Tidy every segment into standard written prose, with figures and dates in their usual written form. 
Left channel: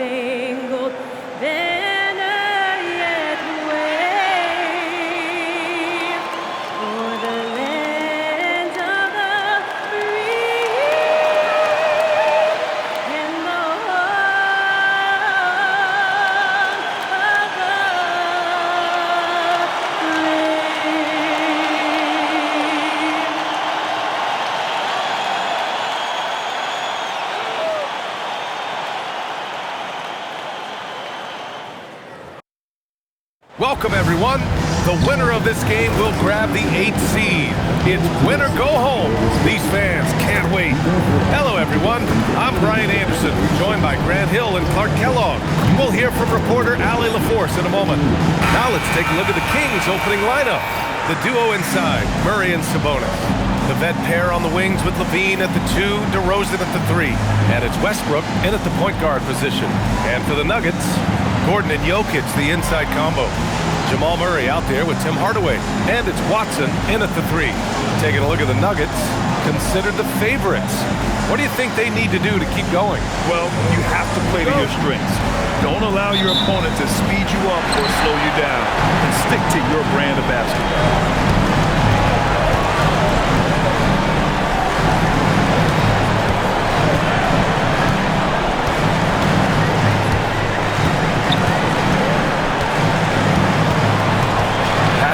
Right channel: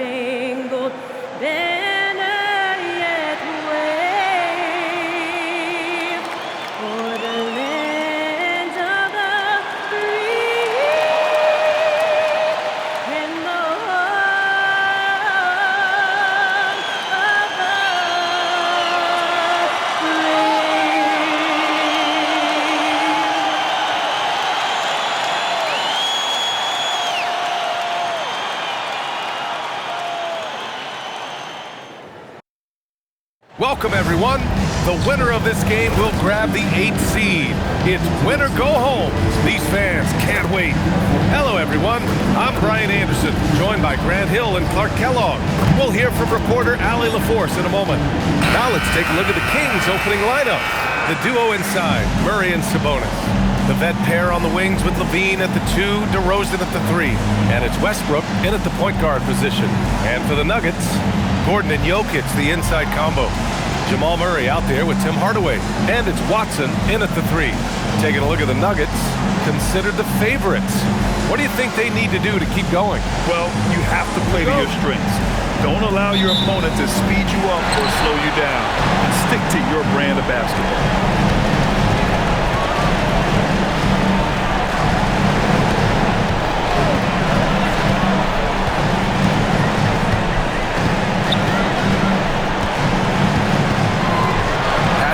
star-spangled banner yet wave for the land of the free and the home of the Welcome, everyone. The winner of this game will grab the 8th seed. It's win or go home. These fans can't wait. Hello, everyone. I'm Brian Anderson, joined by Grant Hill and Clark Kellogg. We'll hear from reporter Allie LaForce in a moment. Now let's take a look at the Kings' opening lineup. The duo inside, Murray and Sabonis. The vet pair on the wings with Levine at the 2, DeRozan at the 3. And it's Westbrook in at the point guard position. And for the Nuggets, Gordon and Jokic, the inside combo. Jamal Murray out there with Tim Hardaway. And it's Watson in at the 3. Taking a look at the Nuggets, considered the favorites. What do you think they need to do to keep going? Well, you have to play to your strengths. Don't allow your opponent to speed you up or slow you down. And stick to your brand of basketball.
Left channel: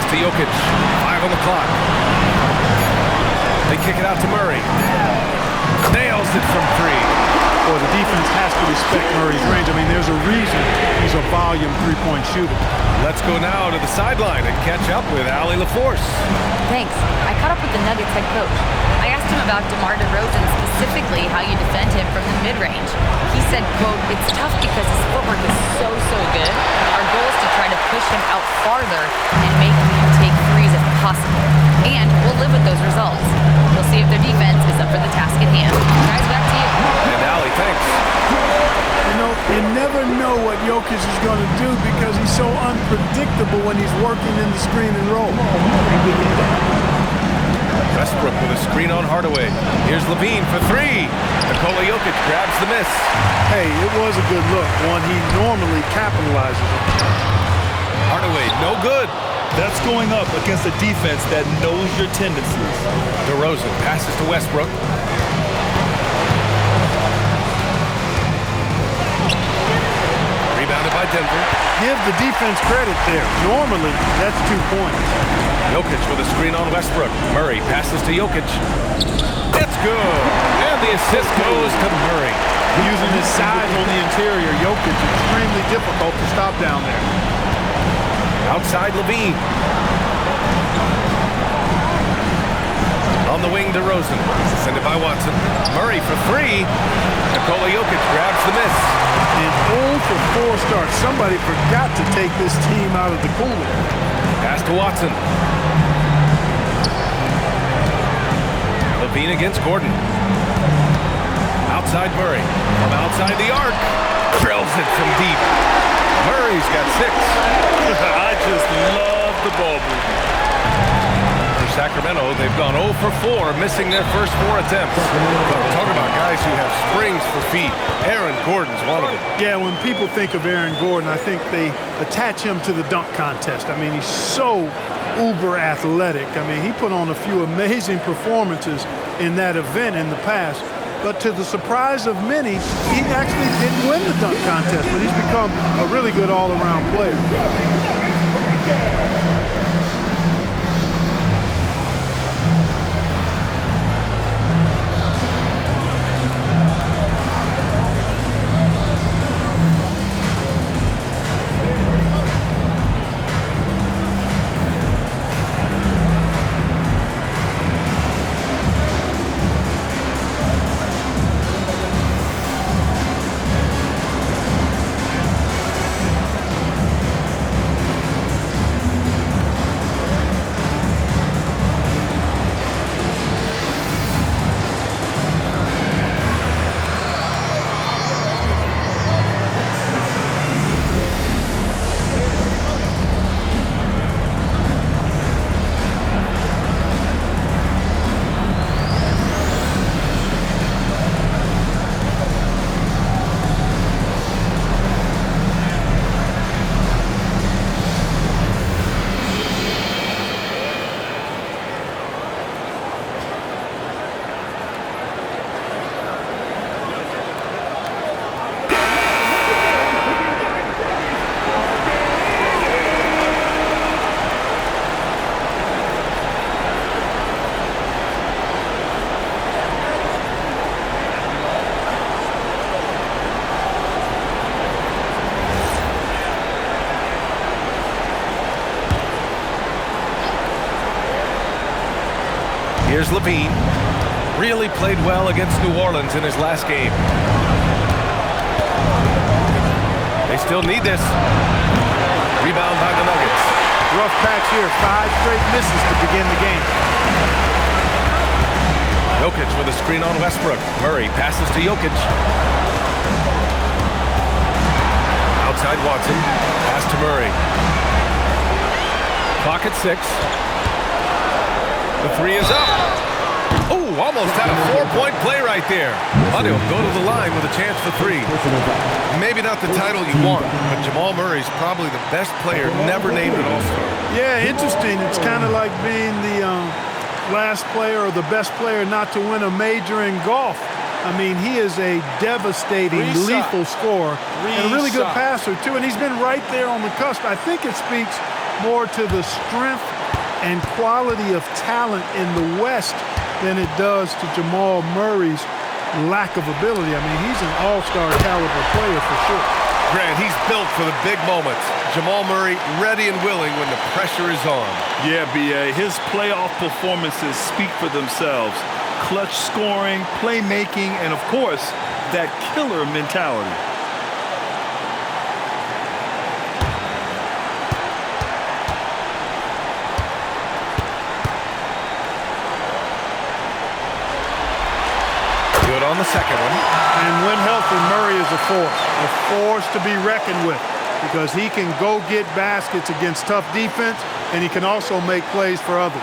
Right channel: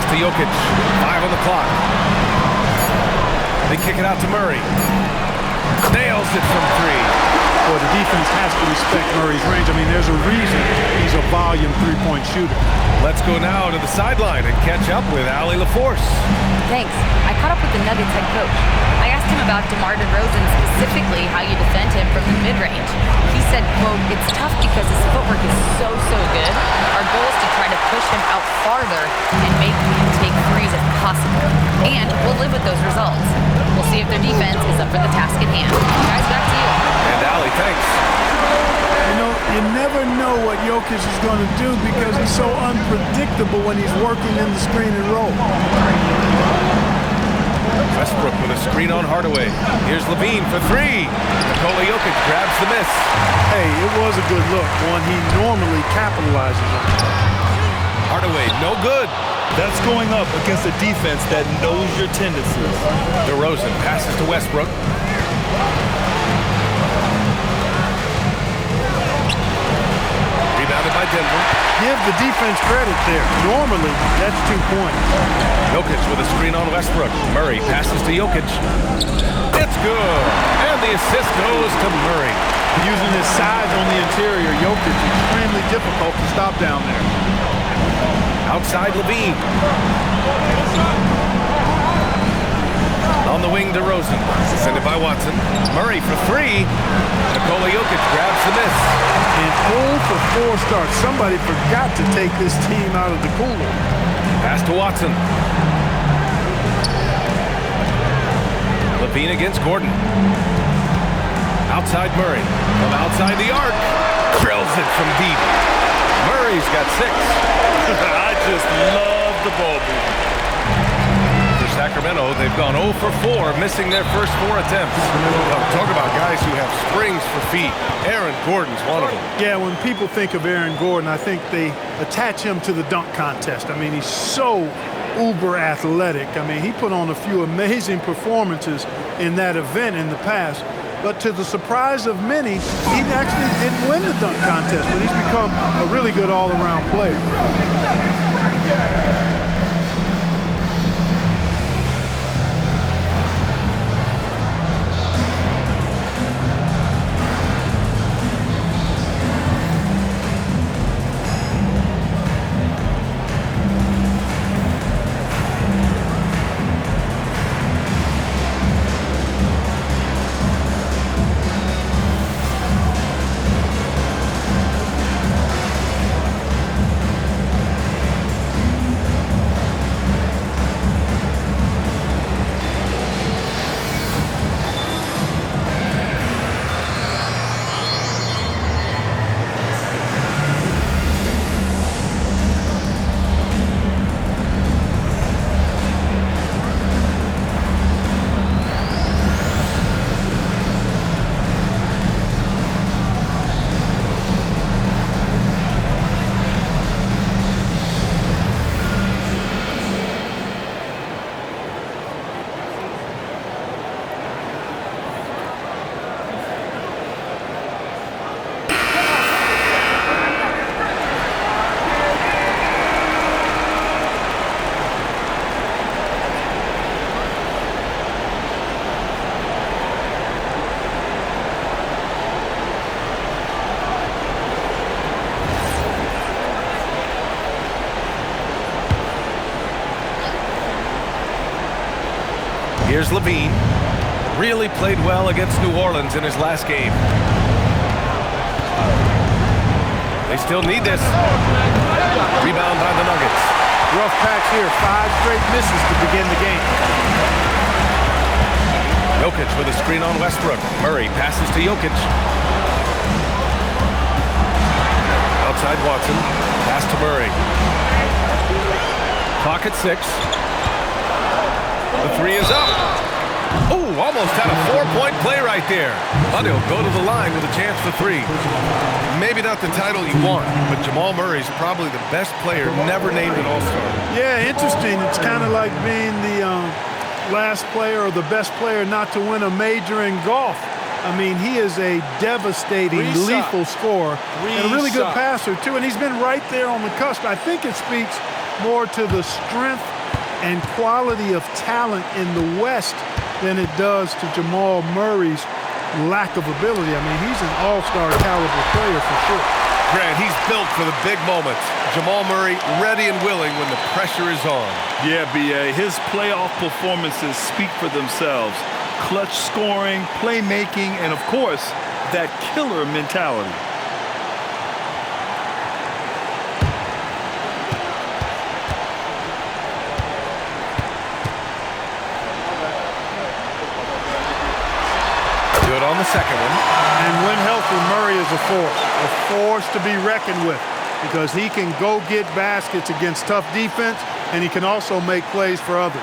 To Jokic, 5 on the clock. They kick it out to Murray. Nails it from 3. Well, the defense has to respect Murray's range. I mean, there's a reason he's a volume three-point shooter. Let's go now to the sideline and catch up with Allie LaForce. Thanks. I caught up with the Nuggets head coach. I asked him about DeMar DeRozan, specifically how you defend him from the mid-range. He said, quote, "It's tough because his footwork is so good. Our goal is to try to push him out farther and make him take threes if possible. And we'll live with those results. We'll see if their defense is up for the task at hand." Guys, back to you. And Allie, thanks. You know, you never know what Jokic is going to do because he's so unpredictable when he's working in the screen and roll. Westbrook with a screen on Hardaway. Here's Levine for 3. Nikola Jokic grabs the miss. Hey, it was a good look, one he normally capitalizes on. Hardaway, no good. That's going up against a defense that knows your tendencies. DeRozan passes to Westbrook. Rebounded by Denver. Give the defense credit there. Normally, that's 2 points. Jokic with a screen on Westbrook. Murray passes to Jokic. It's good. And the assist goes to Murray. Using his size on the interior, Jokic extremely difficult to stop down there. Outside Levine. On the wing, DeRozan. Sent it by Watson. Murray for 3. Nikola Jokic grabs the miss. An 0 for 4 start. Somebody forgot to take this team out of the cooler. Pass to Watson. Levine against Gordon. Outside Murray. From outside the arc. Drills it from deep. Murray's got 6. I just love the ball movement. For Sacramento, they've gone 0 for 4, missing their first 4 attempts. Talk about guys who have springs for feet. Aaron Gordon's one of them. Yeah, when people think of Aaron Gordon, I think they attach him to the dunk contest. I mean, he's so uber athletic. I mean, he put on a few amazing performances in that event in the past. But to the surprise of many, he actually didn't win the dunk contest, but he's become a really good all-around player. Here's Levine. Really played well against New Orleans in his last game. They still need this. Rebound by the Nuggets. Rough patch here. 5 straight misses to begin the game. Jokic with a screen on Westbrook. Murray passes to Jokic. Outside Watson. Pass to Murray. Clock at 6. The 3 is up. Oh, almost had a 4-point play right there. But he'll go to the line with a chance for 3. Maybe not the title you want, but Jamal Murray's probably the best player never named an All-Star. Yeah, interesting. It's kind of like being the last player or the best player not to win a major in golf. I mean, he is a devastating, lethal scorer and a really good passer, too. And he's been right there on the cusp. I think it speaks more to the strength and quality of talent in the West than it does to Jamal Murray's lack of ability. I mean, he's an all-star caliber player for sure. Grant, he's built for the big moments. Jamal Murray ready and willing when the pressure is on. Yeah, B.A. His playoff performances speak for themselves. Clutch scoring, playmaking, and, of course, that killer mentality. Good on the second one. And when healthy, Murray is a force to be reckoned with, because he can go get baskets against tough defense, and he can also make plays for others.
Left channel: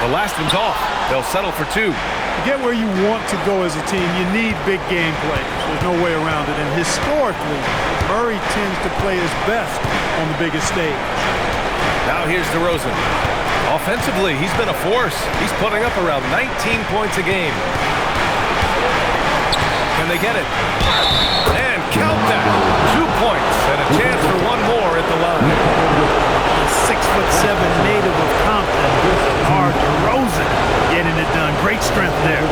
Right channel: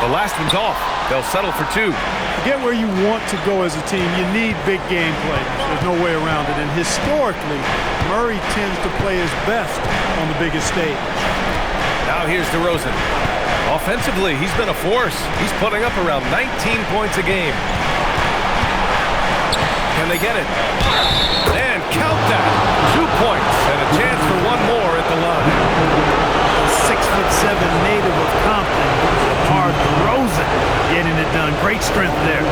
The last one's off. They'll settle for 2. To get where you want to go as a team, you need big game players. There's no way around it. And historically, Murray tends to play his best on the biggest stage. Now here's DeRozan. Offensively, he's been a force. He's putting up around 19 points a game. Can they get it? And count that. 2 points and a chance for one more at the line. The 6'7" native of Compton, DeMar DeRozan, getting it done. Great strength there.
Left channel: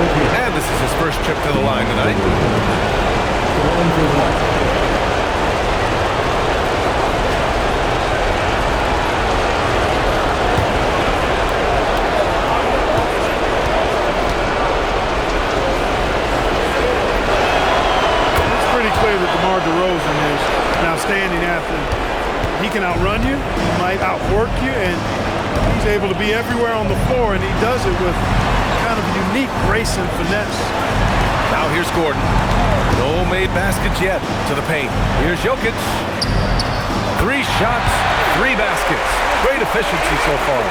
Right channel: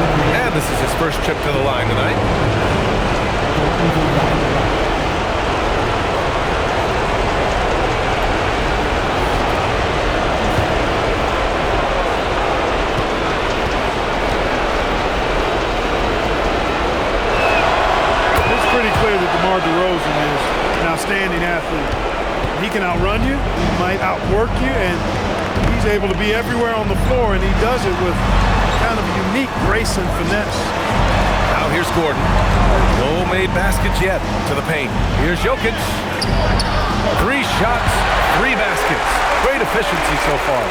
And this is his first trip to the line tonight. Pretty clear that DeMar DeRozan is an outstanding athlete. He can outrun you, he might outwork you, and he's able to be everywhere on the floor, and he does it with kind of unique grace and finesse. Now here's Gordon. No made baskets yet to the paint. Here's Jokic. 3 shots, 3 baskets. Great efficiency so far.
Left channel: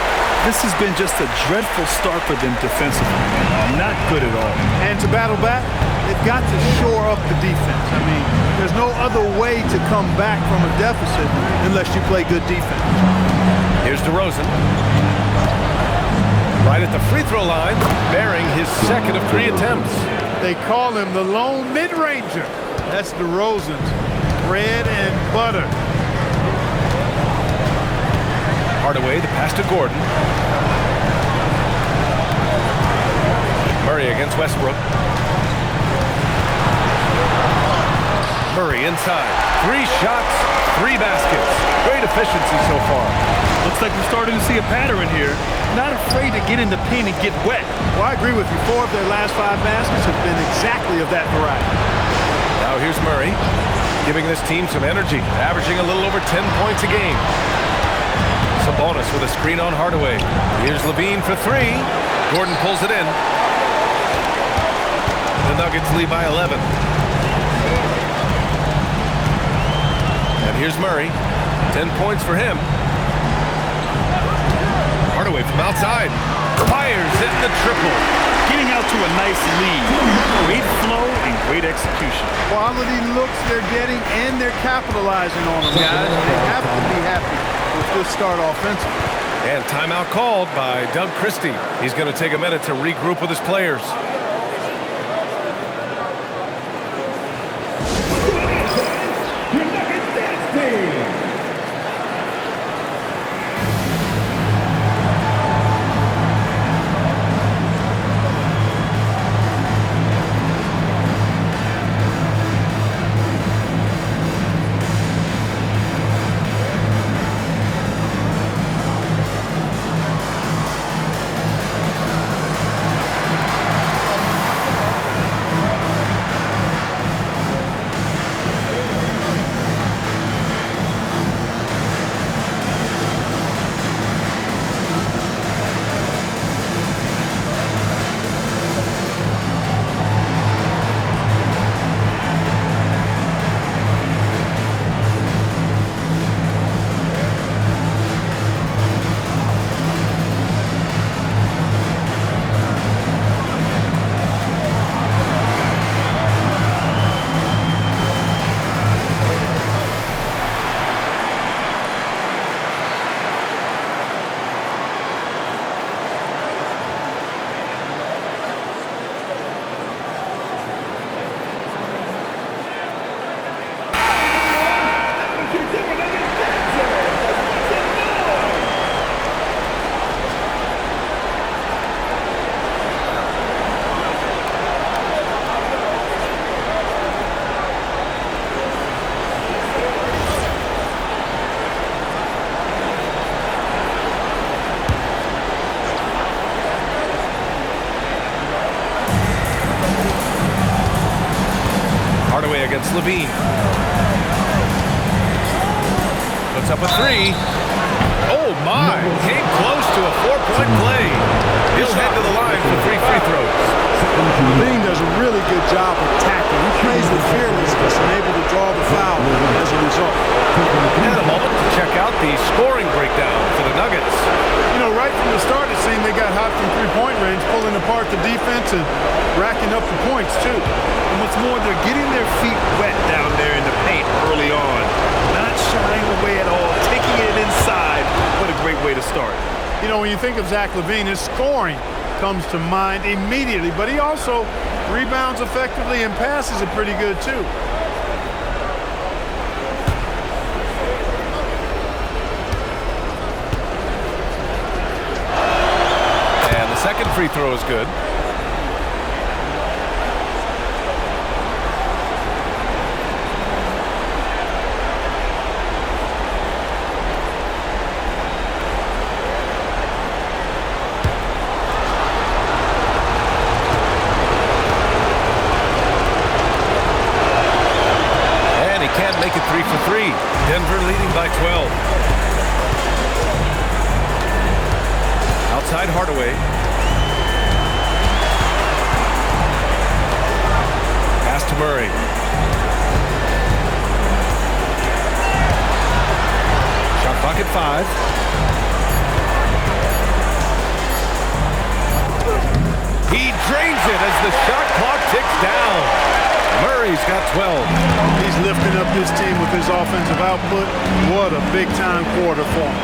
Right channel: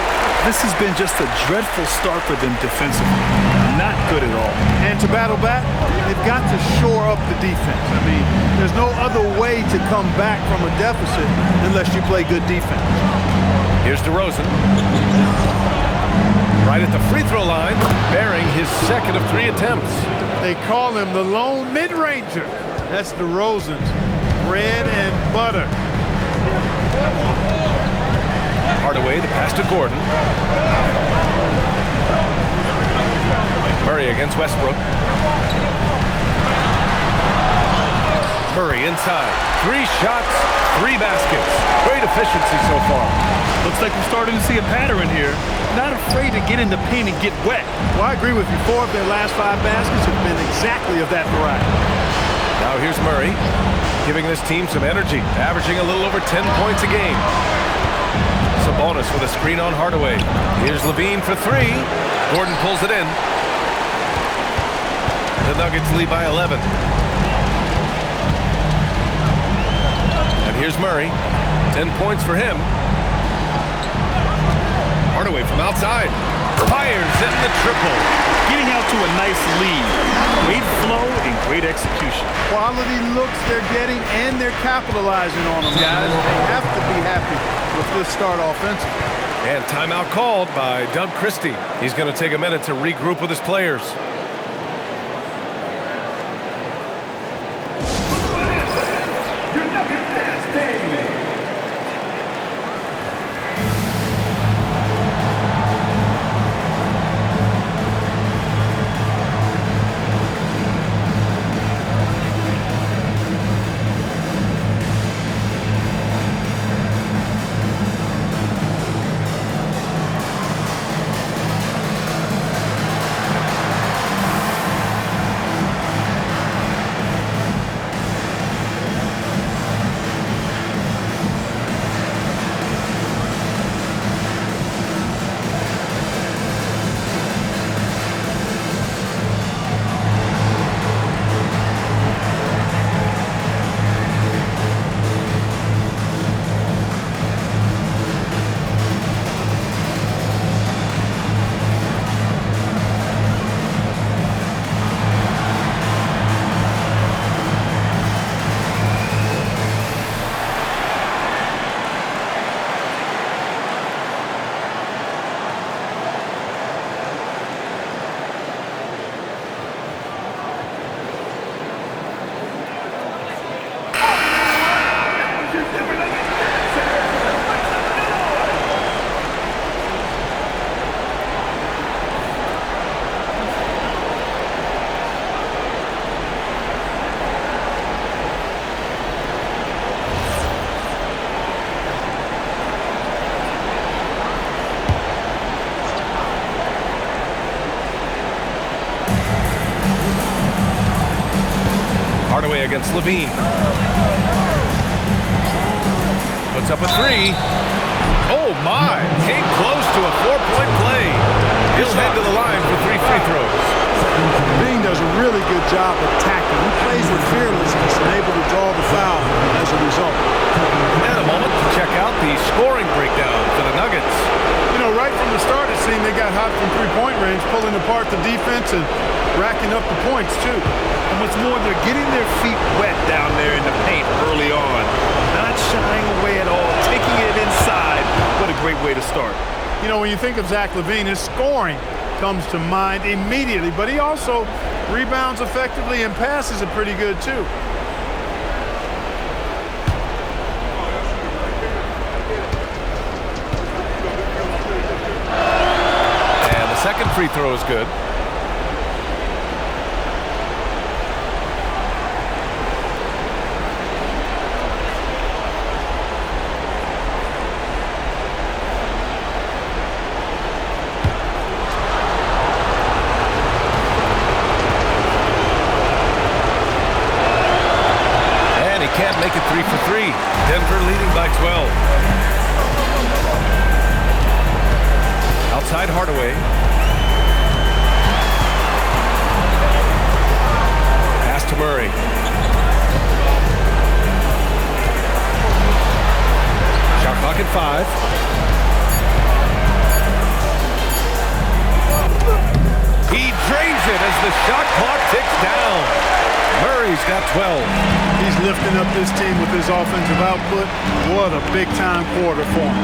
This has been just a dreadful start for them defensively. Not good at all. And to battle back, they've got to shore up the defense. I mean, there's no other way to come back from a deficit unless you play good defense. Here's DeRozan. Right at the free throw line, bearing his second of 3 attempts. They call him the lone mid-ranger. That's DeRozan's bread and butter. Hardaway, the pass to Gordon. Murray against Westbrook. Murray inside. 3 shots, 3 baskets. Great efficiency so far. Looks like we're starting to see a pattern here. Not afraid to get in the paint and get wet. Well, I agree with you. 4 of their last 5 baskets have been exactly of that variety. Now here's Murray, giving this team some energy, averaging a little over 10 points a game. Sabonis with a screen on Hardaway. Here's Levine for 3. Gordon pulls it in. The Nuggets lead by 11. And here's Murray. 10 points for him. Hardaway from outside. Fires in the triple. Getting out to a nice lead. Great flow and great execution. Quality looks they're getting, and they're capitalizing on them, guys. They have to be happy with this start offensively. And timeout called by Doug Christie. He's going to take a minute to regroup with his players. Hardaway against Levine. Puts up a three. Oh my, came close to a 4-point play. He'll head to the line for 3 free throws. Levine does a really good job attacking. He plays with fearlessness and able to draw the foul as a result. And a moment to check out the scoring breakdown for the Nuggets. You know, right from the start, it seemed they got hot from three-point range, pulling apart the defense and racking up the points, too. And what's more, they're getting their feet wet down there in the paint early on. Not shying away at all, taking it inside. What a great way to start. You know, when you think of Zach LaVine, his scoring comes to mind immediately, but he also rebounds effectively and passes it pretty good, too. And the second free throw is good. Can't make it 3 for 3. Denver leading by 12. Outside Hardaway. Pass to Murray. Shot clock at 5. He drains it as the shot clock ticks down. Murray's got 12. He's lifting up this team with his offensive output. What a big-time quarter for him.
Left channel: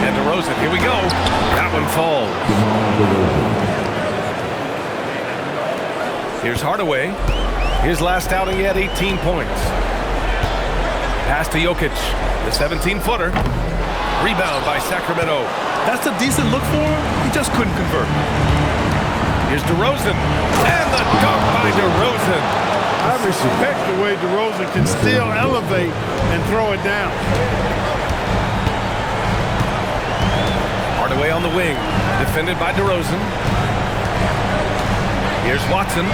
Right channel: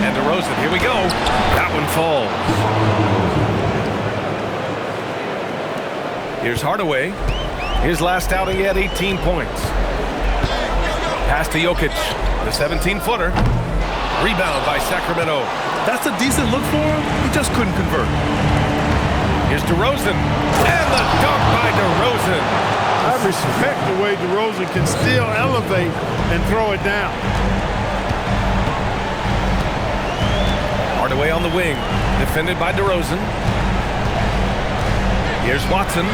And DeRozan, here we go. That one falls. Here's Hardaway. His last outing, he had 18 points. Pass to Jokic, the 17-footer. Rebound by Sacramento. That's a decent look for him. He just couldn't convert. Here's DeRozan. And the dunk by DeRozan. I respect the way DeRozan can still elevate and throw it down. Hardaway on the wing. Defended by DeRozan. Here's Watson.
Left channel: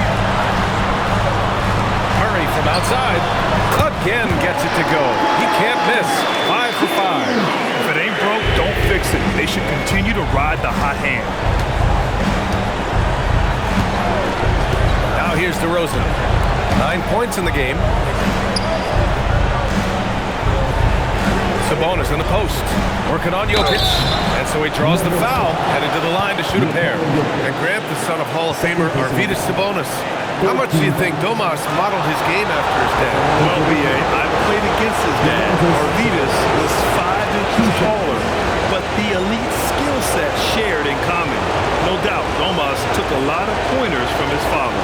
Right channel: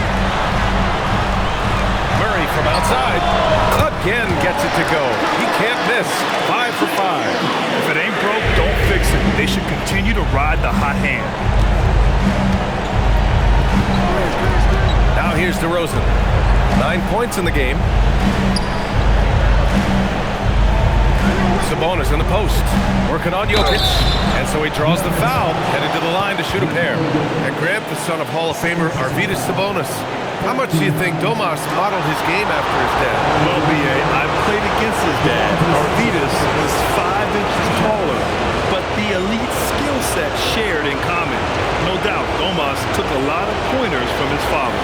Murray from outside. Again gets it to go. He can't miss. 5 for 5. If it ain't broke, don't fix it. They should continue to ride the hot hand. Now here's DeRozan. 9 points in the game. Sabonis in the post. Working on Jokic. And so he draws the foul. Headed to the line to shoot a pair. And Grant, the son of Hall of Famer Arvydas Sabonis. How much do you think Domas modeled his game after his dad? Well, B.A., I played against his dad. Arvydas was 5 inches taller, but the elite skill set shared in common. No doubt, Domas took a lot of pointers from his father.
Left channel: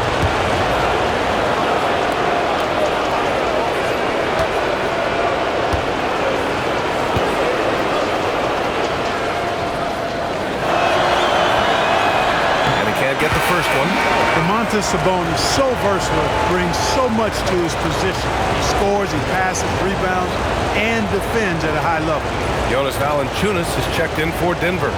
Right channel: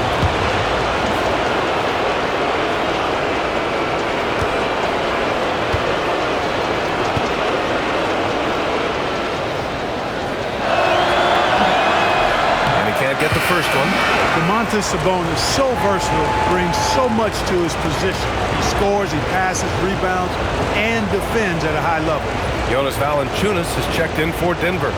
Can't get the first one. Domantas Sabonis, so versatile, brings so much to his position. He scores, he passes, rebounds, and defends at a high level. Jonas Valanciunas has checked in for Denver.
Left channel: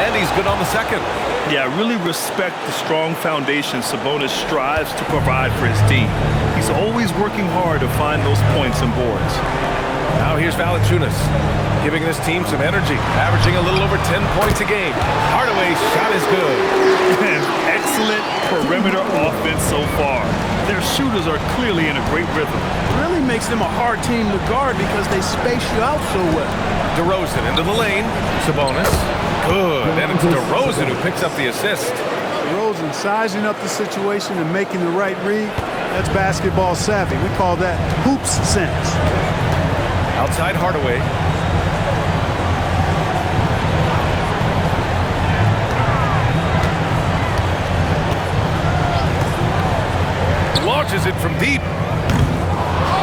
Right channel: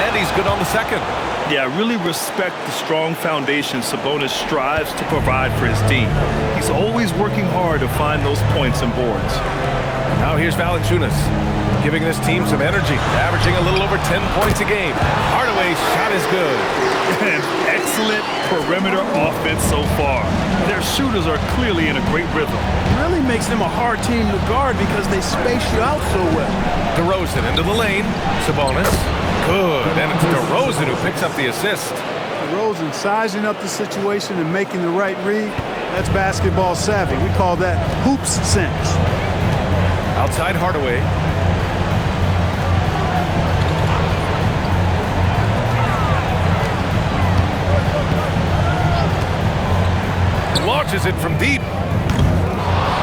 And he's good on the second. Yeah, I really respect the strong foundation Sabonis strives to provide for his team. He's always working hard to find those points and boards. Now here's Valanciunas, giving this team some energy, averaging a little over 10 points a game. Hardaway's shot is good. And excellent perimeter offense so far. Their shooters are clearly in a great rhythm. It really makes them a hard team to guard because they space you out so well. DeRozan into the lane. Sabonis. Good, and it's DeRozan who picks up the assist. DeRozan sizing up the situation and making the right read. That's basketball savvy. We call that hoops sense. Outside Hardaway. Launches it from deep.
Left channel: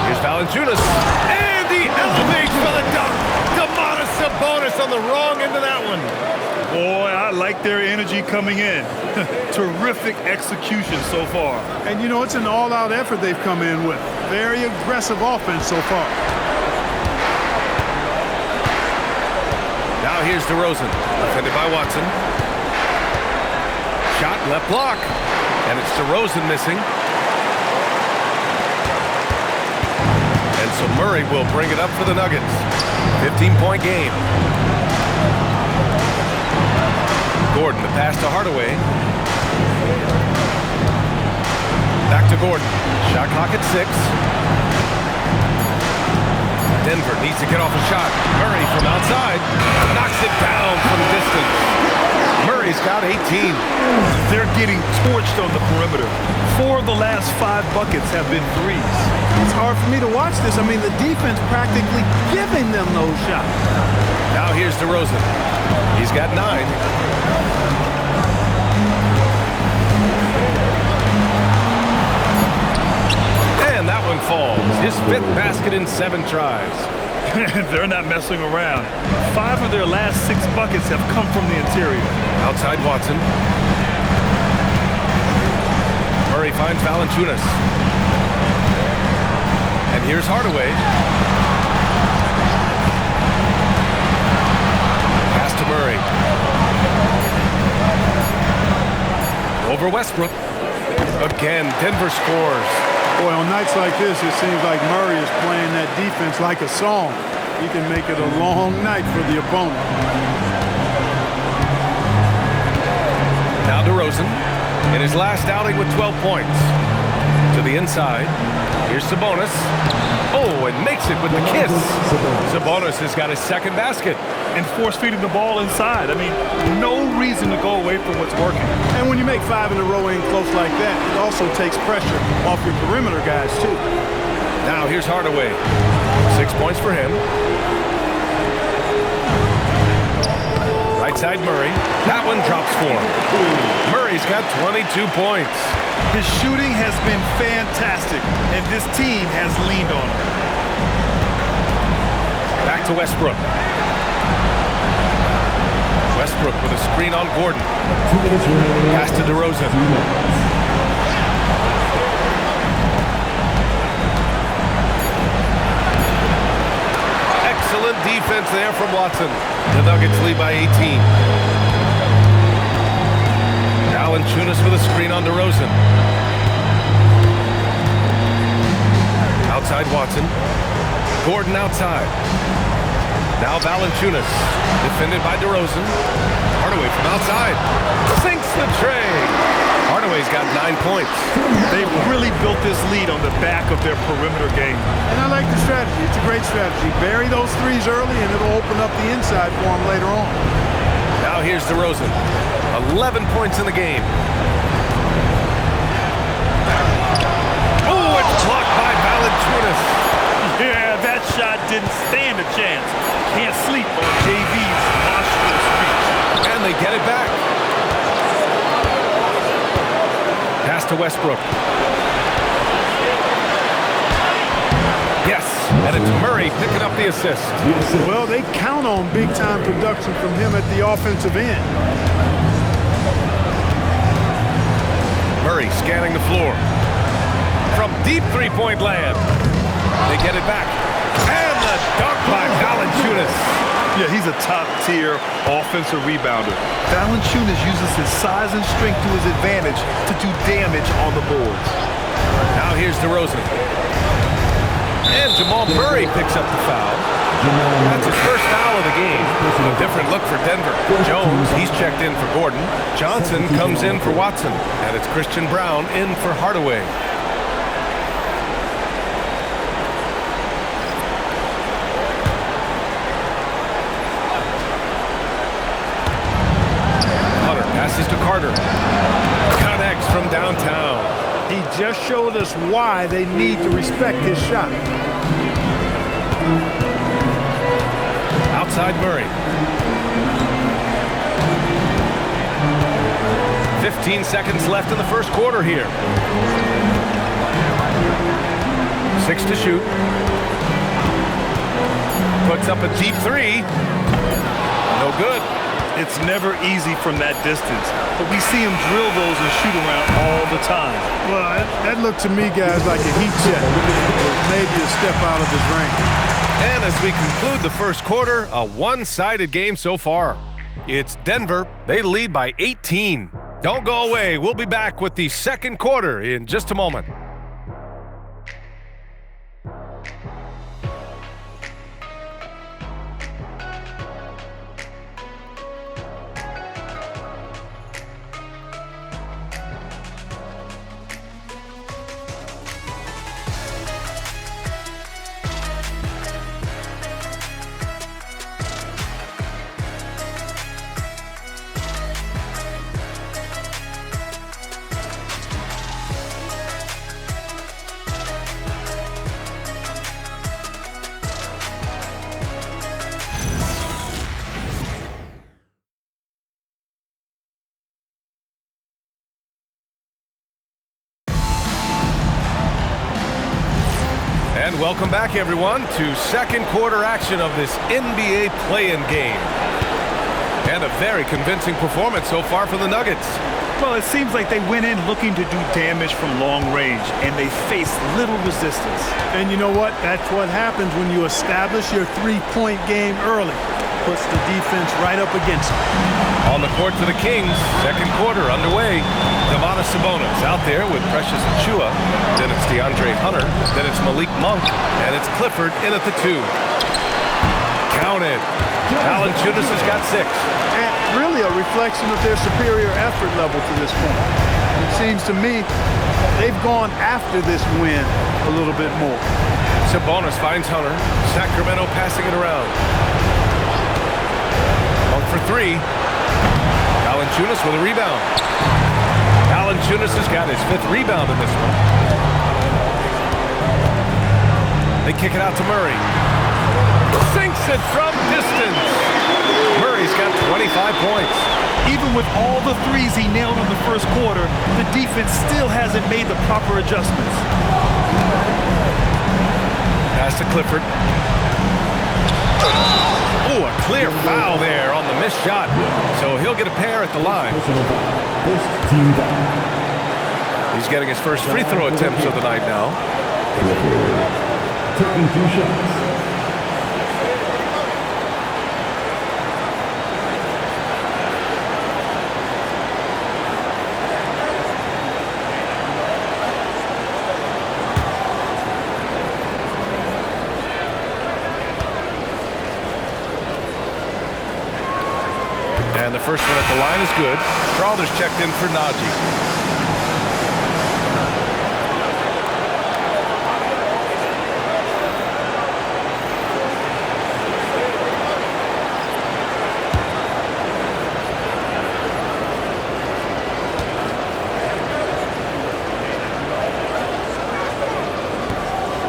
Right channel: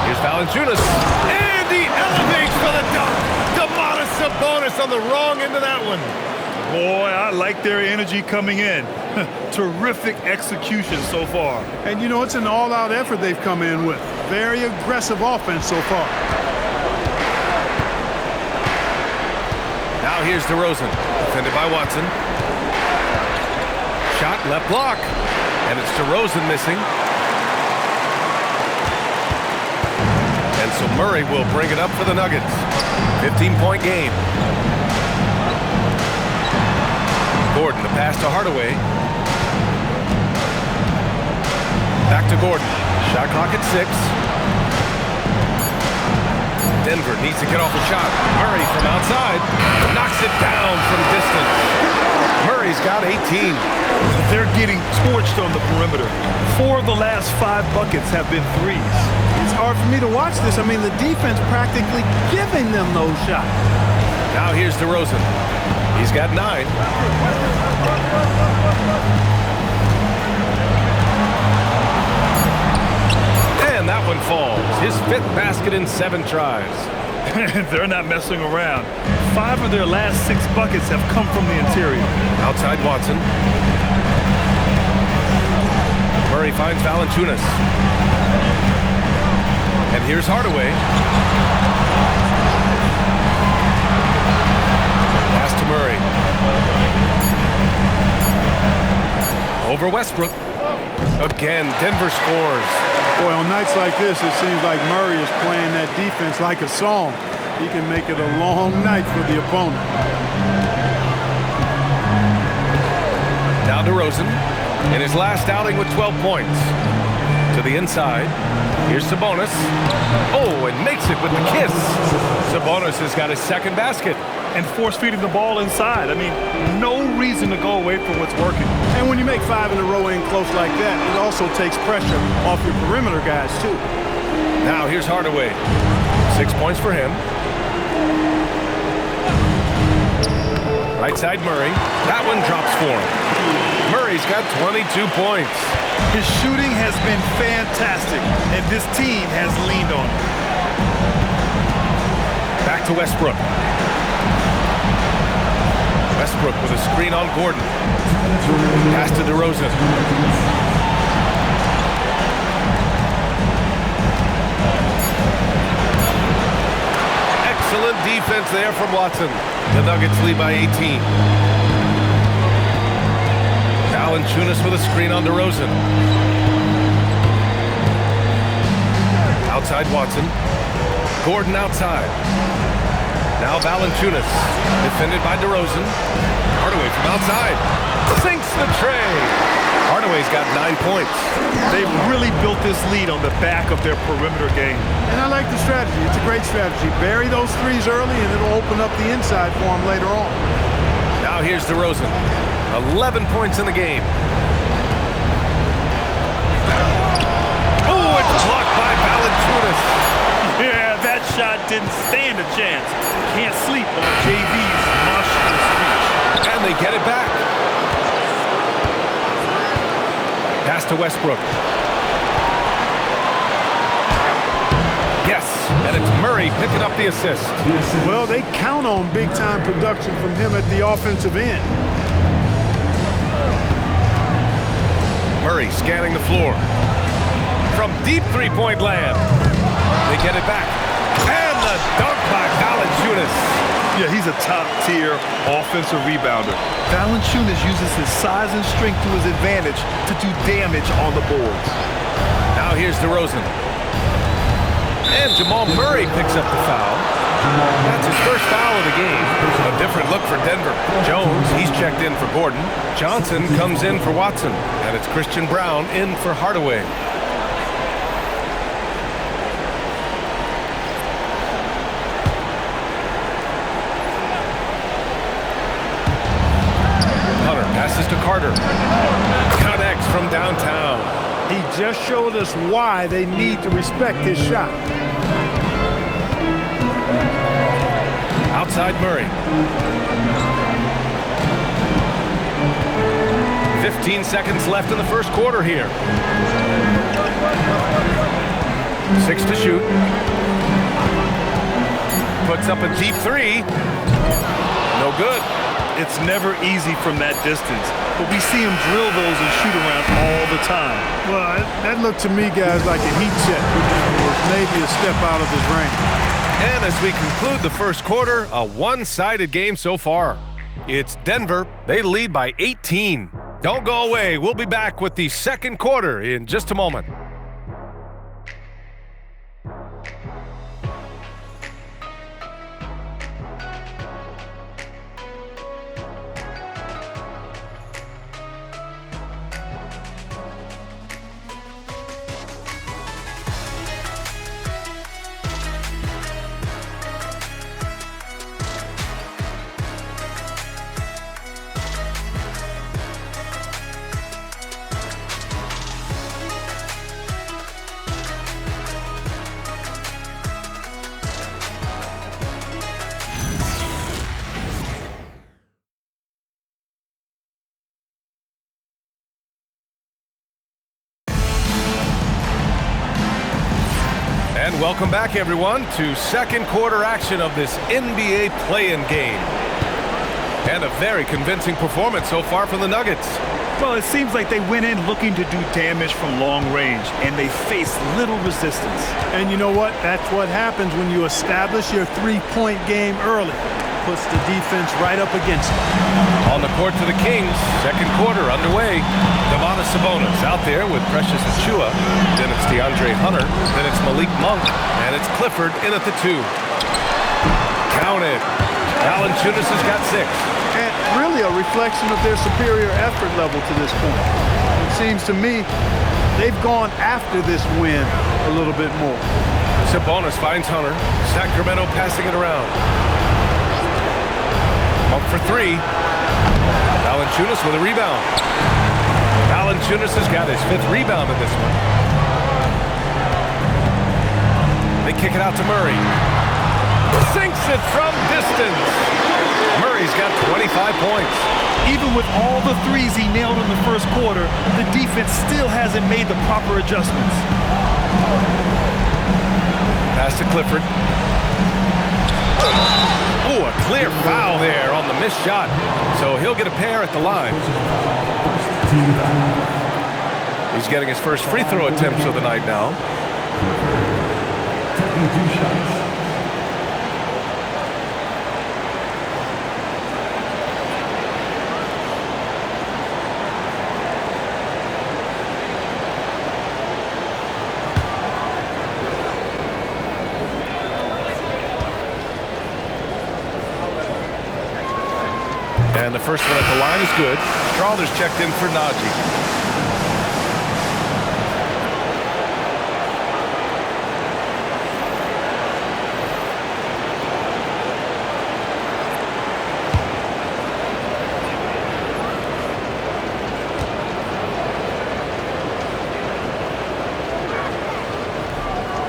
Here's Valanciunas. And he elevates for the dunk. Domantas Sabonis on the wrong end of that one. Boy, I like their energy coming in. Terrific execution so far. And, you know, it's an all-out effort they've come in with. Very aggressive offense so far. Now here's DeRozan, defended by Watson. Shot left block, and it's DeRozan missing. And so Murray will bring it up for the Nuggets. 15-point game. Gordon, the pass to Hardaway. Back to Gordon. Shot clock at 6. Denver needs to get off a shot. Murray from outside knocks it down from distance. Murray's got 18. They're getting torched on the perimeter. 4 of the last 5 buckets have been threes. It's hard for me to watch this. I mean, the defense practically giving them those shots. Now here's DeRozan. He's got 9. And that one falls. His 5th basket in 7 tries. They're not messing around. 5 of their last 6 buckets have come from the interior. Outside Watson. Murray finds Valanciunas. And here's Hardaway. Pass to Murray. Over Westbrook. Again, Denver scores. Boy, on nights like this, it seems like Murray is playing that defense like a song. He can make it a long night for the opponent. Now DeRozan in his last outing with 12 points. To the inside. Here's Sabonis. Oh, and makes it with the kiss. Sabonis has got his 2nd basket. And force-feeding the ball inside. I mean, no reason to go away from what's working. And when you make 5 in a row in close like that, it also takes pressure off your perimeter guys, too. Now here's Hardaway. 6 points for him. Right side Murray. That one drops for him. Murray's got 22 points. His shooting has been fantastic, and this team has leaned on him. Back to Westbrook. Westbrook with a screen on Gordon. Pass to DeRozan. Excellent defense there from Watson. The Nuggets lead by 18. Valanciunas with a screen on DeRozan. Outside Watson. Gordon outside. Now Valanciunas, defended by DeRozan. Hardaway from outside. Sinks the tray. Hardaway's got 9 points. They've really built this lead on the back of their perimeter game. And I like the strategy. It's a great strategy. Bury those threes early, and it'll open up the inside for them later on. Now here's DeRozan. 11 points in the game. Oh, it's blocked by Valanciunas. Yeah, that shot didn't stand a chance. Can't sleep on JV's monstrous reach. And they get it back. Pass to Westbrook. Yes, and it's Murray picking up the assist. Well, they count on big-time production from him at the offensive end. Murray scanning the floor. From deep three-point land. They get it back. And the dunk by Valanciunas. Yeah, he's a top-tier offensive rebounder. Valanciunas uses his size and strength to his advantage to do damage on the boards. Now here's DeRozan. And Jamal Murray picks up the foul. That's his first foul of the game. A different look for Denver. Jones, he's checked in for Gordon. Johnson comes in for Watson. And it's Christian Brown in for Hardaway. Passes to Carter. Connects from downtown. He just showed us why they need to respect his shot. Outside Murray. 15 seconds left in the first quarter here. 6 to shoot. Puts up a deep 3. No good. It's never easy from that distance, but we see him drill those and shoot around all the time. Well, that looked to me, guys, like a heat check. It was maybe a step out of his range. And as we conclude the first quarter, a one-sided game so far. It's Denver. They lead by 18. Don't go away. We'll be back with the second quarter in just a moment. And welcome back, everyone, to second quarter action of this NBA play-in game. And a very convincing performance so far from the Nuggets. Well, it seems like they went in looking to do damage from long range, and they faced little resistance. And you know what? That's what happens when you establish your three-point game early. Puts the defense right up against it. On the court for the Kings, second quarter underway. Domantas Sabonis out there with Precious Achiuwa. Then it's DeAndre Hunter. Then it's Malik Monk. And it's Clifford in at the 2. Counted. Valanciunas has got 6. And really a reflection of their superior effort level to this point. It seems to me they've gone after this win a little bit more. Sabonis finds Hunter. Sacramento passing it around. Monk for 3. Valanciunas with a rebound. Valanciunas has got his 5th rebound in this one. They kick it out to Murray. Sinks it from distance. Murray's got 25 points. Even with all the threes he nailed in the first quarter, the defense still hasn't made the proper adjustments. Pass to Clifford. Oh, a clear foul there on the missed shot. So he'll get a pair at the line. He's getting his first free throw attempts of the night now. Taking 2 shots. And the first one at the line is good. Strawther's checked in for Najee.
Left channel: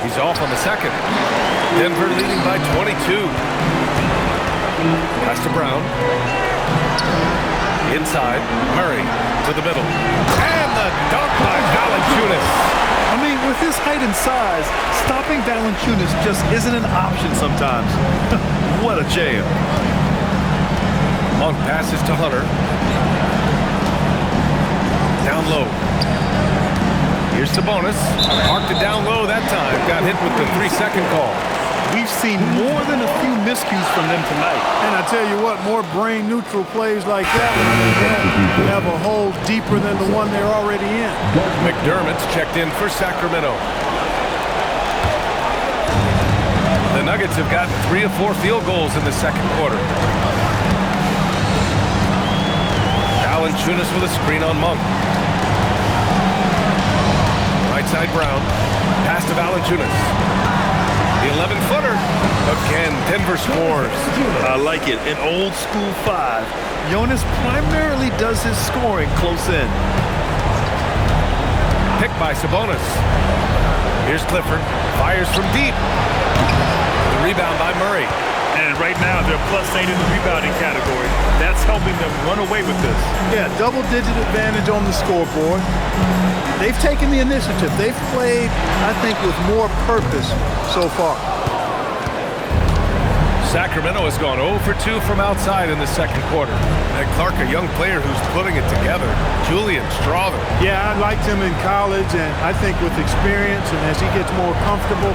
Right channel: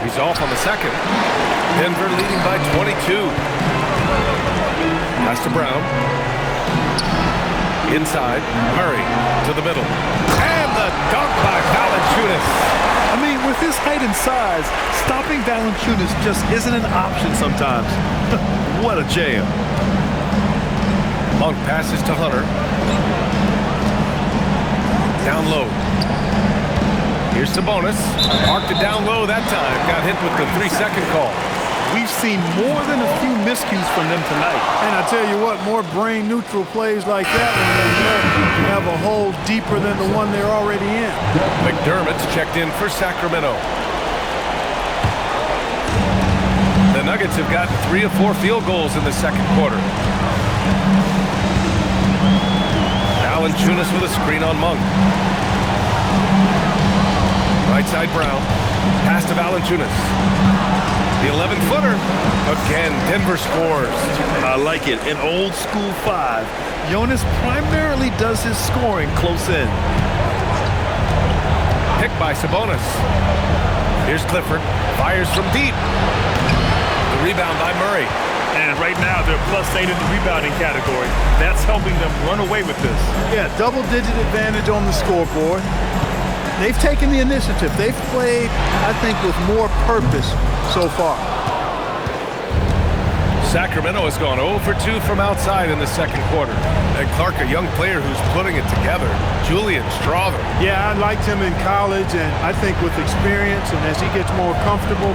He's off on the second. Denver leading by 22. Pass to Brown. Inside, Murray to the middle. And the dunk by Valanciunas. I mean, with his height and size, stopping Valanciunas just isn't an option sometimes. What a jam. Monk passes to Hunter. Down low. Here's Sabonis. Marked it down low that time. Got hit with the 3-second call. We've seen more than a few miscues from them tonight. And I tell you what, more brain-neutral plays like that one, they have a hole deeper than the one they're already in. McDermott's checked in for Sacramento. The Nuggets have gotten 3 of 4 field goals in the second quarter. Valanciunas with a screen on Monk. Right side Brown. Pass to Valanciunas. The 11-footer. Again, Denver scores. I like it. An old school 5. Jonas primarily does his scoring close in. Picked by Sabonis. Here's Clifford. Fires from deep. The rebound by Murray. And right now, they're +8 in the rebounding category. That's helping them run away with this. Yeah, double-digit advantage on the scoreboard. They've taken the initiative. They've played, I think, with more purpose so far. Sacramento has gone 0 for 2 from outside in the second quarter. And Clark, a young player who's putting it together. Julian Strawther. Yeah, I liked him in college, and I think with experience and as he gets more comfortable,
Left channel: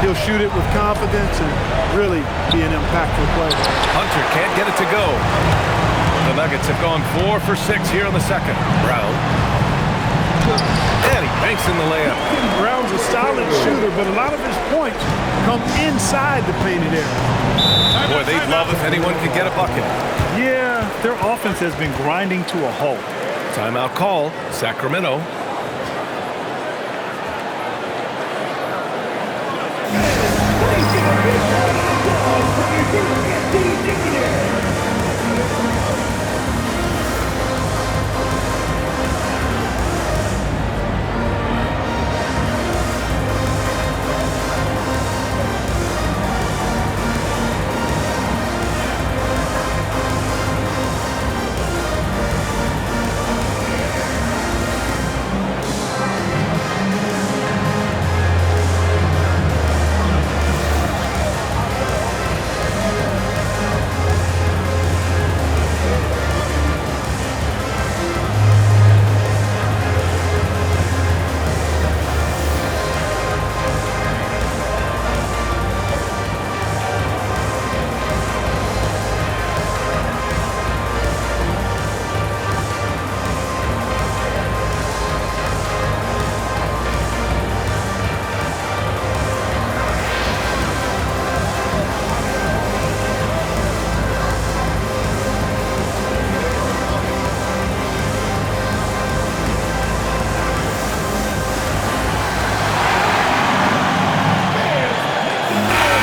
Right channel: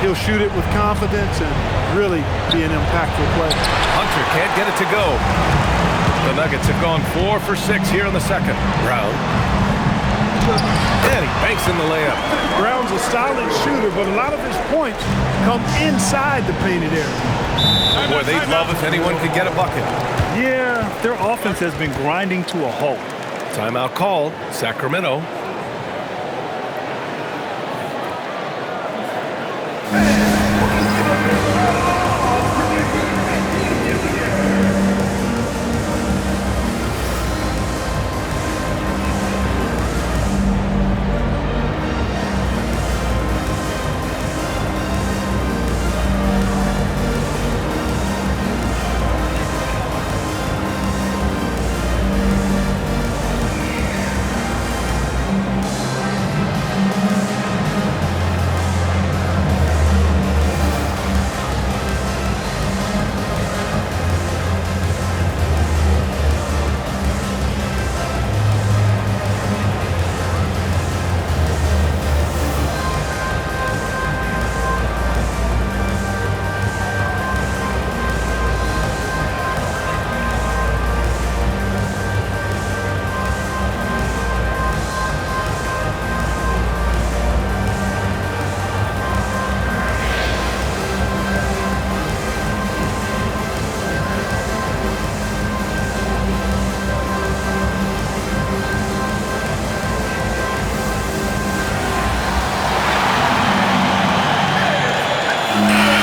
he'll shoot it with confidence and really be an impactful player. Hunter can't get it to go. The Nuggets have gone 4 for 6 here in the second. Brown. And he banks in the layup. Brown's a solid shooter, but a lot of his points come inside the painted area. Boy, they'd love if anyone could get a bucket. Yeah, their offense has been grinding to a halt. Timeout call, Sacramento.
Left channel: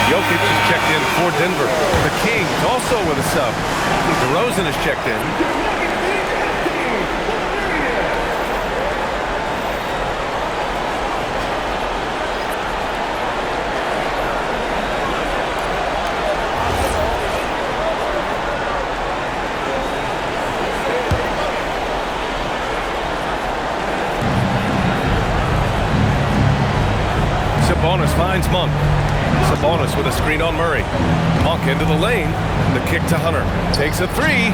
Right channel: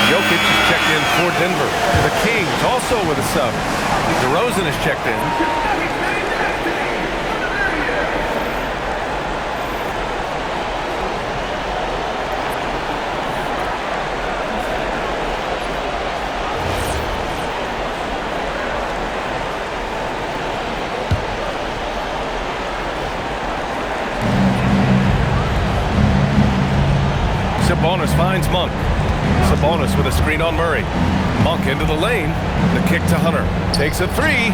Jokic is checked in for Denver. The Kings also with a sub. DeRozan is checked in. Sabonis finds Monk. Sabonis with a screen on Murray. Monk into the lane. The kick to Hunter. Takes a three.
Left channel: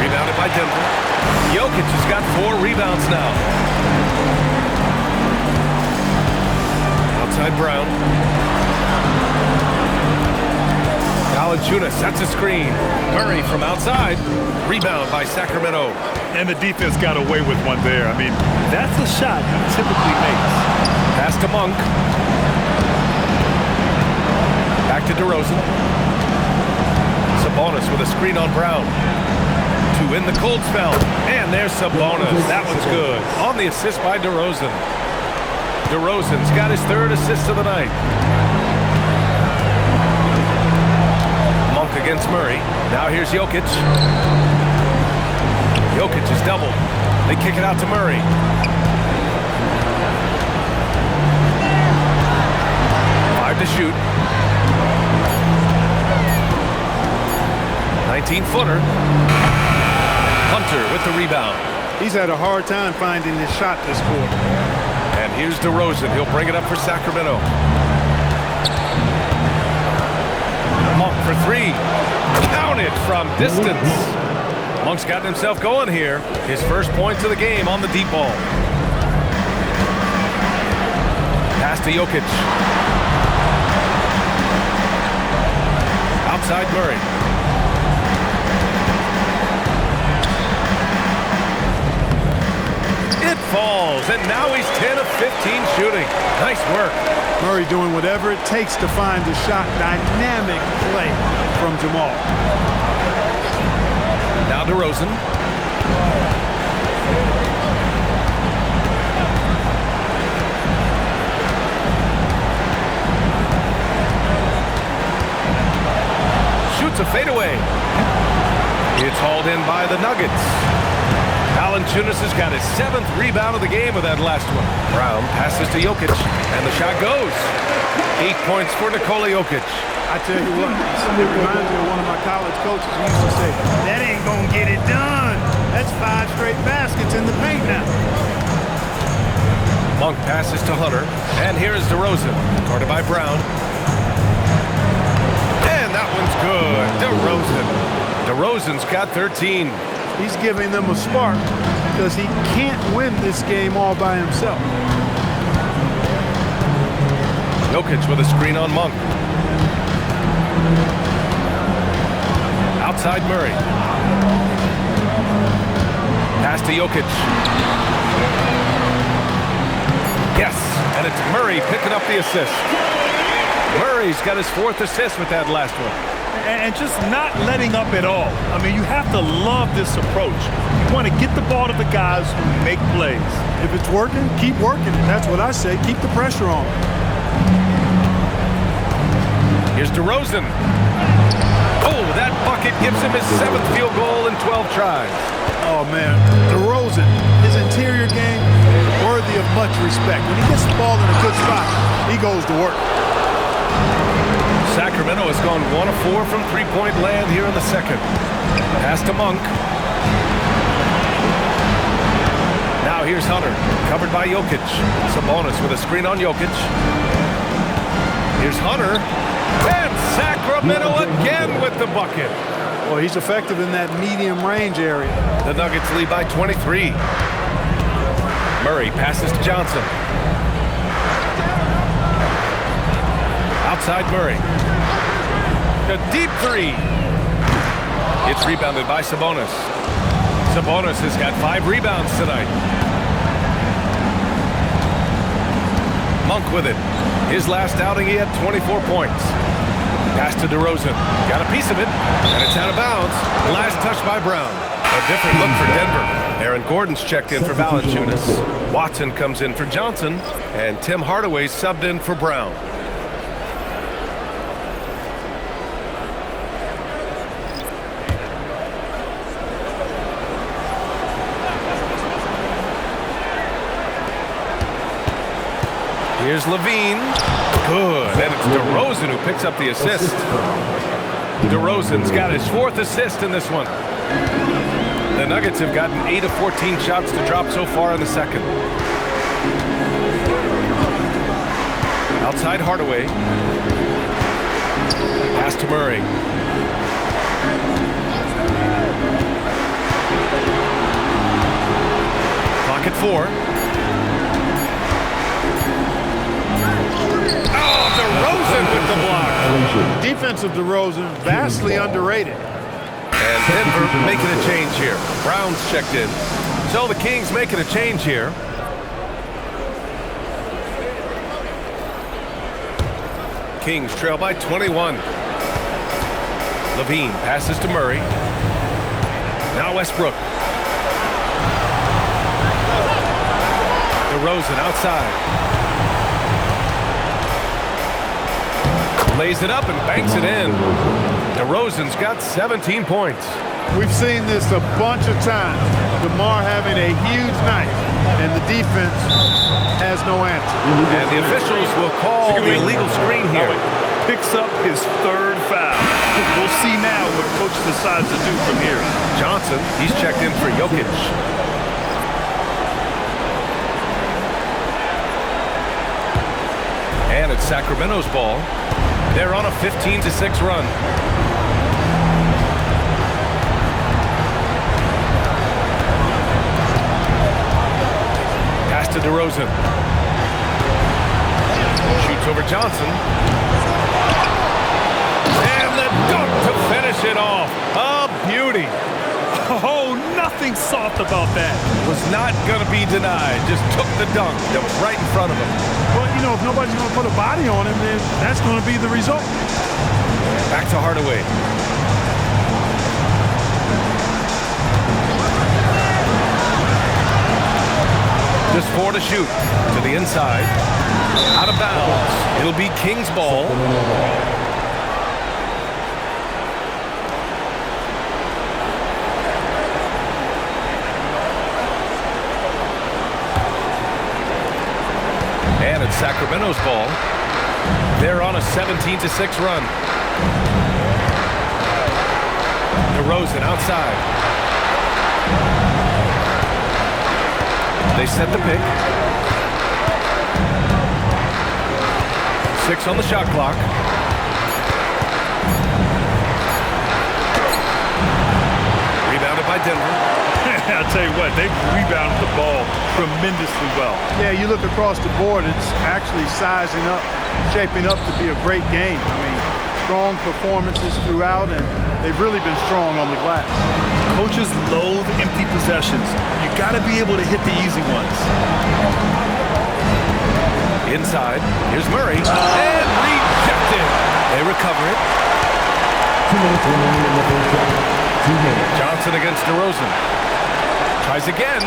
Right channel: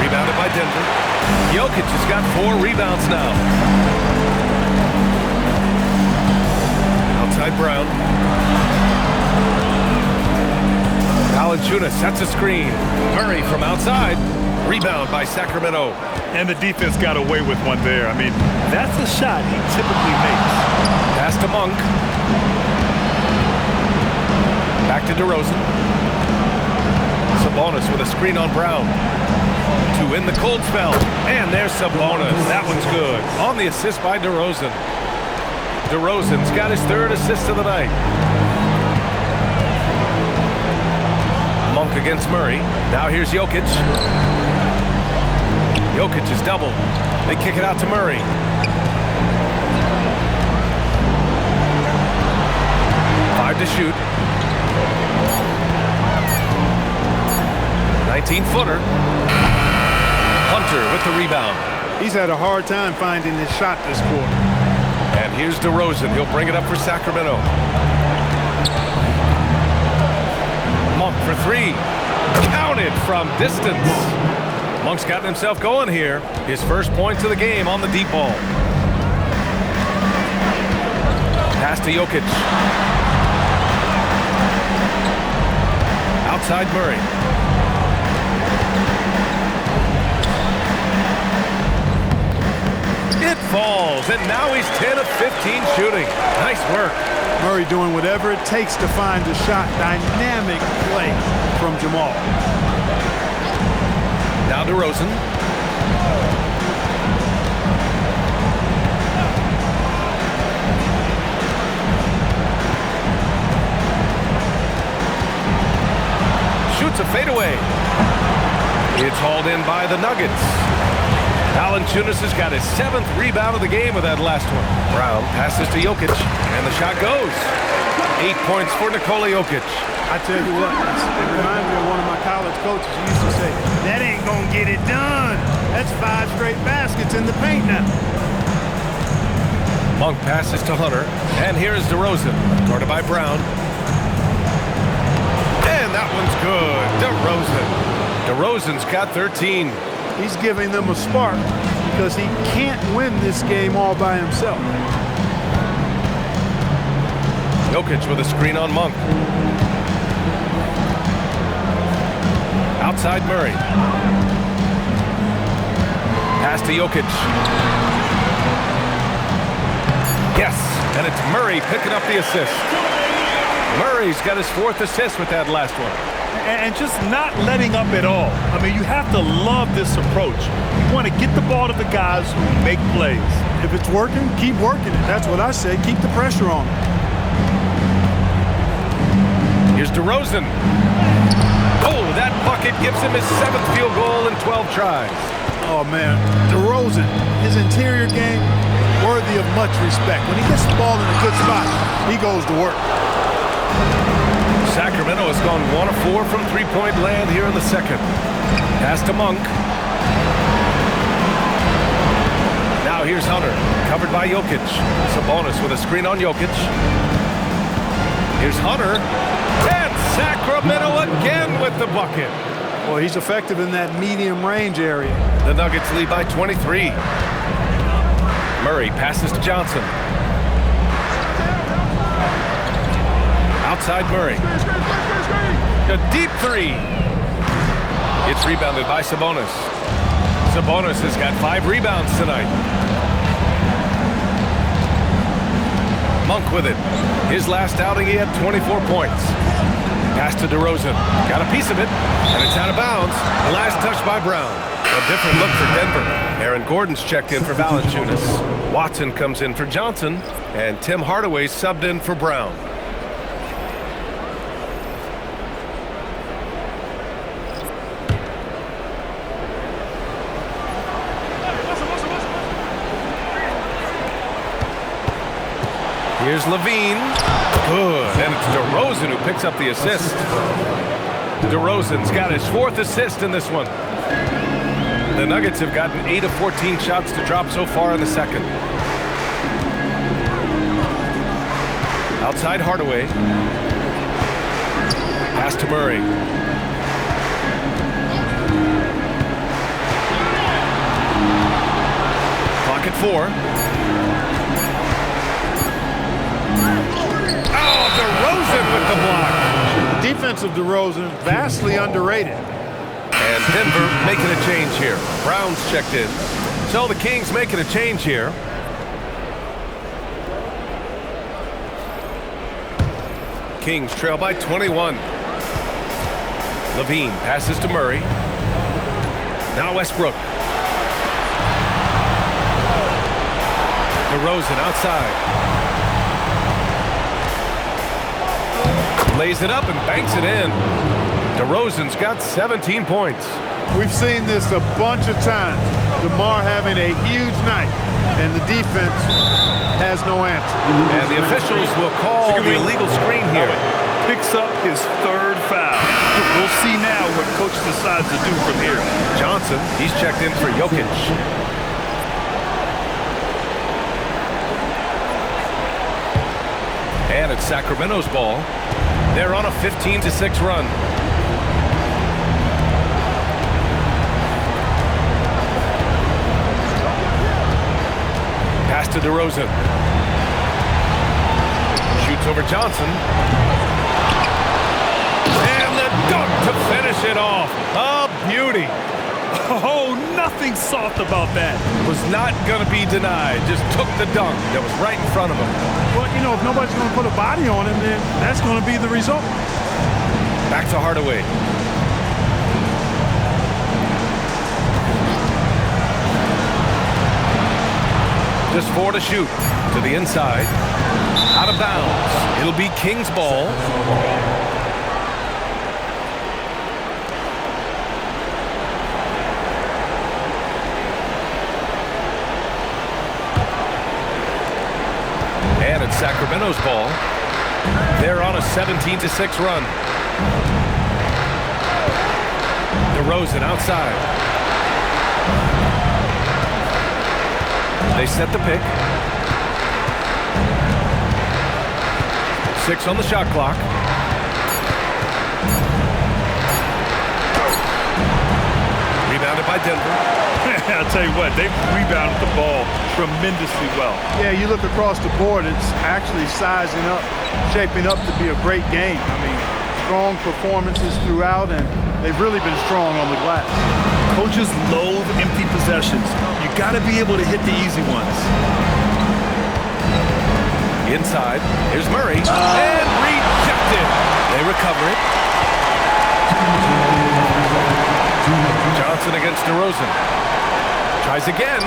Rebounded by Denver. Jokic has got 4 rebounds now. Outside Brown. Valanciunas sets a screen. Murray from outside. Rebound by Sacramento. And the defense got away with one there. I mean, that's a shot he typically makes. Pass to Monk. Back to DeRozan. Sabonis with a screen on Brown. 2 in the cold spell. And there's Sabonis. That one's good. On the assist by DeRozan. DeRozan's got his 3rd assist of the night. Monk against Murray. Now here's Jokic. Jokic is doubled. They kick it out to Murray. Five to shoot. 19-footer. Hunter with the rebound. He's had a hard time finding his shot this quarter. And here's DeRozan. He'll bring it up for Sacramento. Monk for 3. Counted from distance. Monk's gotten himself going here. His first points of the game on the deep ball. Pass to Jokic. Outside Murray. It falls, and now he's 10 of 15 shooting. Nice work. Murray doing whatever it takes to find the shot. Dynamic play from Jamal. Now DeRozan. Shoots a fadeaway. It's hauled in by the Nuggets. Valanciunas has got his 7th rebound of the game with that last one. Brown passes to Jokic, and the shot goes. 8 points for Nikola Jokic. I tell you what, it reminds me of one of my college coaches who used to say, that ain't gonna get it done. That's 5 straight baskets in the paint now. Monk passes to Hunter, and here's DeRozan, guarded by Brown. And that one's good. DeRozan's got 13. He's giving them a spark because he can't win this game all by himself. Jokic with a screen on Monk. Outside Murray. Pass to Jokic. Yes, and it's Murray picking up the assist. Murray's got his 4th assist with that last one. And just not letting up at all. I mean, you have to love this approach. You want to get the ball to the guys who make plays. If it's working, keep working it. That's what I say. Keep the pressure on him. Here's DeRozan. Oh, that bucket gives him his 7th field goal in 12 tries. Oh, man. DeRozan, his interior game, worthy of much respect. When he gets the ball in a good spot, he goes to work. Sacramento has gone 1 of 4 from three-point land here in the second. Pass to Monk. Now here's Hunter, covered by Jokic. Sabonis with a screen on Jokic. Here's Hunter. And Sacramento again with the bucket. Well, he's effective in that medium range area. The Nuggets lead by 23. Murray passes to Johnson. Outside Murray. A deep 3. It's rebounded by Sabonis. Sabonis has got 5 rebounds tonight. Monk with it. His last outing, he had 24 points. Pass to DeRozan. Got a piece of it, and it's out of bounds. The last touch by Brown. A different look for Denver. Aaron Gordon's checked in for Valanciunas. Watson comes in for Johnson, and Tim Hardaway subbed in for Brown. Here's Levine. Good. And it's DeRozan who picks up the assist. DeRozan's got his 4th assist in this one. The Nuggets have gotten 8 of 14 shots to drop so far in the second. Outside Hardaway. Pass to Murray. Clock at 4. Oh, DeRozan with the block. The defense of DeRozan, vastly underrated. And Denver making a change here. Brown's checked in. So the Kings making a change here. Kings trail by 21. Levine passes to Murray. Now Westbrook. DeRozan outside. Lays it up and banks it in. DeRozan's got 17 points. We've seen this a bunch of times. DeMar having a huge night, and the defense has no answer. And the officials will call the illegal screen here. Picks up his 3rd foul. We'll see now what coach decides to do from here. Johnson, he's checked in for Jokic. And it's Sacramento's ball. They're on a 15-6 run. Pass to DeRozan. Shoots over Johnson. And the dunk to finish it off. A beauty. Oh, nothing soft about that. Was not going to be denied. Just took the dunk that was right in front of him. Well, you know, if nobody's going to put a body on him, then that's going to be the result. Back to Hardaway. Just 4 to shoot. To the inside. Out of bounds. It'll be Kings ball. And it's Sacramento's ball. They're on a 17-6 run. DeRozan outside. They set the pick. 6 on the shot clock. Rebounded by Denver. I'll tell you what, they've rebounded the ball tremendously well. Yeah, you look across the board, it's actually sizing up, shaping up to be a great game. I mean, strong performances throughout, and they've really been strong on the glass. Coaches loathe empty possessions. You got to be able to hit the easy ones. Inside, here's Murray, and rejected. They recover it. 2 minutes remaining in the first half. 2 minutes. Johnson against DeRozan. Tries again.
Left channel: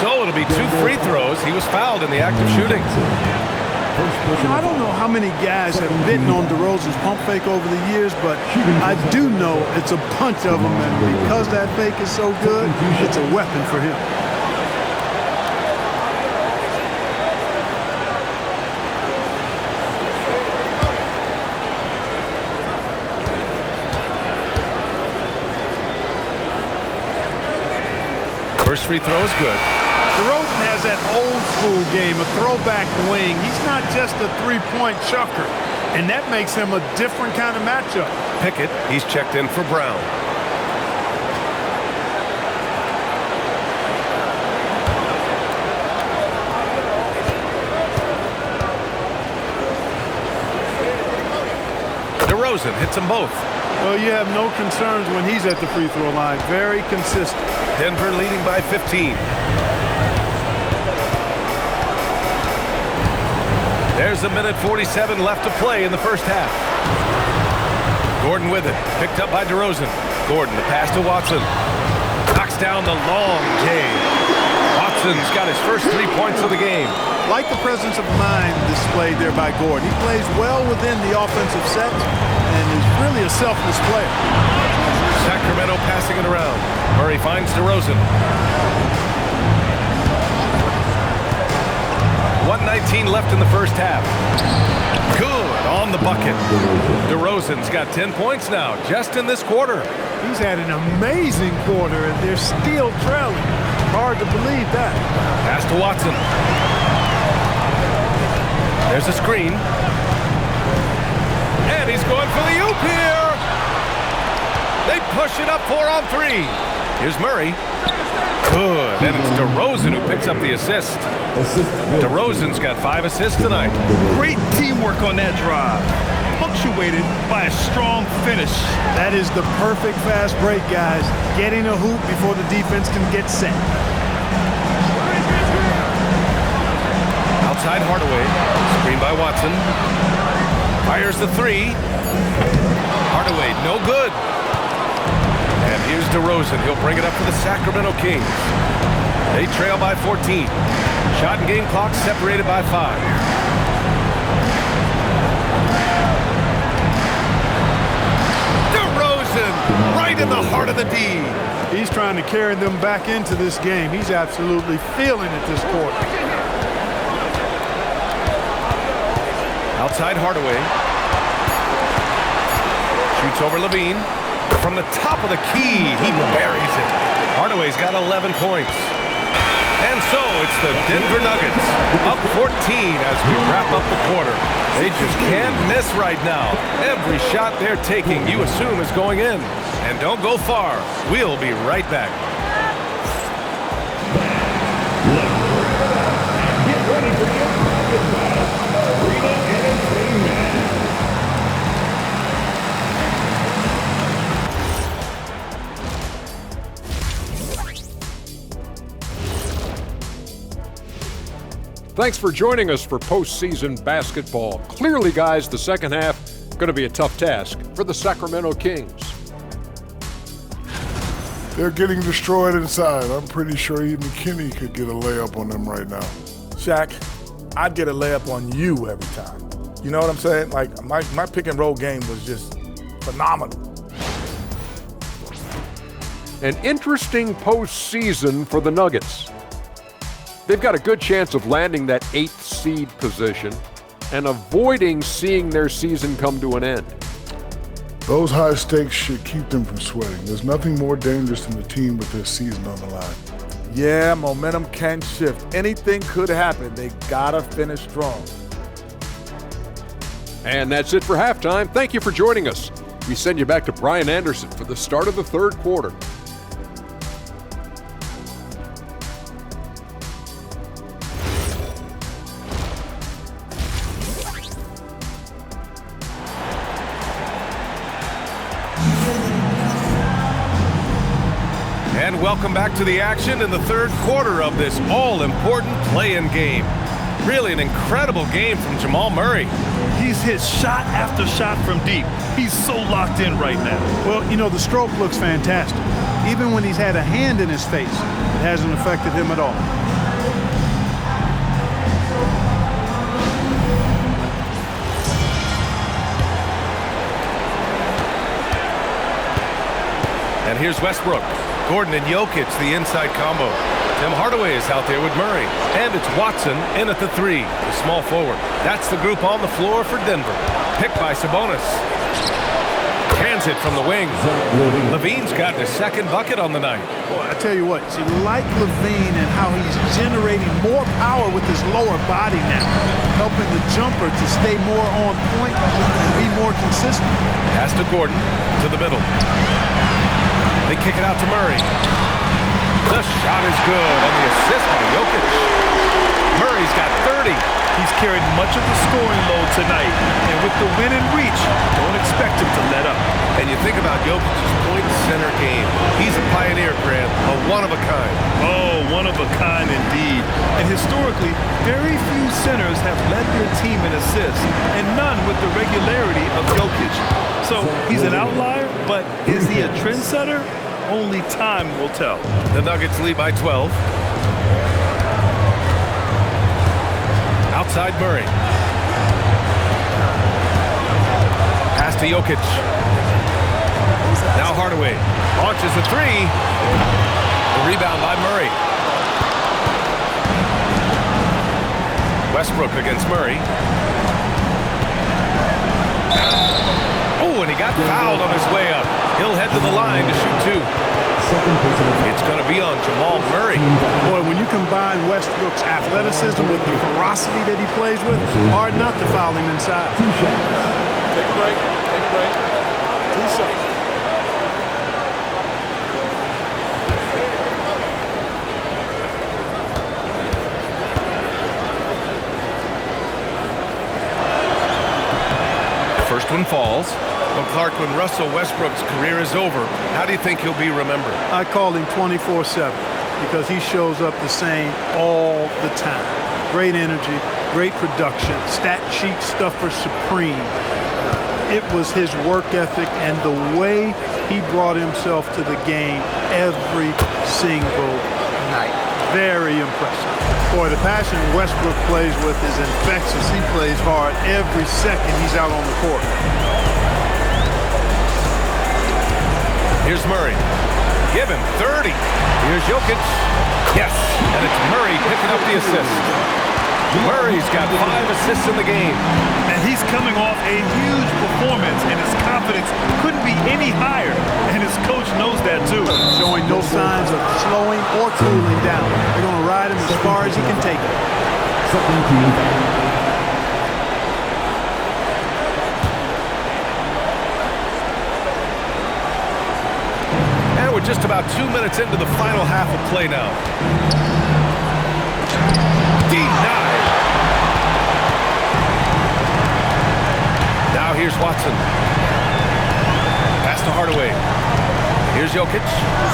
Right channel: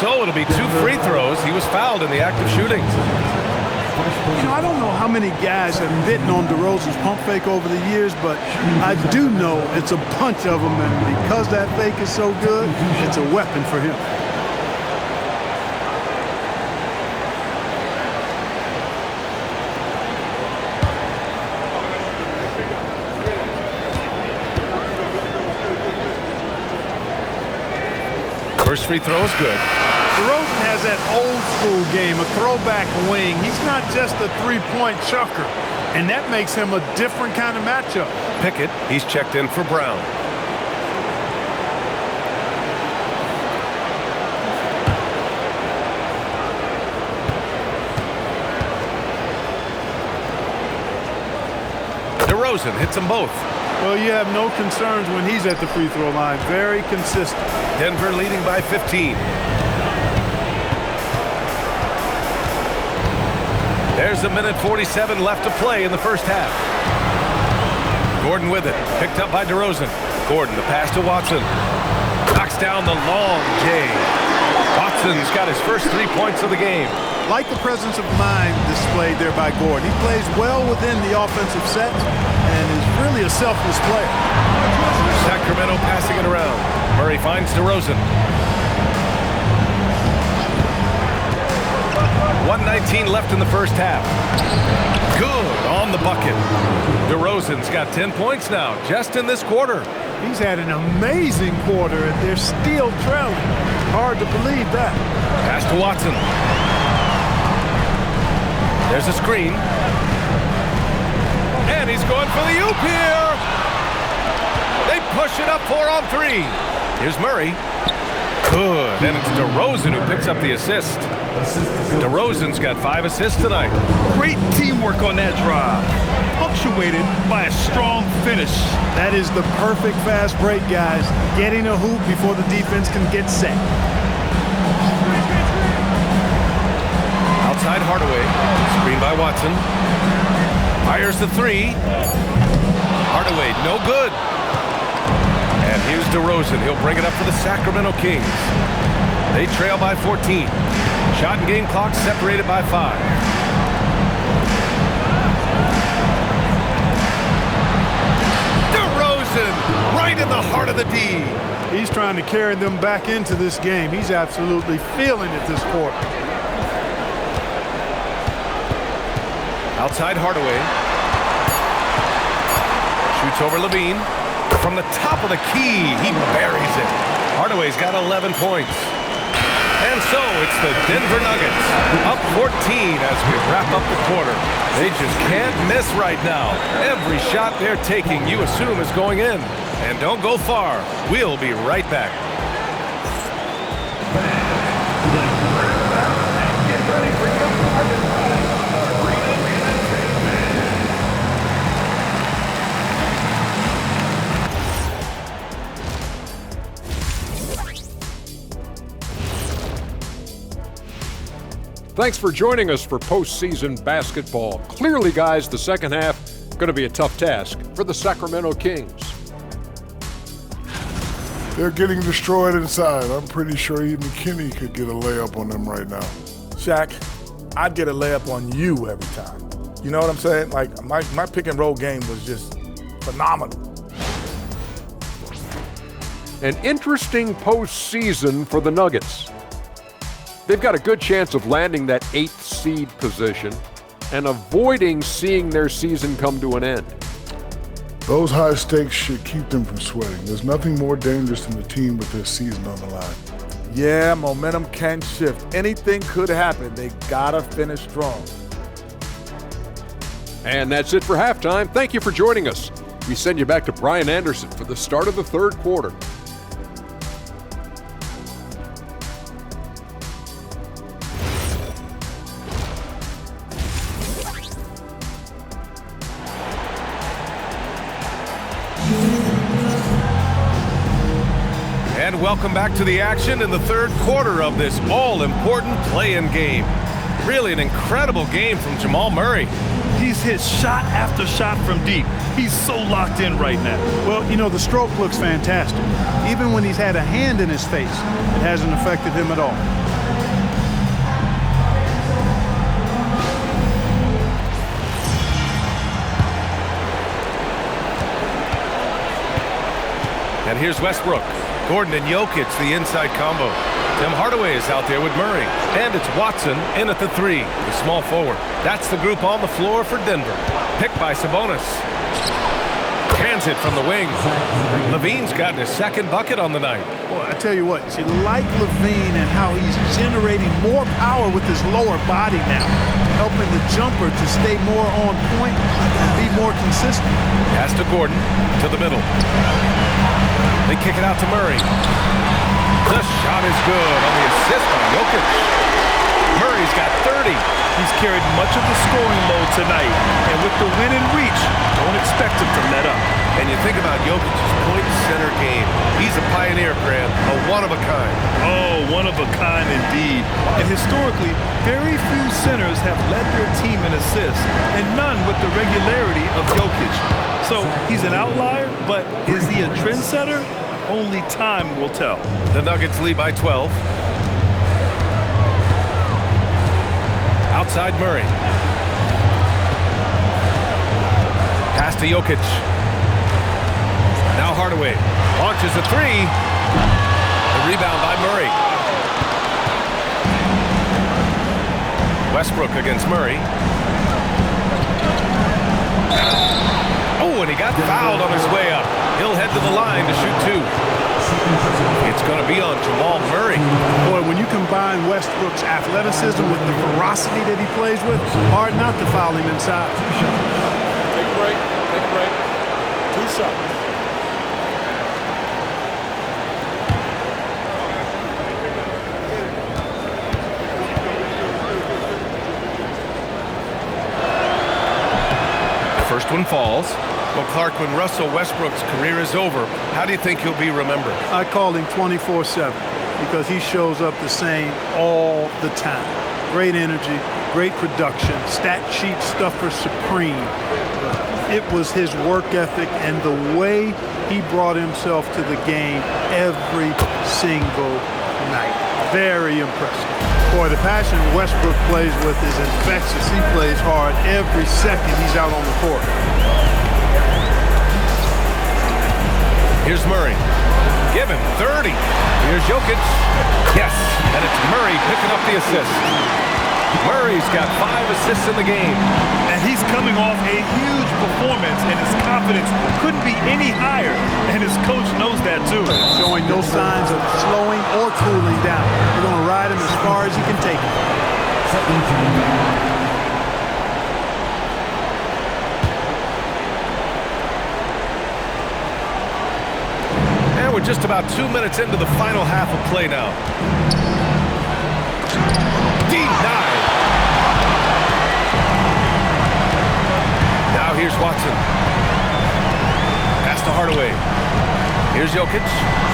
So it'll be 2 free throws. He was fouled in the act of shooting. You know, I don't know how many guys have bitten on DeRozan's pump fake over the years, but I do know it's a bunch of them, and because that fake is so good, it's a weapon for him. First free throw is good. DeRozan has that old school game, a throwback wing. He's not just a three-point chucker, and that makes him a different kind of matchup. Pickett, he's checked in for Brown. DeRozan hits them both. Well, you have no concerns when he's at the free throw line. Very consistent. Denver leading by 15. There's a minute 47 left to play in the first half. Gordon with it, picked up by DeRozan. Gordon, the pass to Watson. Knocks down the long J. Watson's got his first 3 points of the game. Like the presence of mind displayed there by Gordon. He plays well within the offensive set and is really a selfless player. Sacramento passing it around. Murray finds DeRozan. 1:19 left in the first half. Good on the bucket. DeRozan's got 10 points now, just in this quarter. He's had an amazing quarter, and they're still trailing. Hard to believe that. Pass to Watson. There's a screen. And he's going for the oop here. They push it up 4 on 3. Here's Murray. Good. And it's DeRozan who picks up the assist. DeRozan's got 5 assists tonight. Great teamwork on that drive, punctuated by a strong finish. That is the perfect fast break, guys. Getting a hoop before the defense can get set. Outside Hardaway. Screen by Watson. Fires the 3. Hardaway, no good. And here's DeRozan. He'll bring it up for the Sacramento Kings. They trail by 14. Shot and game clock separated by 5. DeRozan right in the heart of the D. He's trying to carry them back into this game. He's absolutely feeling it this quarter. Outside Hardaway. Shoots over Levine. From the top of the key, he buries it. Hardaway's got 11 points. And so it's the Denver Nuggets up 14 as we wrap up the quarter. They just can't miss right now. Every shot they're taking, you assume, is going in. And don't go far. We'll be right back. Thanks for joining us for postseason basketball. Clearly, guys, the second half going to be a tough task for the Sacramento Kings. They're getting destroyed inside. I'm pretty sure even McKinney could get a layup on them right now. Shaq, I'd get a layup on you every time. You know what I'm saying? Like, my pick and roll game was just phenomenal. An interesting postseason for the Nuggets. They've got a good chance of landing that 8th seed position and avoiding seeing their season come to an end. Those high stakes should keep them from sweating. There's nothing more dangerous than a team with their season on the line. Yeah, momentum can shift. Anything could happen. They gotta finish strong. And that's it for halftime. Thank you for joining us. We send you back to Brian Anderson for the start of the third quarter. And welcome back to the action in the third quarter of this all-important play-in game. Really an incredible game from Jamal Murray. He's hit shot after shot from deep. He's so locked in right now. Well, you know, the stroke looks fantastic. Even when he's had a hand in his face, it hasn't affected him at all. And here's Westbrook. Gordon and Jokic, the inside combo. Tim Hardaway is out there with Murray. And it's Watson in at the 3, the small forward. That's the group on the floor for Denver. Picked by Sabonis. Hands it from the wing. Levine's gotten his second bucket on the night. Boy, I tell you what, see, like Levine and how he's generating more power with his lower body now, helping the jumper to stay more on point and be more consistent. Pass to Gordon, to the middle. They kick it out to Murray. The shot is good on the assist by Jokic. Murray's got 30. He's carried much of the scoring load tonight, and with the win in reach, don't expect him to let up. And you think about Jokic's point center game. He's a pioneer, Grant, a one-of-a-kind. Oh, one of a kind indeed. And historically, very few centers have led their team in assists, and none with the regularity of Jokic. So he's an outlier, but is he a trendsetter? Only time will tell. The Nuggets lead by 12. Outside Murray. Pass to Jokic. Now Hardaway launches a 3. The rebound by Murray. Westbrook against Murray. Oh, and he got fouled on his way up. He'll head to the line to shoot 2. It's going to be on Jamal Murray. Boy, when you combine Westbrook's athleticism with the ferocity that he plays with, hard not to foul him inside. Take a break. Take a break. 2 shots. First one falls. Well, Clark, when Russell Westbrook's career is over, how do you think he'll be remembered? I call him 24/7 because he shows up the same all the time. Great energy, great production, stat sheet stuffer supreme. It was his work ethic and the way he brought himself to the game every single night. Very impressive. Boy, the passion Westbrook plays with is infectious. He plays hard every second he's out on the court. Here's Murray. Give him 30. Here's Jokic. Yes, and it's Murray picking up the assist. Murray's got 5 assists in the game. And he's coming off a huge performance, and his confidence couldn't be any higher. And his coach knows that too. Showing no signs of slowing or cooling down. They're going to ride him as far as he can take him. And we're just about 2 minutes into the final half of play now. Denied. Now here's Watson. Pass to Hardaway. Here's Jokic.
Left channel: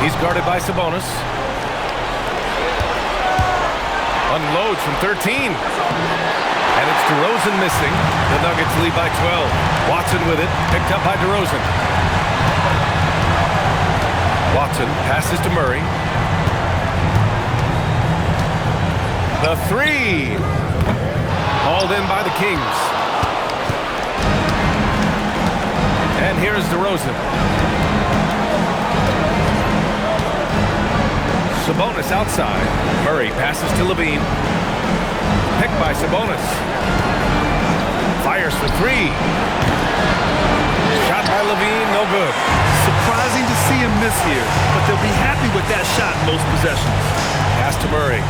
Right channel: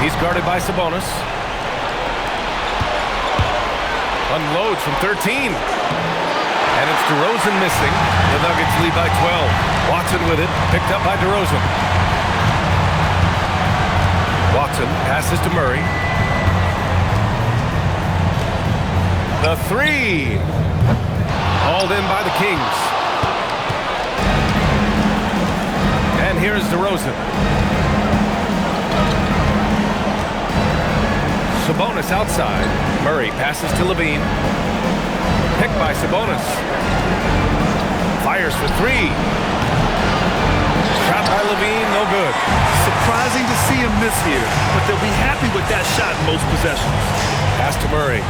He's guarded by Sabonis. Unloads from 13. And it's DeRozan missing. The Nuggets lead by 12. Watson with it. Picked up by DeRozan. Watson passes to Murray. The 3. Hauled in by the Kings. And here's DeRozan. Sabonis outside. Murray passes to Levine. Picked by Sabonis. Fires for 3. Shot by Levine, no good. Surprising to see him miss here, but they'll be happy with that shot in most possessions. Pass to Murray.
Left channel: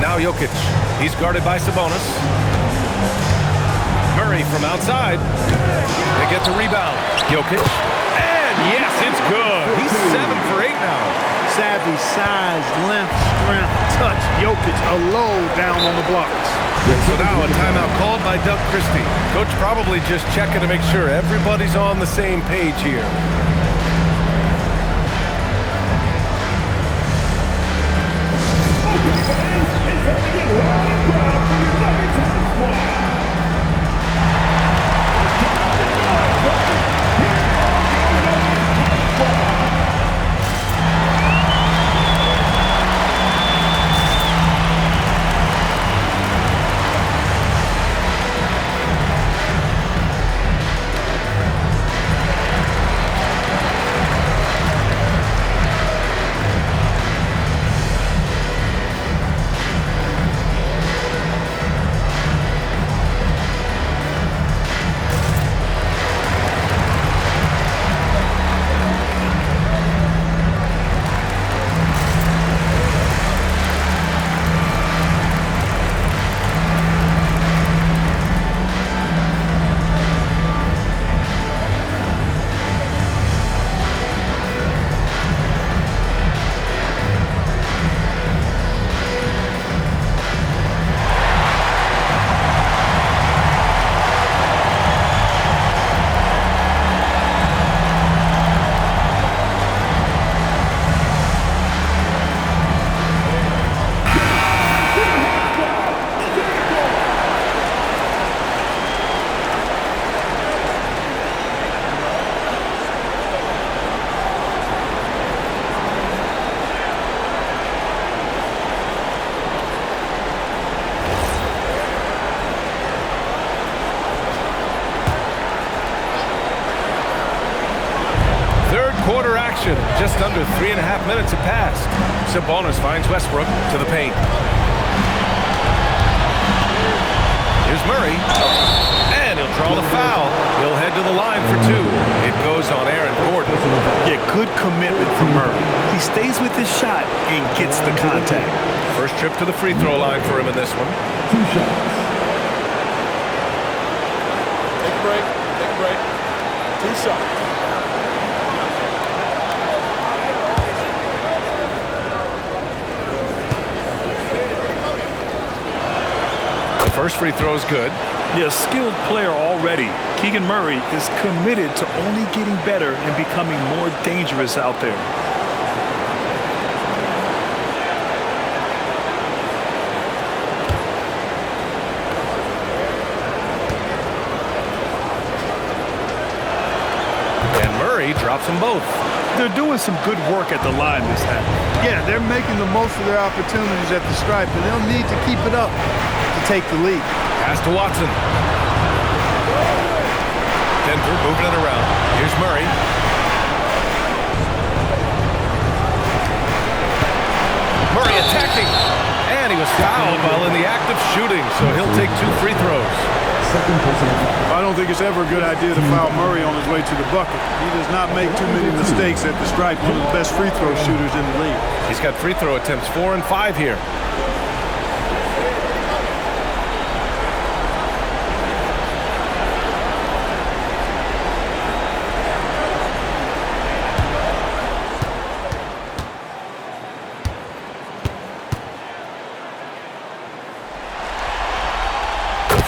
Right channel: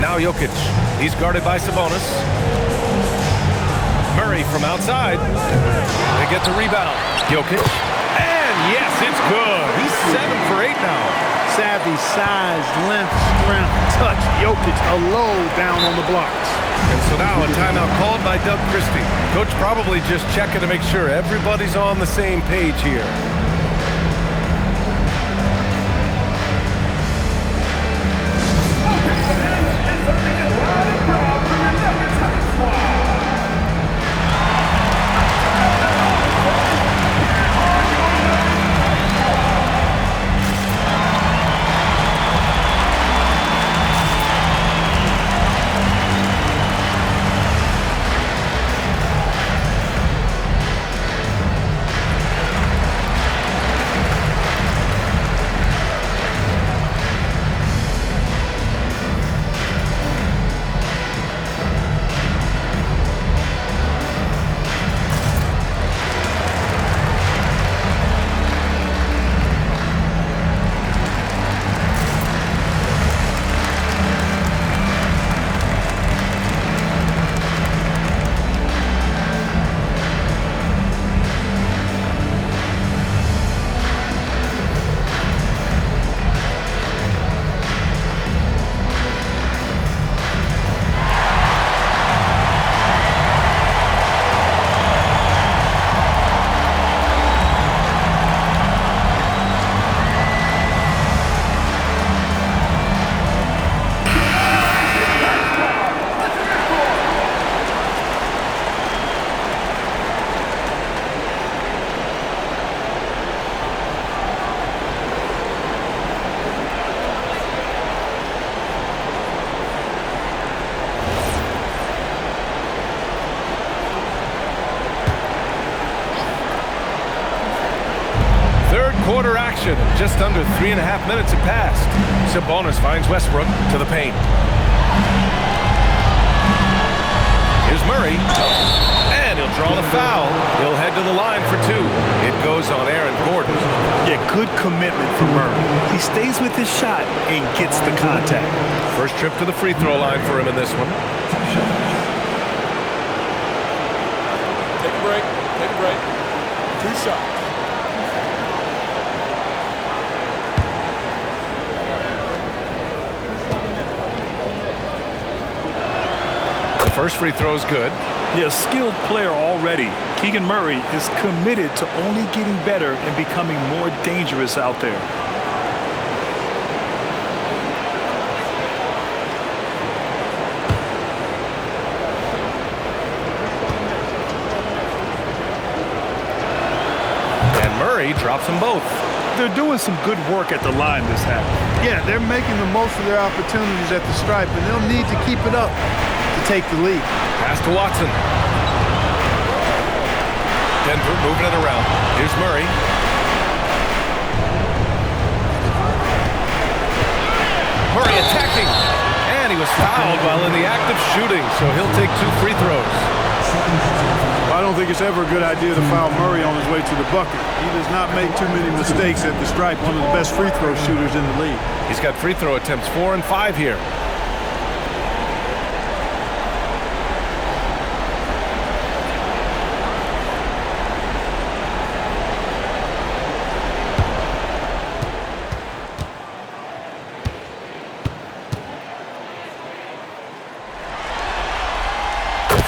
Now Jokic. He's guarded by Sabonis. Murray from outside. They get the rebound. Jokic. And yes, it's good. He's 7 for 8 now. Savvy, size, length, strength, touch. Jokic, a low down on the blocks. And so now a timeout called by Doug Christie. Coach probably just checking to make sure everybody's on the same page here. Third quarter action. Just under 3.5 minutes have passed. Sabonis finds Westbrook to the paint. Here's Murray. And he'll draw the foul. He'll head to the line for 2. It goes on Aaron Gordon. Yeah, good commitment from Murray. He stays with his shot and gets the contact. First trip to the free throw line for him in this one. 2 shots. Take a break. Take a break. 2 shots. The first free throw is good. Yeah, skilled player already. Keegan Murray is committed to only getting better and becoming more dangerous out there. And Murray drops them both. They're doing some good work at the line this half. Yeah, they're making the most of their opportunities at the stripe, and they'll need to keep it up to take the lead. Pass to Watson. Denver moving it around. Here's Murray. Murray attacking. And he was fouled while in the act of shooting, so he'll take 2 free throws. I don't think it's ever a good idea to foul Murray on his way to the bucket. He does not make too many mistakes at the stripe, one of the best free throw shooters in the league. He's got free throw attempts 4 and 5 here.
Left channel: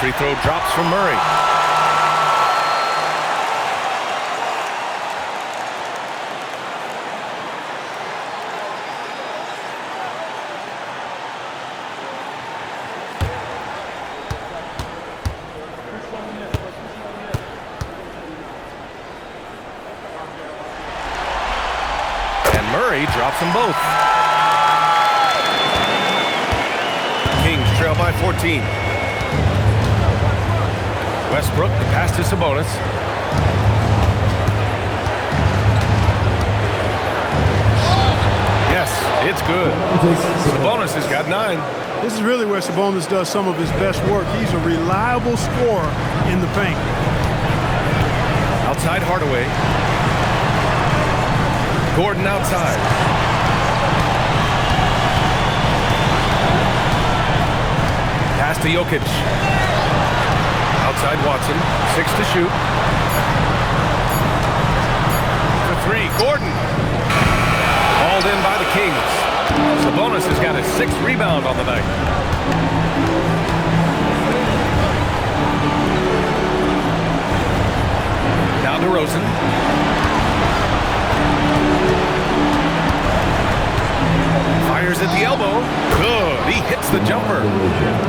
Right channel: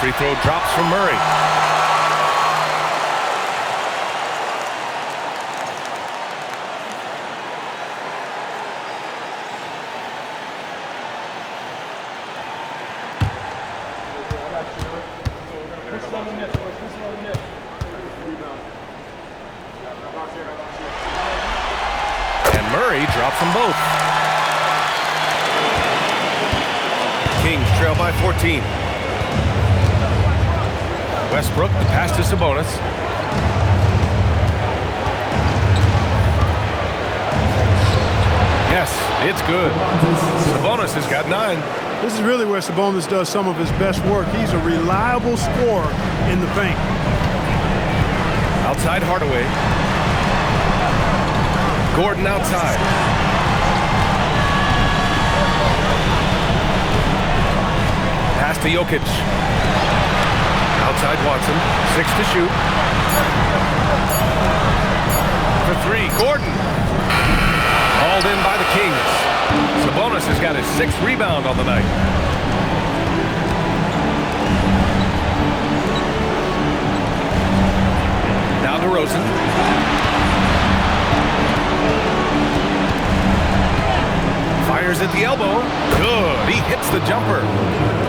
Free throw drops from Murray. And Murray drops them both. Kings trail by 14. Westbrook, the pass to Sabonis. Yes, it's good. Sabonis has got 9. This is really where Sabonis does some of his best work. He's a reliable scorer in the paint. Outside Hardaway. Gordon outside. Pass to Jokic. Outside Watson, 6 to shoot. For 3, Gordon. Hauled in by the Kings. Sabonis has got his 6th rebound on the night. Now DeRozan. Fires at the elbow. Good. He hits the jumper.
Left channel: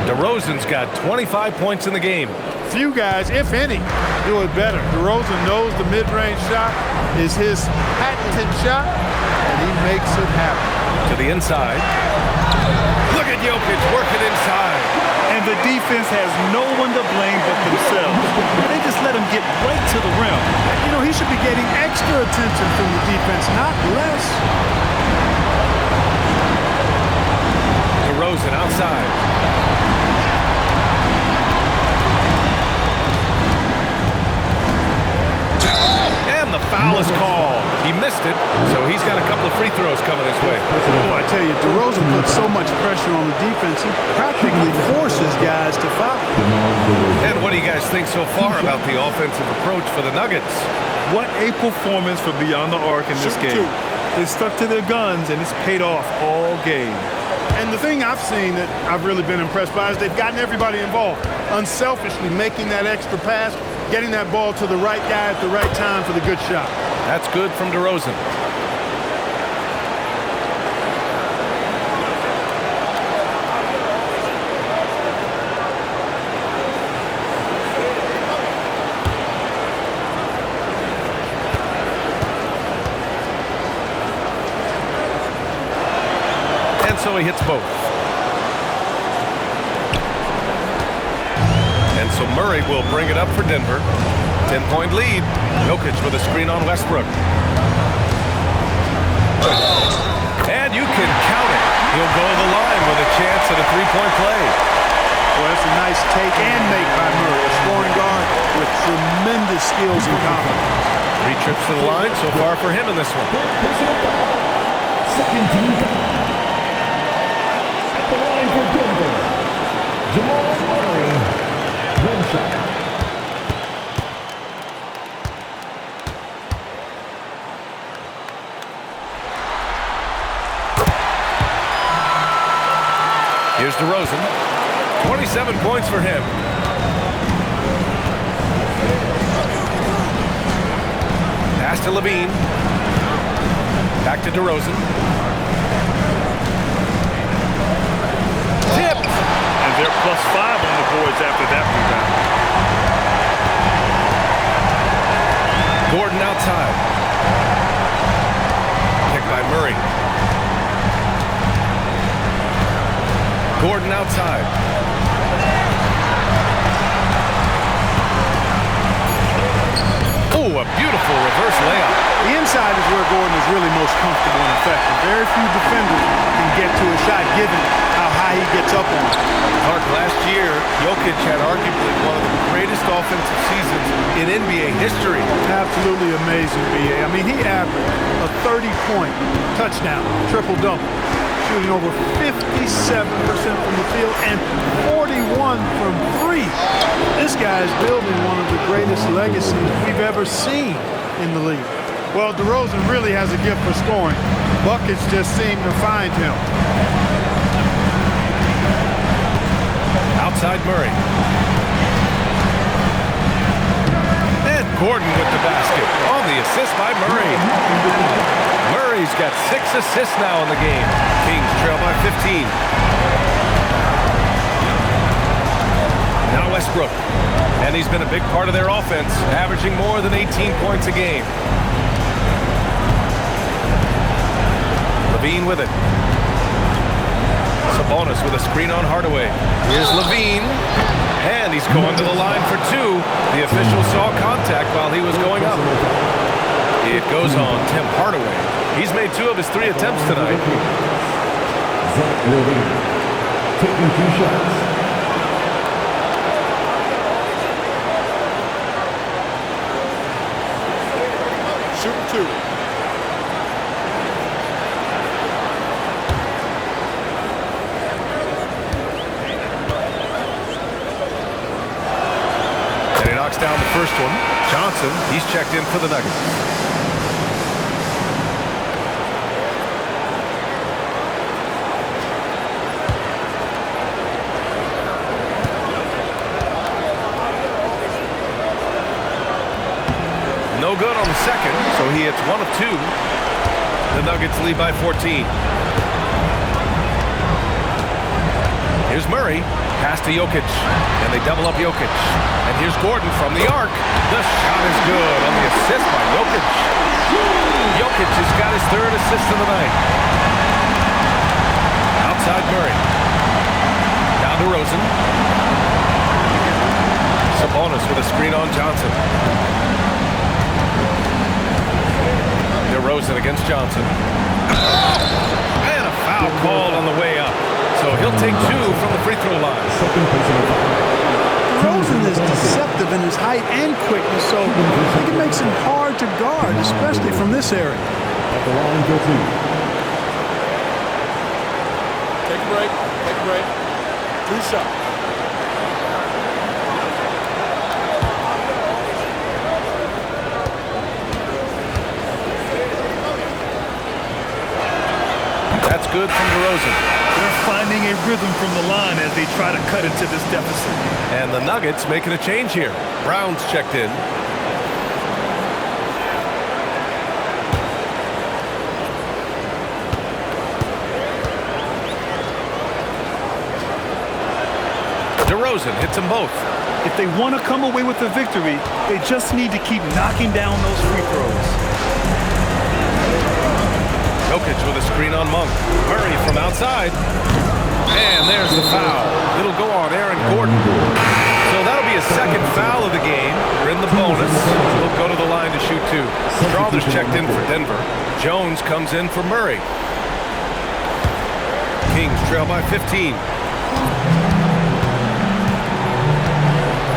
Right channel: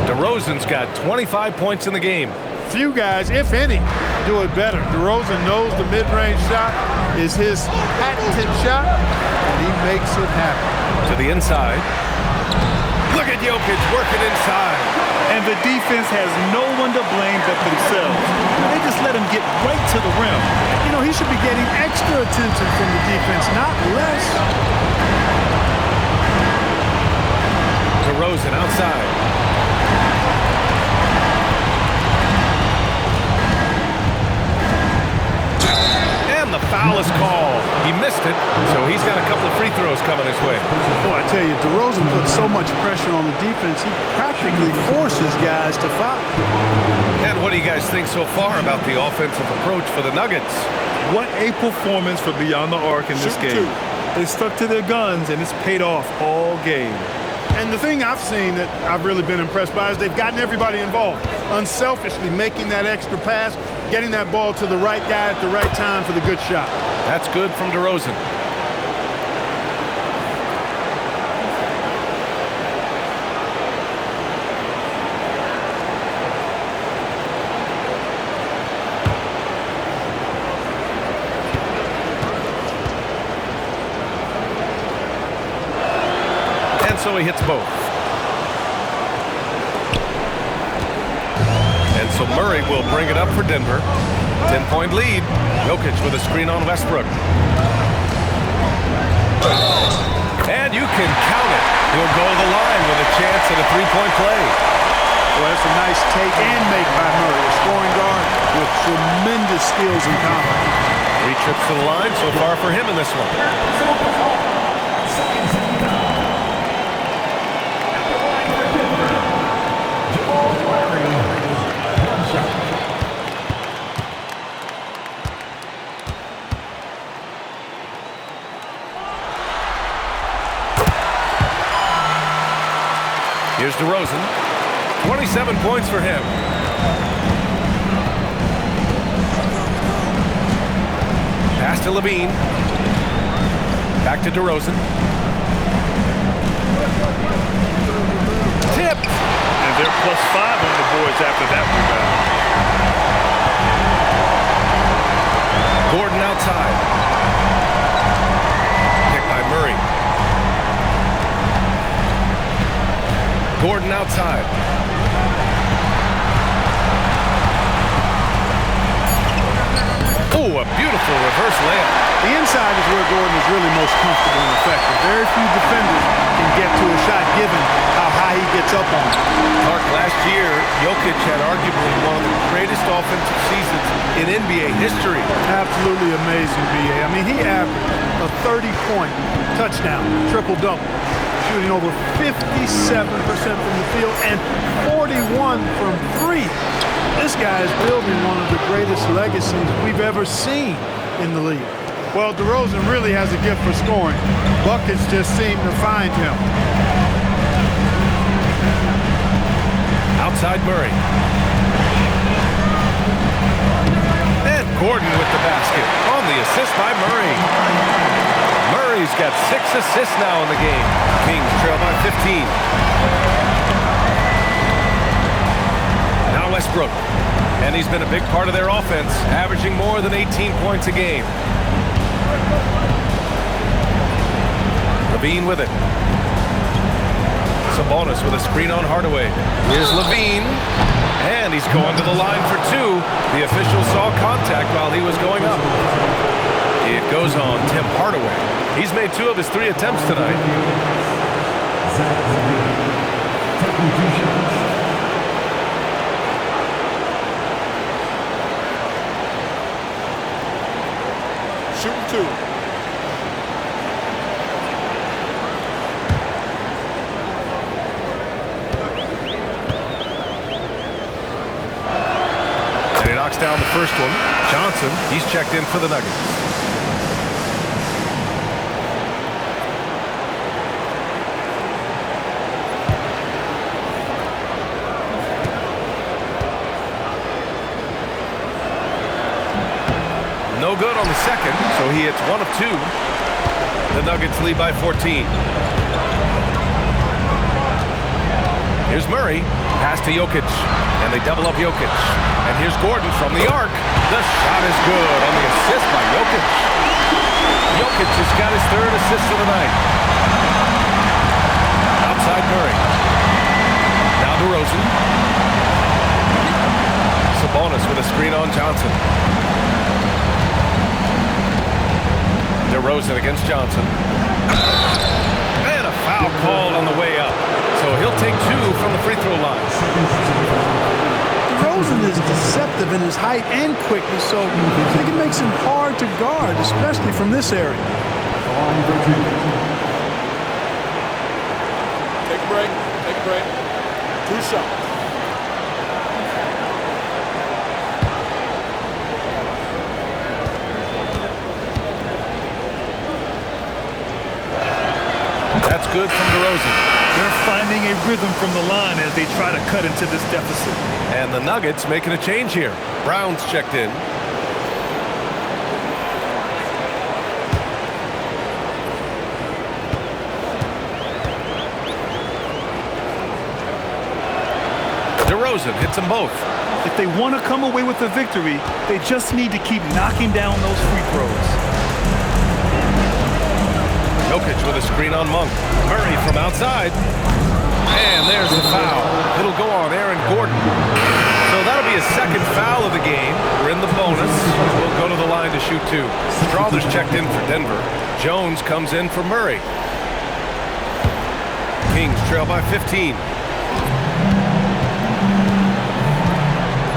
DeRozan's got 25 points in the game. Few guys, if any, do it better. DeRozan knows the mid-range shot is his patented shot, and he makes it happen. To the inside. Look at Jokic working inside. And the defense has no one to blame but themselves. They just let him get right to the rim. You know, he should be getting extra attention from the defense, not less. DeRozan outside. And the foul is called. He missed it, so he's got a couple of free throws coming his way. Boy, I tell you, DeRozan puts so much pressure on the defense, he practically forces guys to foul. And what do you guys think so far about the offensive approach for the Nuggets? What a performance for Beyond the Arc in this game. They stuck to their guns, and it's paid off all game. And the thing I've seen that I've really been impressed by is they've gotten everybody involved, unselfishly making that extra pass, getting that ball to the right guy at the right time for the good shot. That's good from DeRozan. And so he hits both. And so Murray will bring it up for Denver. 10-point lead. Jokic with a screen on Westbrook. And you can count it. He'll go to the line with a chance at a three-point play. Well, that's a nice take and make by Murray, a scoring guard with tremendous skills and confidence. 3 trips to the line so far for him in this one. Second team foul. At the line for Denver, Jamal Murray. One shot. Here's DeRozan. 27 points for him. Pass to Levine. Back to DeRozan. Tipped. And they're +5 on the boards after that rebound. Gordon outside. Picked by Murray. Gordon outside. Oh, a beautiful reverse layup. The inside is where Gordon is really most comfortable and effective. Very few defenders can get to a shot given how high he gets up on it. Clark, last year, Jokic had arguably one of the greatest offensive seasons in NBA history. Absolutely amazing, B.A. I mean, he averaged a 30-point touchdown, triple-double, shooting over 57% from the field and 41 from 3. This guy is building one of the greatest legacies we've ever seen in the league. Well, DeRozan really has a gift for scoring. Buckets just seem to find him. Outside Murray. And Gordon with the basket on the assist by Murray. Murray's got 6 assists now in the game. Kings trail by 15. Now Westbrook. And he's been a big part of their offense, averaging more than 18 points a game. Levine with it. Sabonis with a screen on Hardaway. Here's Levine. And he's going to the line for 2. The official saw contact while he was going up. It goes on Tim Hardaway. He's made 2 of his 3 attempts tonight. Zach Levine taking 2 shots. Shooting 2. And he knocks down the first one. Johnson, he's checked in for the Nuggets. No good on the second, so he hits 1 of 2. The Nuggets lead by 14. Here's Murray. Pass to Jokic. And they double up Jokic. And here's Gordon from the arc. The shot is good on the assist by Jokic. Jokic has got his 3rd assist of the night. Outside Murray. Now DeRozan. Sabonis with a screen on Johnson. DeRozan against Johnson. And a foul called on the way up. So he'll take 2 from the free throw line. DeRozan is deceptive in his height and quickness, so I think it makes him hard to guard, especially from this area. At the line for 2. Take a break. Take a break. 2 shots. That's good from DeRozan. They're finding a rhythm from the line as they try to cut into this deficit. And the Nuggets making a change here. Brown's checked in. DeRozan hits them both. If they want to come away with a victory, they just need to keep knocking down those free throws. Jokic with a screen on Monk. Murray from outside. And there's the foul. It'll go on Aaron Gordon. So that'll be a second foul of the game. We're in the bonus. We'll go to the line to shoot 2. Strawther's checked in for Denver. Jones comes in for Murray. Kings trail by 15.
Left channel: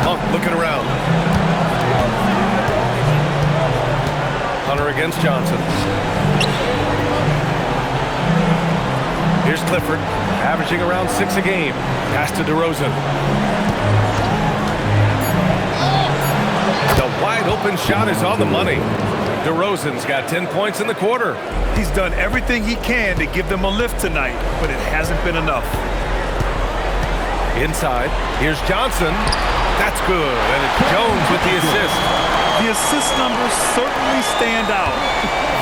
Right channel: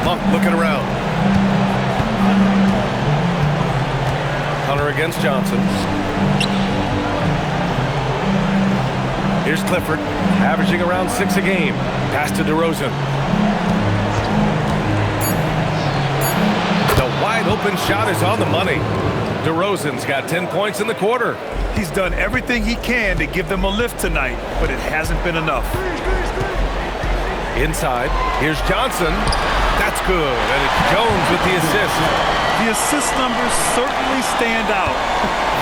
Monk looking around. Hunter against Johnson. Here's Clifford, averaging around 6 a game. Pass to DeRozan. The wide open shot is on the money. DeRozan's got 10 points in the quarter. He's done everything he can to give them a lift tonight, but it hasn't been enough. Inside, here's Johnson. That's good, and it's Jones with the assist. The assist numbers certainly stand out.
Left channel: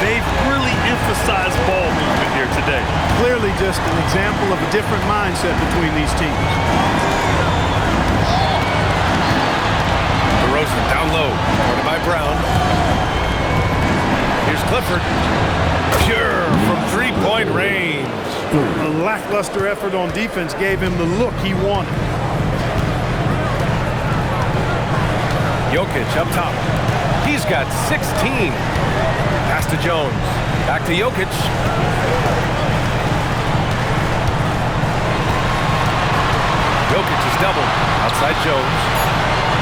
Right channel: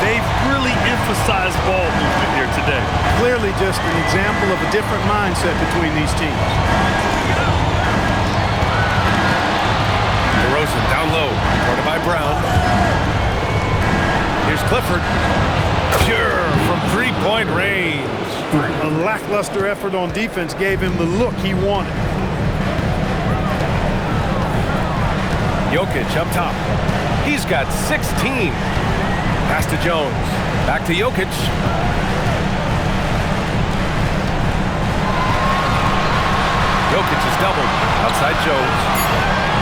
They've really emphasized ball movement here today. Clearly just an example of a different mindset between these teams. DeRozan down low, guarded by Brown. Here's Clifford. Pure from three-point range. A lackluster effort on defense gave him the look he wanted. Jokic up top. He's got 16. Pass to Jones. Back to Jokic. Jokic is doubled. Outside Jones.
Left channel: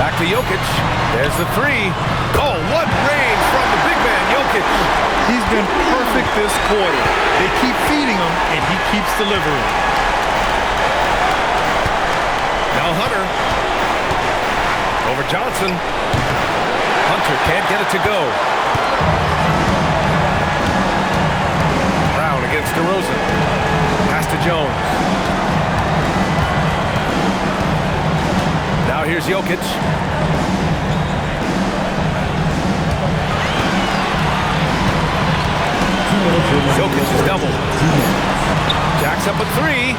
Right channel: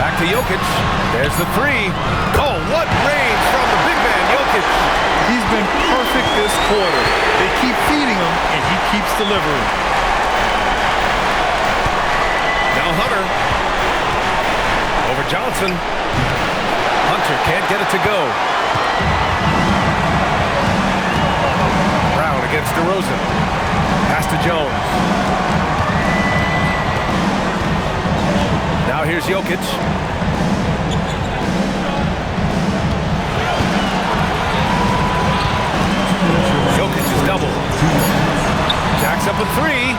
Back to Jokic. There's the 3. Oh, what range from the big man, Jokic. He's been perfect this quarter. They keep feeding him, and he keeps delivering. Now Hunter. Over Johnson. Hunter can't get it to go. Brown against DeRozan. Pass to Jones. Now here's Jokic. Jokic is doubled. Jacks up a 3.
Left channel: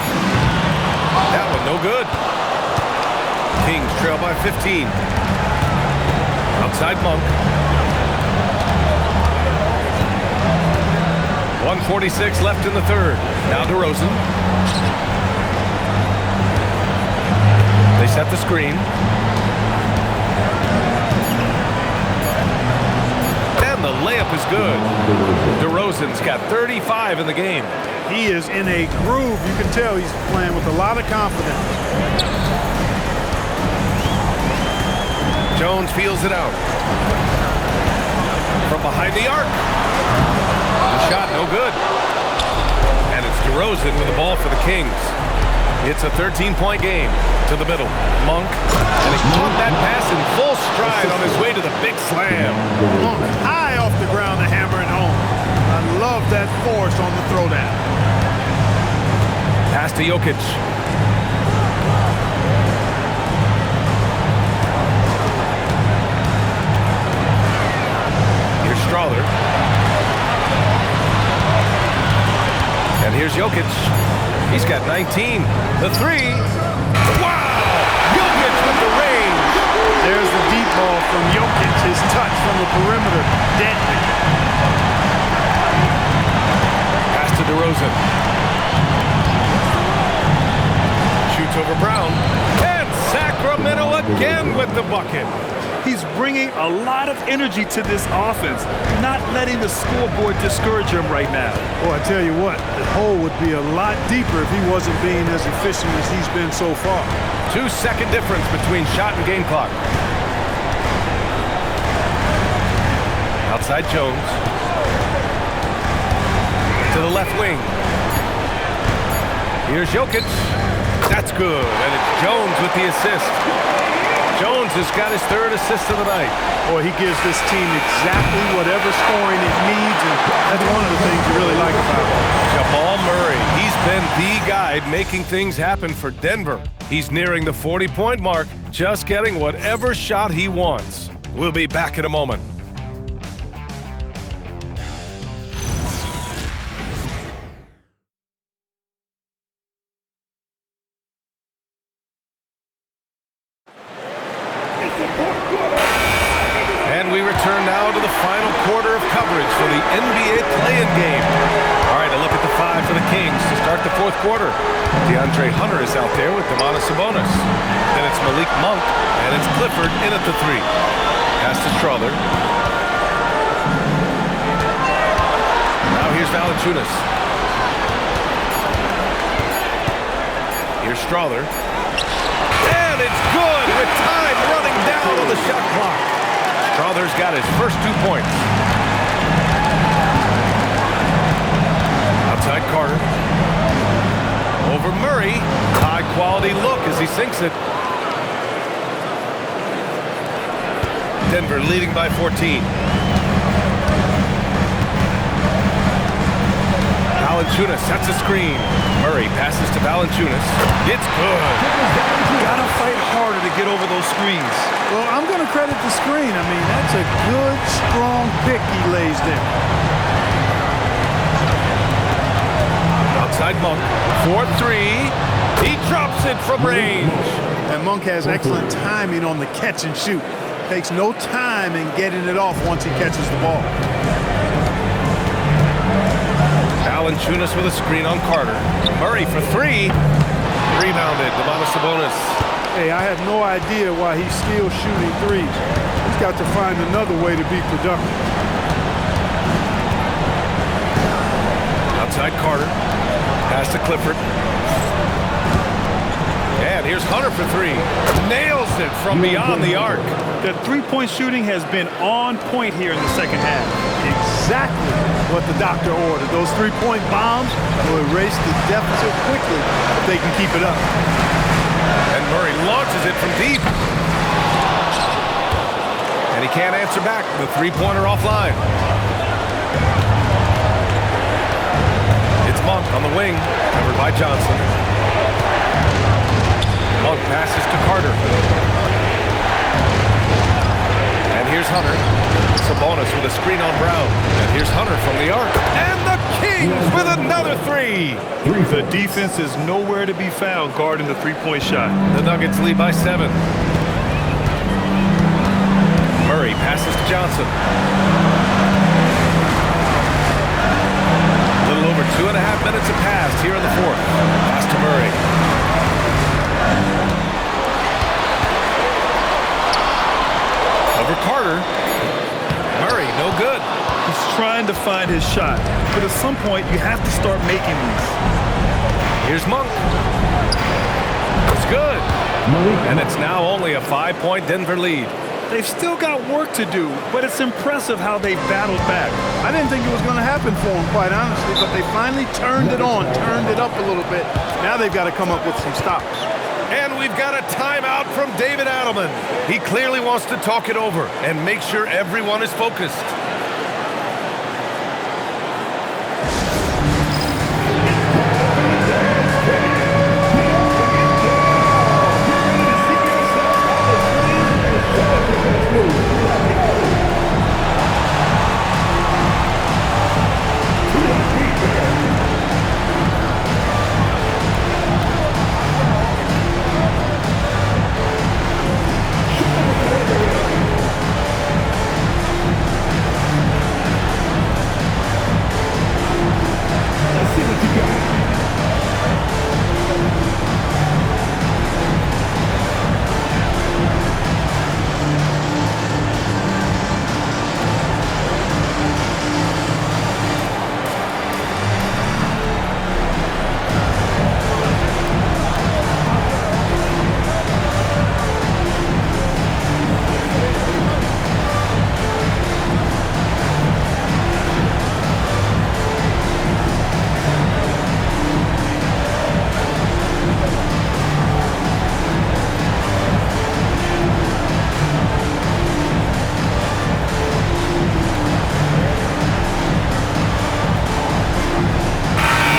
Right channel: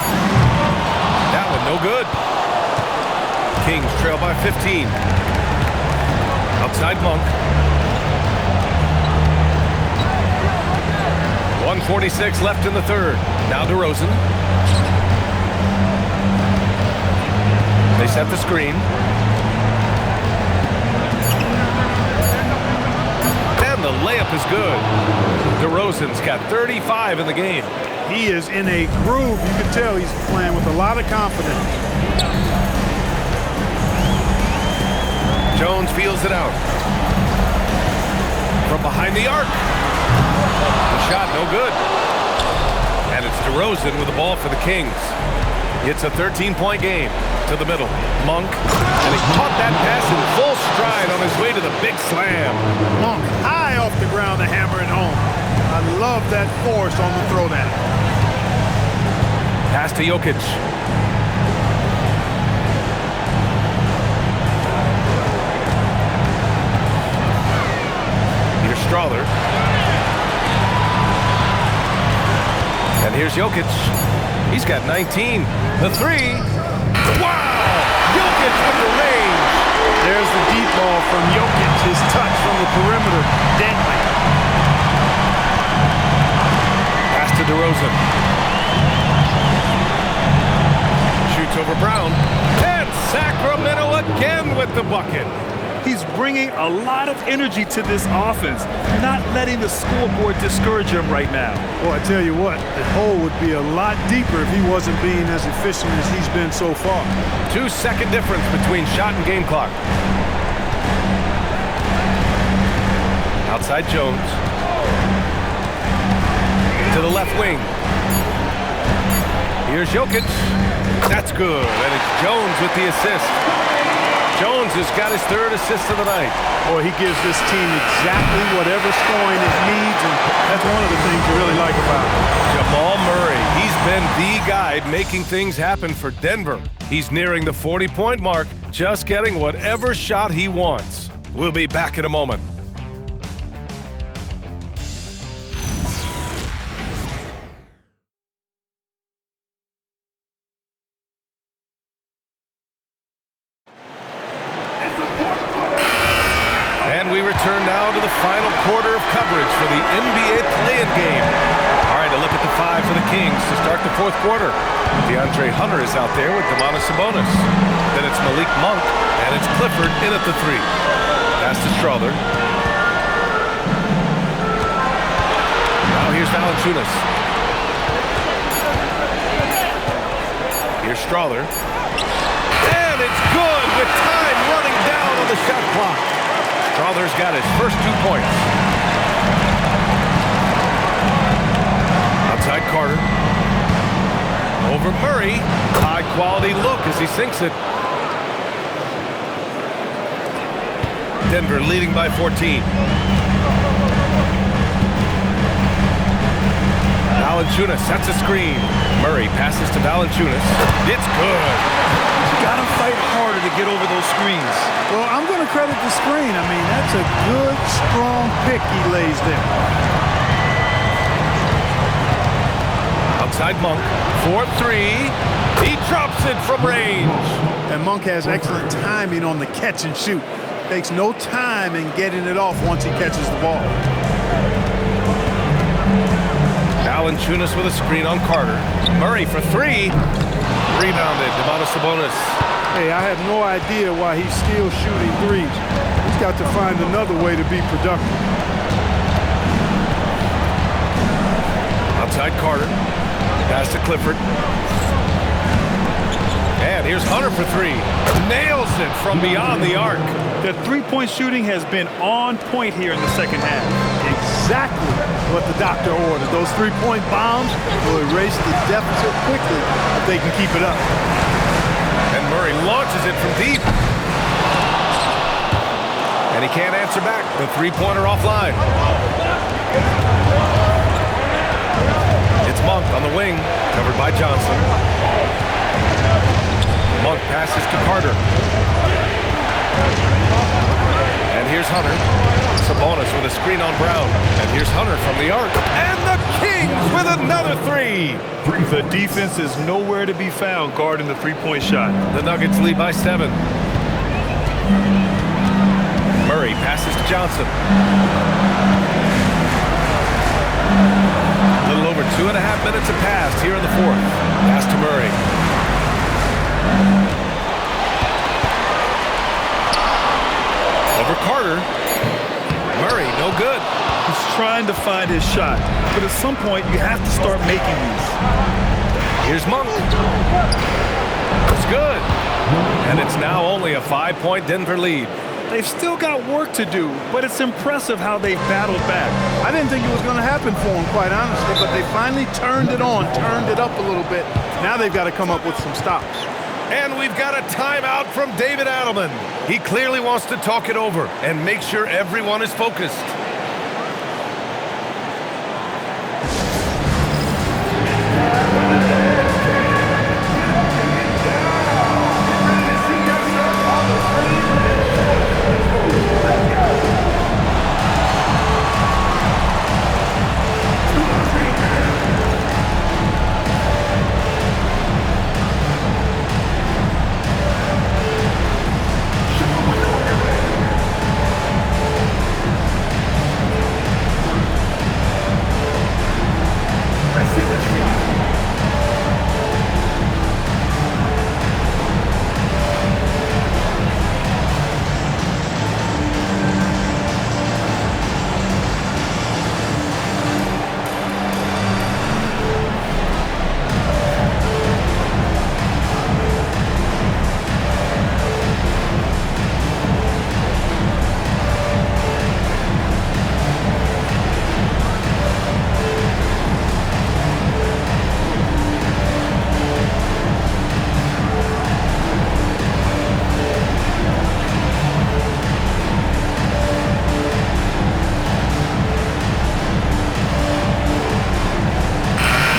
That one no good. Kings trail by 15. Outside Monk. 1:46 left in the third. Now DeRozan. They set the screen. And the layup is good. DeRozan's got 35 in the game. He is in a groove. You can tell he's playing with a lot of confidence. Jones feels it out. From behind the arc. The shot no good. And it's DeRozan with the ball for the Kings. It's a 13-point game. To the middle. Monk. And he caught that pass in full stride on his way to the big slam. Monk high off the ground to hammer it home. I love that force on the throwdown. Pass to Jokic. Here's Strawther. And here's Jokic. He's got 19. The 3. Wow! Jokic with the range. There's the deep ball from Jokic. His touch from the perimeter. Deadly. Pass to DeRozan. Shoots over Brown. And Sacramento again with the bucket. He's bringing a lot of energy to this offense, not letting the scoreboard discourage him right now. Well, I tell you what, the hole would be a lot deeper if he wasn't being as efficient as he's been so far. 2-second difference between shot and game clock. Outside Jones. To the left wing. Here's Jokic. That's good, and it's Jones with the assist. Jones has got his 3rd assist of the night. Boy, he gives this team exactly whatever scoring it needs, and that's one of the things you really like about him. Jamal Murray, he's been the guy making things happen for Denver. He's nearing the 40-point mark, just getting whatever shot he wants. We'll be back in a moment. And we return now to the final quarter of coverage for the NBA play-in game. All right, a look at the 5 for the Kings to start the 4th quarter. DeAndre Hunter is out there with Domantas Sabonis. Then it's Malik Monk, and it's Clifford in at the 3. Pass to Strother. Now here's Valanciunas. Here's Strother. And it's good with time running down on the shot clock. Strother's got his first 2 points. Outside Carter. Over Murray. High quality look as he sinks it. Denver leading by 14. Valanciunas sets a screen. Murray passes to Valanciunas. It's good. Gotta fight harder to get over those screens. Well, I'm going to credit the screen. I mean, that's a good, strong pick he lays there. Outside Monk. 4-3. He drops it from range. And Monk has excellent timing on the catch and shoot. Takes no time in getting it off once he catches the ball. Valanciunas with a screen on Carter. Murray for 3. Rebounded. Domantas Sabonis. Hey, I have no idea why he's still shooting threes. He's got to find another way to be productive. Outside Carter. Pass to Clifford. And here's Hunter for 3. Nails it from beyond the arc. The three-point shooting has been on point here in the second half. Exactly what the doctor ordered. Those three-point bombs will erase the deficit quickly if they can keep it up. And Murray launches it from deep. And he can't answer back. The three-pointer offline. It's Monk on the wing, covered by Johnson. Monk passes to Carter. And here's Hunter. Sabonis with a screen on Brown. And here's Hunter from the arc. And the Kings with another 3. The defense is nowhere to be found guarding the three-point shot. The Nuggets lead by 7. Murray passes to Johnson. A little over 2.5 minutes have passed here in the 4th. Pass to Murray. Over Carter. Murray, no good. He's trying to find his shot, but at some point you have to start making these. Here's Monk. It's good. And it's now only a 5-point Denver lead. They've still got work to do, but it's impressive how they've battled back. I didn't think it was going to happen for them, quite honestly, but they finally turned it on, turned it up a little bit. Now they've got to come up with some stops. And we've got a timeout from David Adelman. He clearly wants to talk it over and make sure everyone is focused.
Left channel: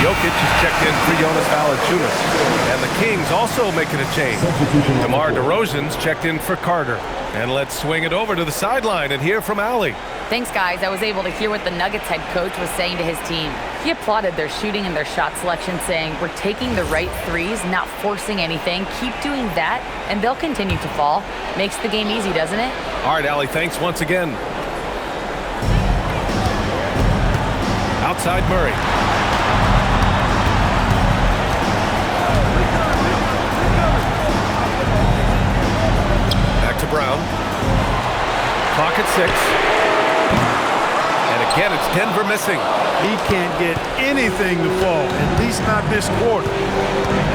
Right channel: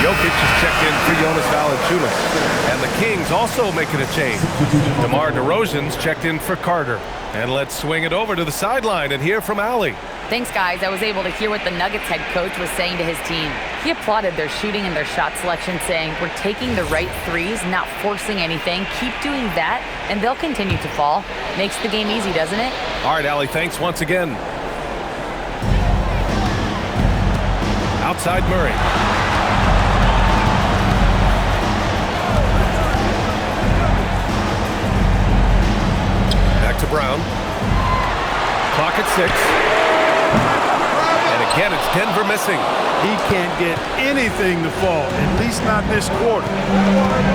Jokic is checked in for Jonas Valanciunas. And the Kings also making a change. DeMar DeRozan's checked in for Carter. And let's swing it over to the sideline and hear from Allie. Thanks, guys. I was able to hear what the Nuggets head coach was saying to his team. He applauded their shooting and their shot selection, saying, "We're taking the right threes, not forcing anything. Keep doing that, and they'll continue to fall." Makes the game easy, doesn't it? All right, Allie, thanks once again. Outside Murray. to Brown. Clock at 6. And again, it's Denver missing. He can't get anything to fall, at least not this quarter.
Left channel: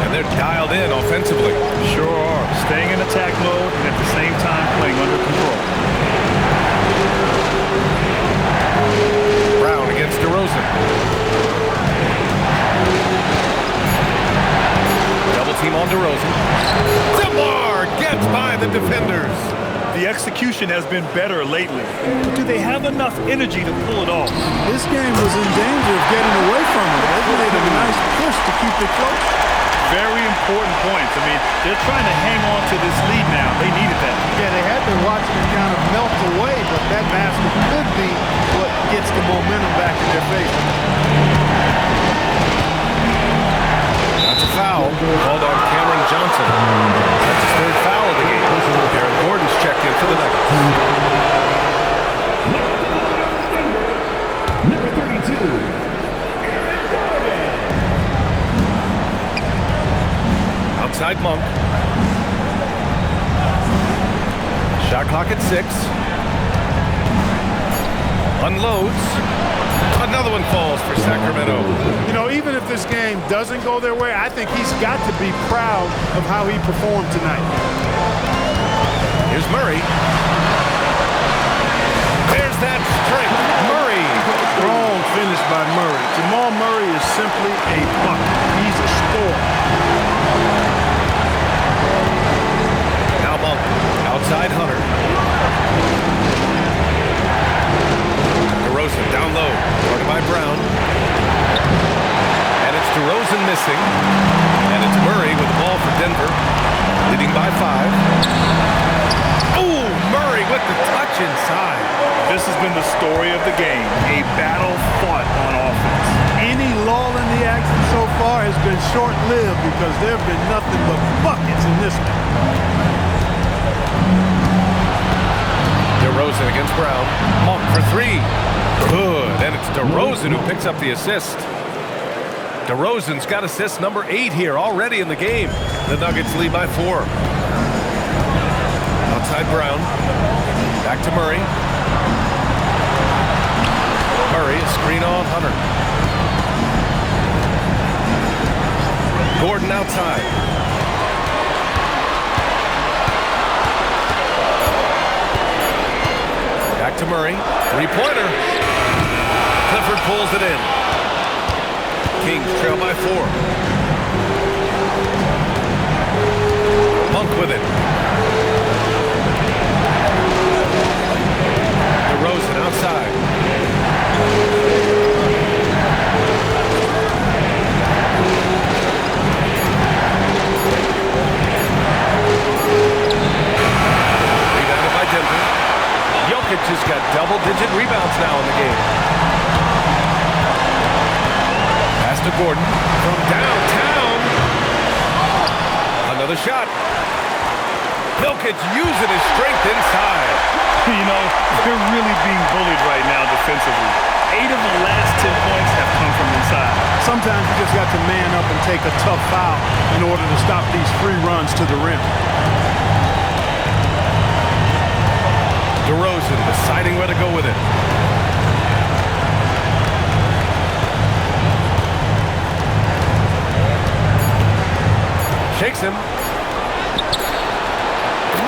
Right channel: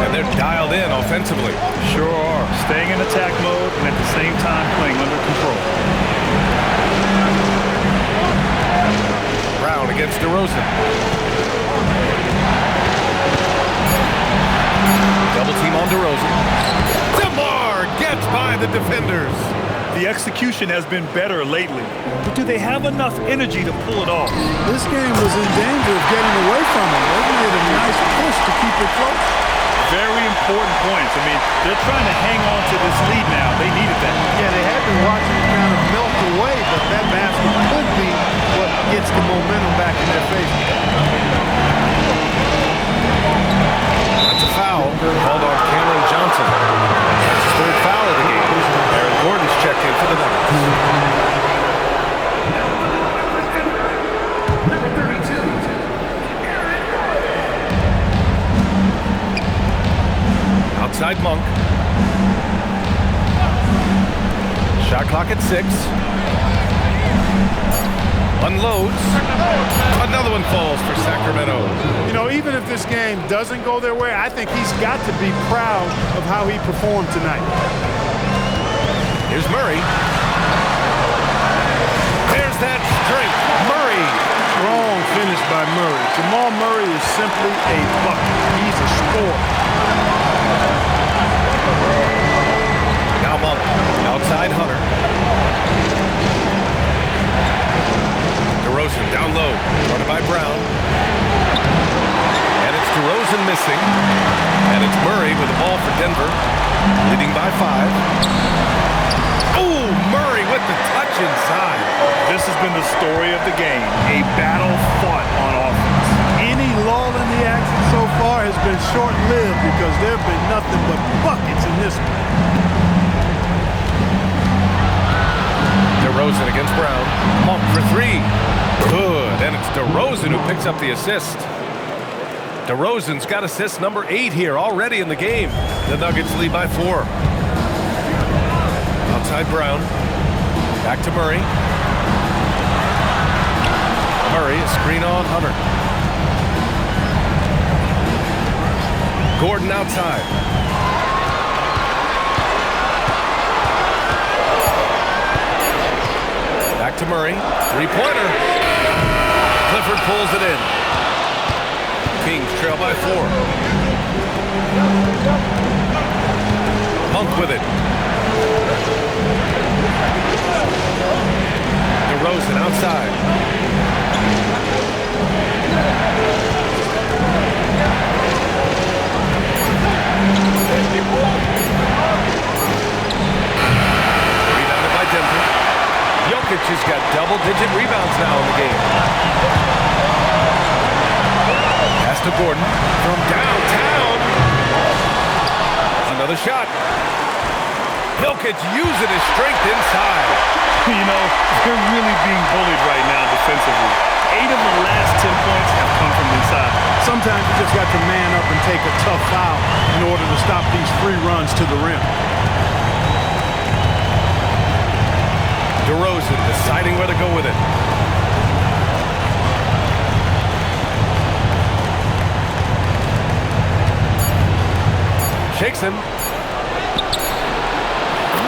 And they're dialed in offensively. Sure are. Staying in attack mode and at the same time playing under control. Brown against DeRozan. Double team on DeRozan. DeMar gets by the defenders. The execution has been better lately, but do they have enough energy to pull it off? This game was in danger of getting away from him. They've made a nice push to keep it close. Very important points. I mean, they're trying to hang on to this lead now. They needed that. Yeah, they had been watching it kind of melt away, but that basket could be what gets the momentum back in their favor. That's a foul called on Cameron Johnson. That's his third foul of the game. Aaron Gordon's checked in for the Nuggets. Number 32. Outside Monk. Shot clock at 6. Unloads. Another one falls for Sacramento. You know, even if this game doesn't go their way, I think he's got to be proud of how he performed tonight. Here's Murray. There's that strength. Murray. Strong finish by Murray. Jamal Murray is simply a bucket. He's a scorer. Now Monk. Outside Hunter. DeRozan down low. Guarded by Brown. And it's DeRozan missing. And it's Murray with the ball for Denver. Leading by 5. Oh, Murray with the touch inside. This has been the story of the game. A battle fought on offense. Any lull in the action so far has been short-lived because there have been nothing but buckets in this one. DeRozan against Brown. Monk for 3. Good. And it's DeRozan who picks up the assist. DeRozan's got assist number 8 here already in the game. The Nuggets lead by 4. Outside Brown. Back to Murray. Murray, a screen on Hunter. Gordon outside. Back to Murray. 3-pointer. Clifford pulls it in. Kings trail by 4. Monk with it. DeRozan outside. Rebounded by Denver. Jokic has got double-digit rebounds now in the game. Pass to Gordon from downtown. Another shot. Jokic using his strength inside. You know, they're really being bullied right now defensively. 8 of the last 10 points have come from inside. Sometimes you just got to man up and take a tough foul in order to stop these free runs to the rim. DeRozan deciding where to go with it. Shakes him.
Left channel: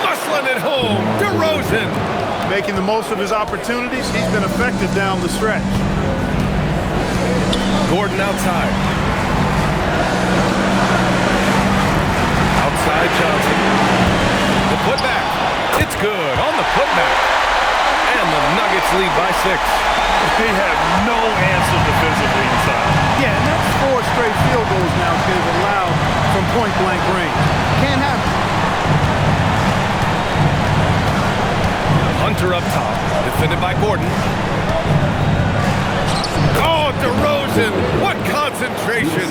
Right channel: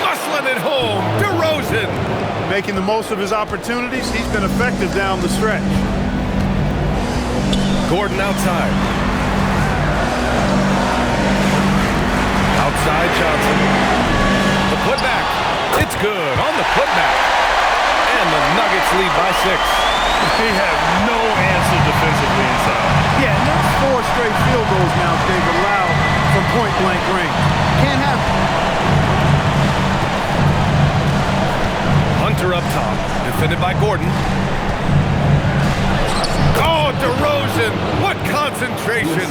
Muscling it home. DeRozan. Making the most of his opportunities. He's been effective down the stretch. Gordon outside. Outside Johnson. The putback. It's good on the putback. And the Nuggets lead by 6. They have no answer defensively inside. Yeah, and that's 4 straight field goals now they've allowed from point-blank range. Can't happen. Hunter up top, defended by Gordon. Oh, DeRozan, what concentration.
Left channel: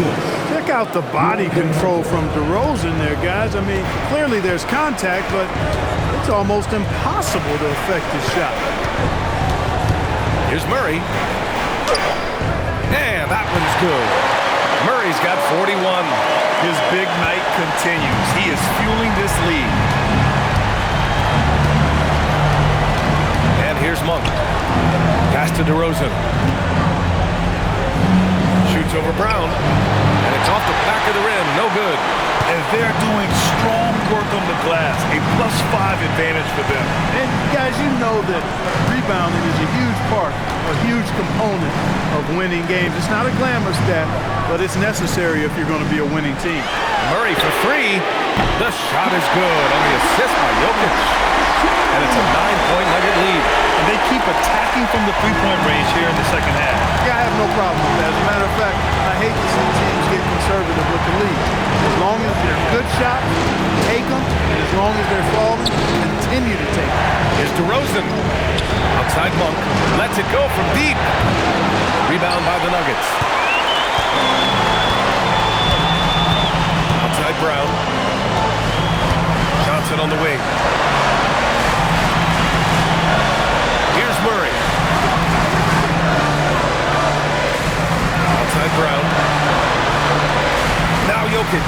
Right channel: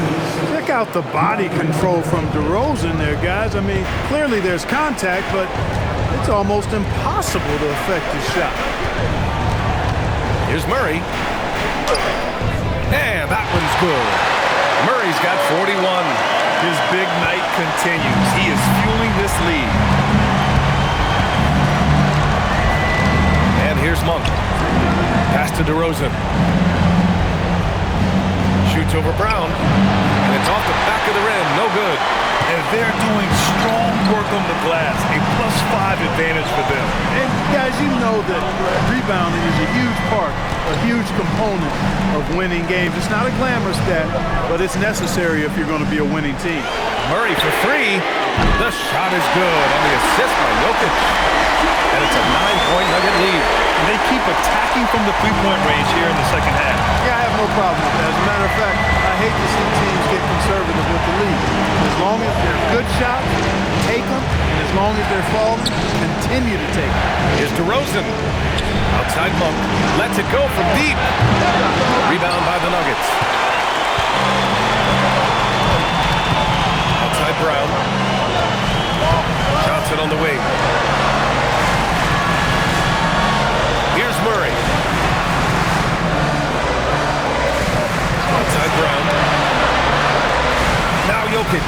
Check out the body control from DeRozan there, guys. I mean, clearly there's contact, but it's almost impossible to affect his shot. Here's Murray. And that one's good. Murray's got 41. His big night continues. He is fueling this lead. And here's Monk. Pass to DeRozan. Shoots over Brown. And it's off the back of the rim. No good. And they're doing strong work on the glass. A +5 advantage for them. And guys, you know that rebounding is a huge part, a huge component of winning games. It's not a glamour stat, but it's necessary if you're going to be a winning team. Murray for three. The shot is good on the assist by Jokic. And it's a 9-point Nugget lead. And they keep attacking from the three-point range here in the second half. Yeah, I have no problem with that. As a matter of fact, I hate to see teams get conservative with the lead. As long as they're good shots, take them. And as long as they're falling, continue to take them. Here's DeRozan. Outside Monk. Lets it go from deep. Rebound by the Nuggets. Outside Brown. Johnson on the wing. Here's Murray. Outside Brown. Now Jokic.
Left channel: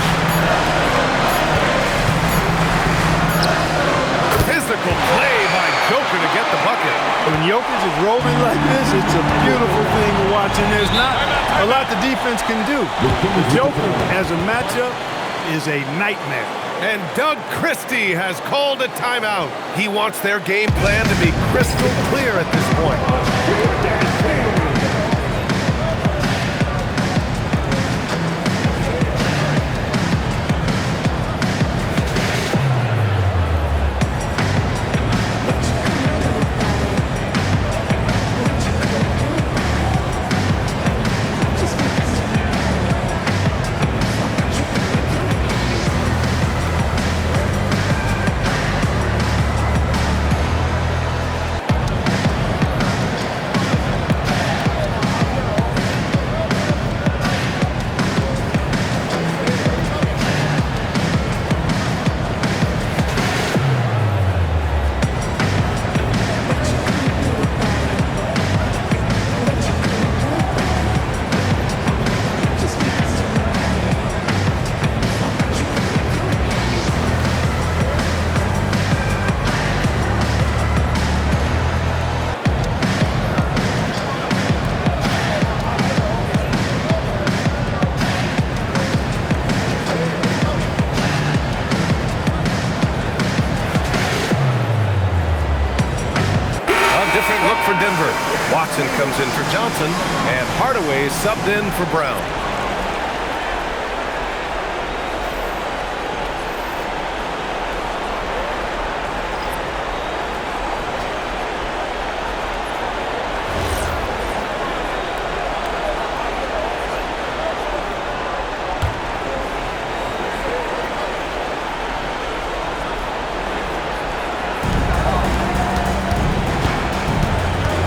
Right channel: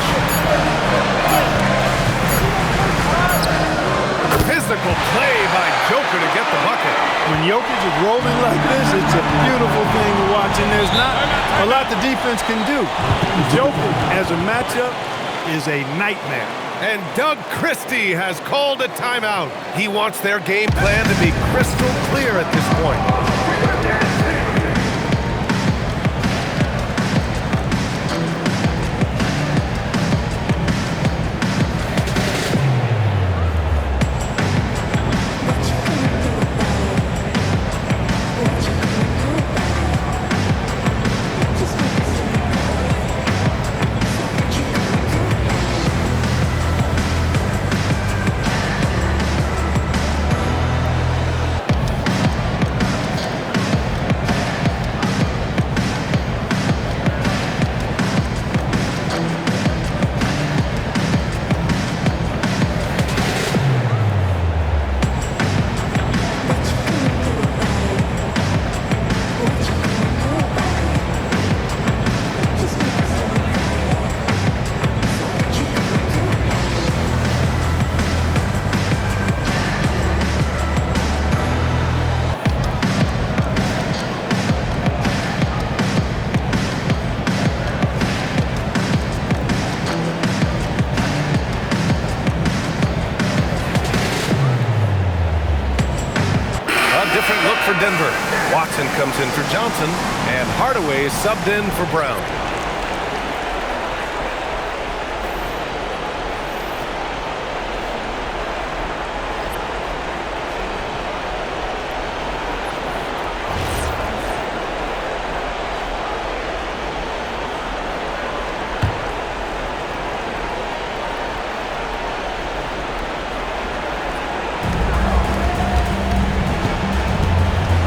Physical play by Joker to get the bucket. When Jokic is rolling like this, it's a beautiful thing to watch, and there's not a lot the defense can do. The Joker, as a matchup, is a nightmare. And Doug Christie has called a timeout. He wants their game plan to be crystal clear at this point. Different look for Denver. Watson comes in for Johnson, and Hardaway is subbed in for Brown.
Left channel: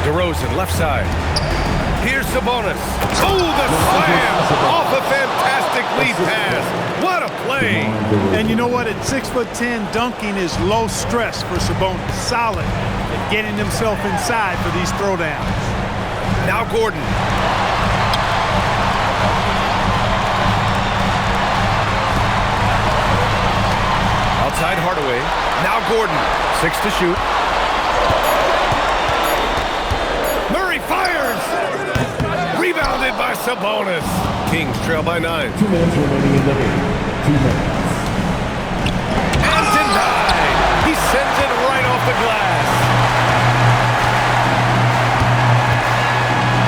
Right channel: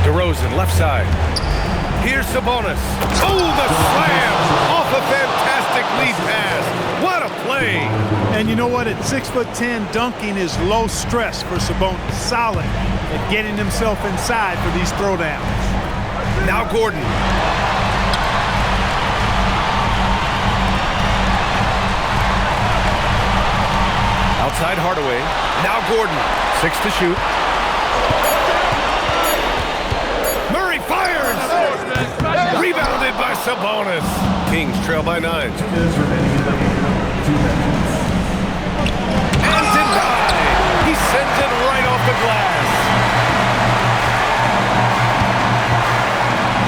DeRozan, left side. Here's Sabonis. Oh, the slam! Off a fantastic lead pass. What a play! And you know what? At 6'10", dunking is low stress for Sabonis. Solid at getting himself inside for these throwdowns. Now Gordon. Outside Hardaway. Now Gordon. 6 to shoot. Murray fires! Rebounded by Sabonis. Kings trail by 9. 2 minutes remaining in the game. 2 minutes. And denied! He sends it right off the glass.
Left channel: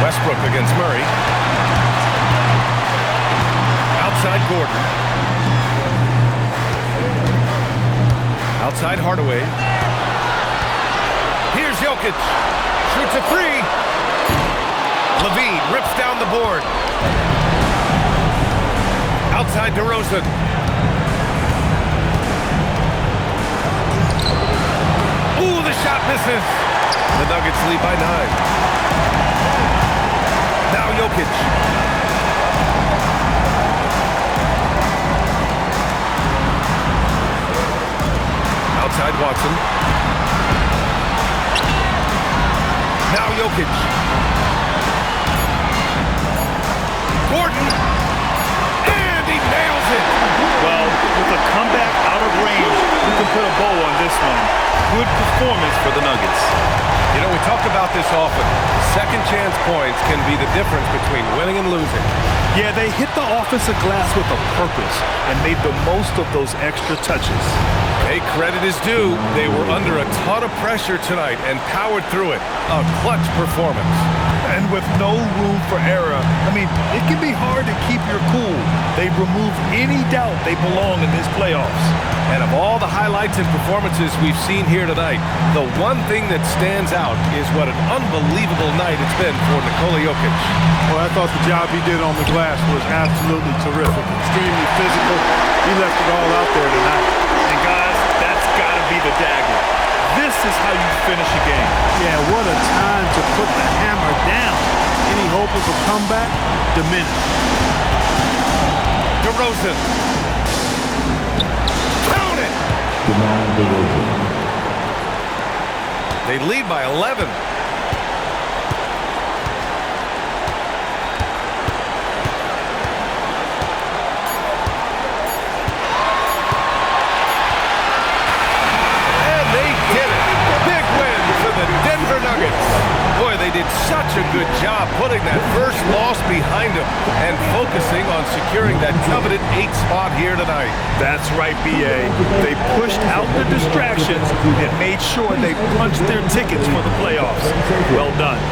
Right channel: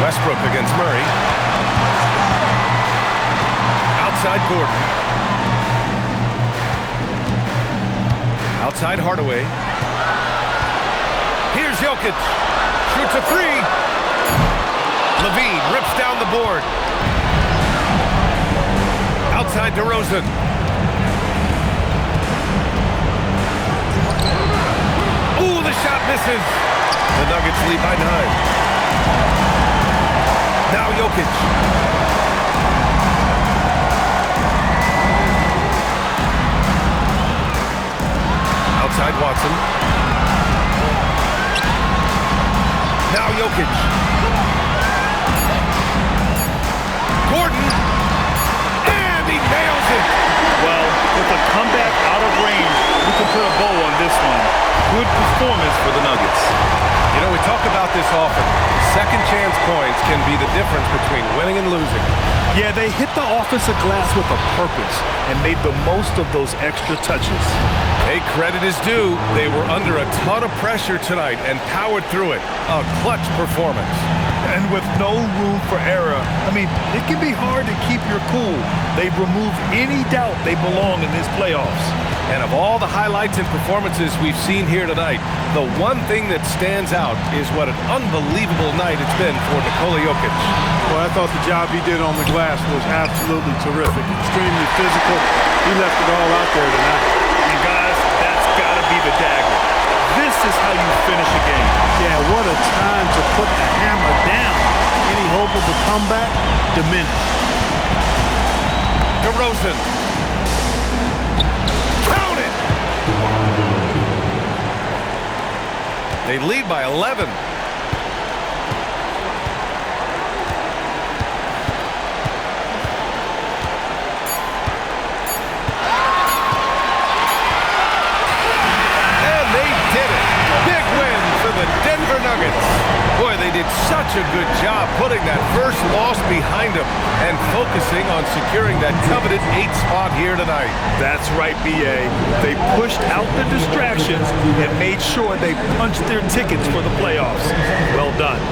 Westbrook against Murray. Outside Gordon. Outside Hardaway. Here's Jokic. Shoots a three. Levine rips down the board. Outside DeRozan. Ooh, the shot misses. The Nuggets lead by 9. Now Jokic. Outside Watson. Now Jokic. Gordon. And he nails it. Well, with a comeback out of range, we can put a bow on this one. Good performance for the Nuggets. You know, we talk about this often. Second chance points can be the difference between winning and losing. Yeah, they hit the offensive glass with a purpose and made the most of those extra touches. Hey, credit is due. They were under a ton of pressure tonight and powered through it. A clutch performance. And with no room for error, I mean, it can be hard to keep your cool. They've removed any doubt they belong in this playoffs. And of all the highlights and performances we've seen here tonight, the one thing that stands out is what an unbelievable night it's been for Nikola Jokic. Well, I thought the job he did on the glass was absolutely terrific. Extremely physical. He left it all out there tonight. And guys, that's got to be the dagger. This is how you finish a game. Yeah, what a time to put the hammer down. Any hope of a comeback? Diminished. DeRozan. Count it! They lead by 11. The Denver Nuggets. Boy, they did such a good job putting that first loss behind them and focusing on securing that coveted 8th spot here tonight. That's right, B.A. They pushed out the distractions and made sure they punched their tickets for the playoffs. Well done.